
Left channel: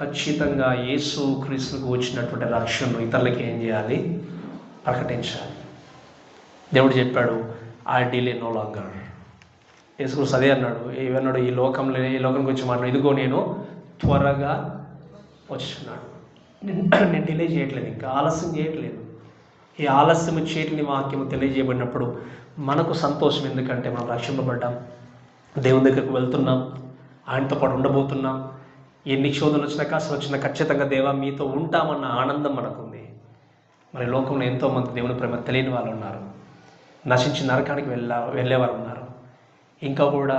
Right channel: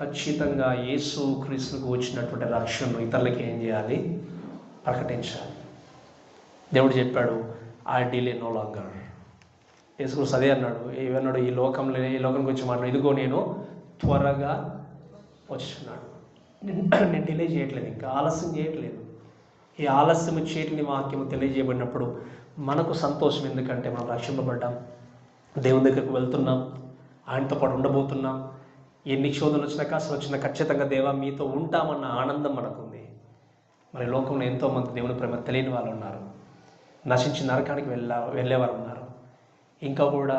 ఖచ్చితంగా యేసు క్రీస్తుకు వచ్చినటువంటి రక్షణను ఇతరులకి ఏం చేయాలి? ప్రకటించాలి. దేవుడు చెప్పాడు, ఐ డిలే నో లాంగర్. యేసుక్రీస్తు అదే అన్నాడు. ఏమన్నాడు? ఈ లోకం గురించి మాట్లాడు, ఇదిగో నేను త్వరగా వచ్చున్నాడు. నేను డిలే చేయట్లేదు, ఇంకా ఆలస్యం చేయట్లేదు. ఈ ఆలస్యం చేయని వాక్యం తెలియజేయబడినప్పుడు మనకు సంతోషం. ఎందుకంటే మనం రక్షింపబడ్డాం, దేవుని దగ్గరకు వెళ్తున్నాం, ఆయనతో పాటు ఉండబోతున్నాం. ఎన్ని శోధనలు వచ్చినా, కష్టాలు వచ్చినా ఖచ్చితంగా దేవా మీతో ఉంటామన్న ఆనందం మనకుంది. మరి లోకంలో ఎంతోమంది దేవుని ప్రేమ తెలియని వాళ్ళు ఉన్నారు, నశించి నరకానికి వెళ్ళేవారు ఉన్నారు. ఇంకా కూడా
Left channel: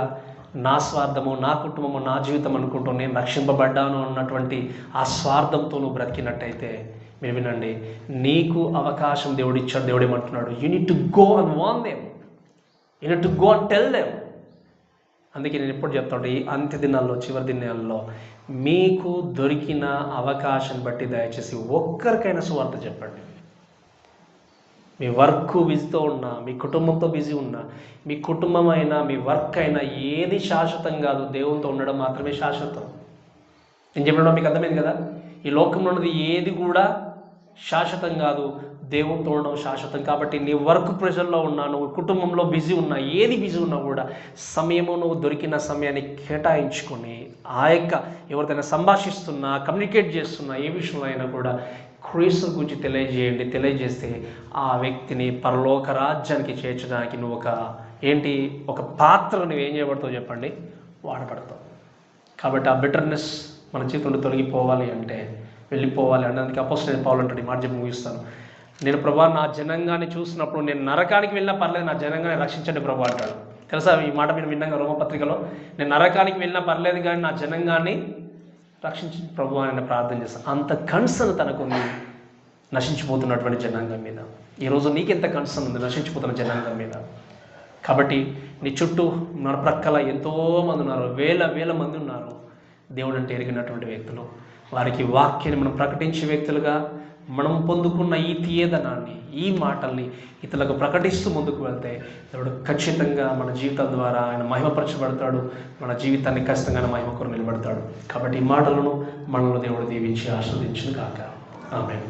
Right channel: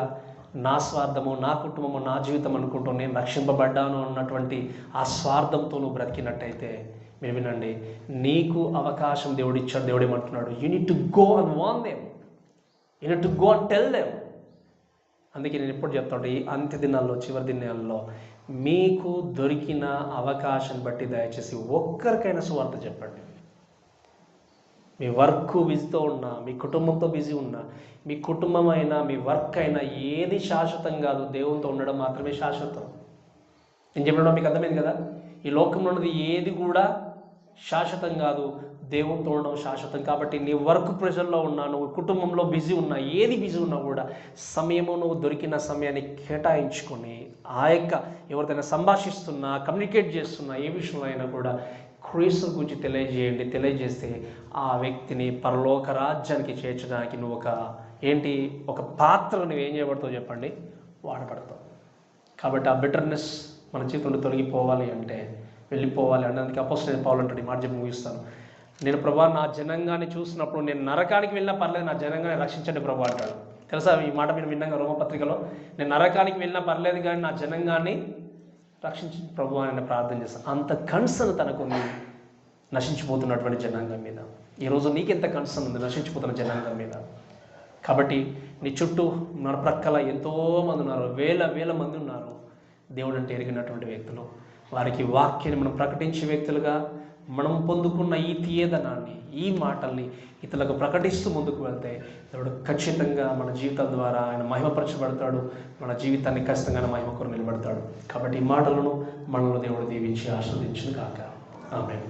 నా స్వార్థము, నా కుటుంబము, నా జీవితం అనుకుంటూ నేను రక్షింపబడ్డాను అన్నటువంటి ఆ స్వార్థంతో నువ్వు బ్రతికినట్టయితే మీరు వినండి, నీకు అవకాశం దేవుడు ఇచ్చాడు. దేవుడు ఏమంటున్నాడు, you need to go and warn them, you need to go and tell them. అందుకే నేను ఎప్పుడు చెప్తాను, ఈ అంత్య దినాల్లో, చివరి దినాల్లో మీకు దొరికిన అవకాశం బట్టి దయచేసి ఒక్కరికైనా సువార్త చెప్పండి. మీ వర్క్ బిజీతో ఉన్నా, మీ కుటుంబంతో బిజీ ఉన్నా, మీ కుటుంబం అయినా మీ వర్క్ అయినా ఏది శాశ్వతం కాదు. దేవునితో ఉండడం మాత్రమే శాశ్వతం. నేను చెప్పడం మీకు అర్థమైంది కదా. ఈ లోకంలో ఉన్నది ఏది కూడా శాశ్వతం కాదు, దేవునితో ఉండడం శాశ్వతం. కాబట్టి నీ వర్క్ ప్రెషర్లో ఉన్నా, నువ్వు కుటుంబంలో బిజీ ఉన్నా, ఏది బిజీ ఉన్నా కూడా సమయము, నువ్వు దొరికిన సమయాన్ని కేటాయించుకొని ఆ యొక్క ఎవరికైనా సంభాషిస్తున్నా, కమ్యూనికేట్ చేస్తున్నా, ఏ విషయంలో అయినా కూడా క్రీస్తు గురించి తెలియజేయండి. తెలియజేస్తే ఆ వ్యక్తిని పరలోక రాజ్యానికి చేర్చడానికి నువ్వు ఒక పాత్ర నువ్వు ఏం చేయబడతావు చెప్పండి, వాడబడతావు. కాబట్టి ఆ బిటర్నెస్ మన జీవితంలో తొలగిపోవాలి అంటే, వెళ్ళిపోవాలి అంటే, అందుకే అపోస్తలుడైన పౌలు అంటాడు, ఈ మాట చెప్పి ముగిస్తాను, నేను ప్రభా నా జనాంగాన్ని చూసినప్పుడు నేను నరకానికి వెళ్ళినా పర్లేదు, నా జనాంగాన్ని రక్షించండి ప్రభా అంటాడు. తెలుసా ఈ మాట మీరు విన్నాక రోమపత్రికలో, నేను నరకానికి వెళ్ళినా పర్లేదు కానీ నా జనాంగాన్ని రక్షించి ప్రభు అని ప్రార్థన చేస్తాను. అంత కన్సర్న్ తనకుంది నశించిపోతున్నటువంటి జనాంగం మీద. ఈరోజు నీకెంత కన్సర్న్ ఉంది నశించిపోతున్న జనాంగం మీద? కాబట్టి నీ చుట్టూ మన ప్రక్కల ఎంతోమంది ఉన్నారు, వేల మంది ఉన్నారు దేవుడు అంటే ఎరిగినటువంటి వ్యక్తులు. వారికి వాక్యాన్ని మనం ప్రకటించే వ్యక్తులుగా మనం పొందుకున్న ఈ తీయదనాన్ని, ఈ మాటల్ని ఇతరులకు ప్రకటిస్తూ ముందుకు వెళ్తే దేవుడు ఖచ్చితంగా మన జీవితం ద్వారా ఆయన మహిమపరచబడతాడు. మన జీవితాన్ని ఖచ్చితంగా మహిమ కొరకు నిలబడతాడు. కాబట్టి ఈ మాటలను మనలో దేవుడు దీవించి ఆస్వాదించును కాక. ఆమేన్.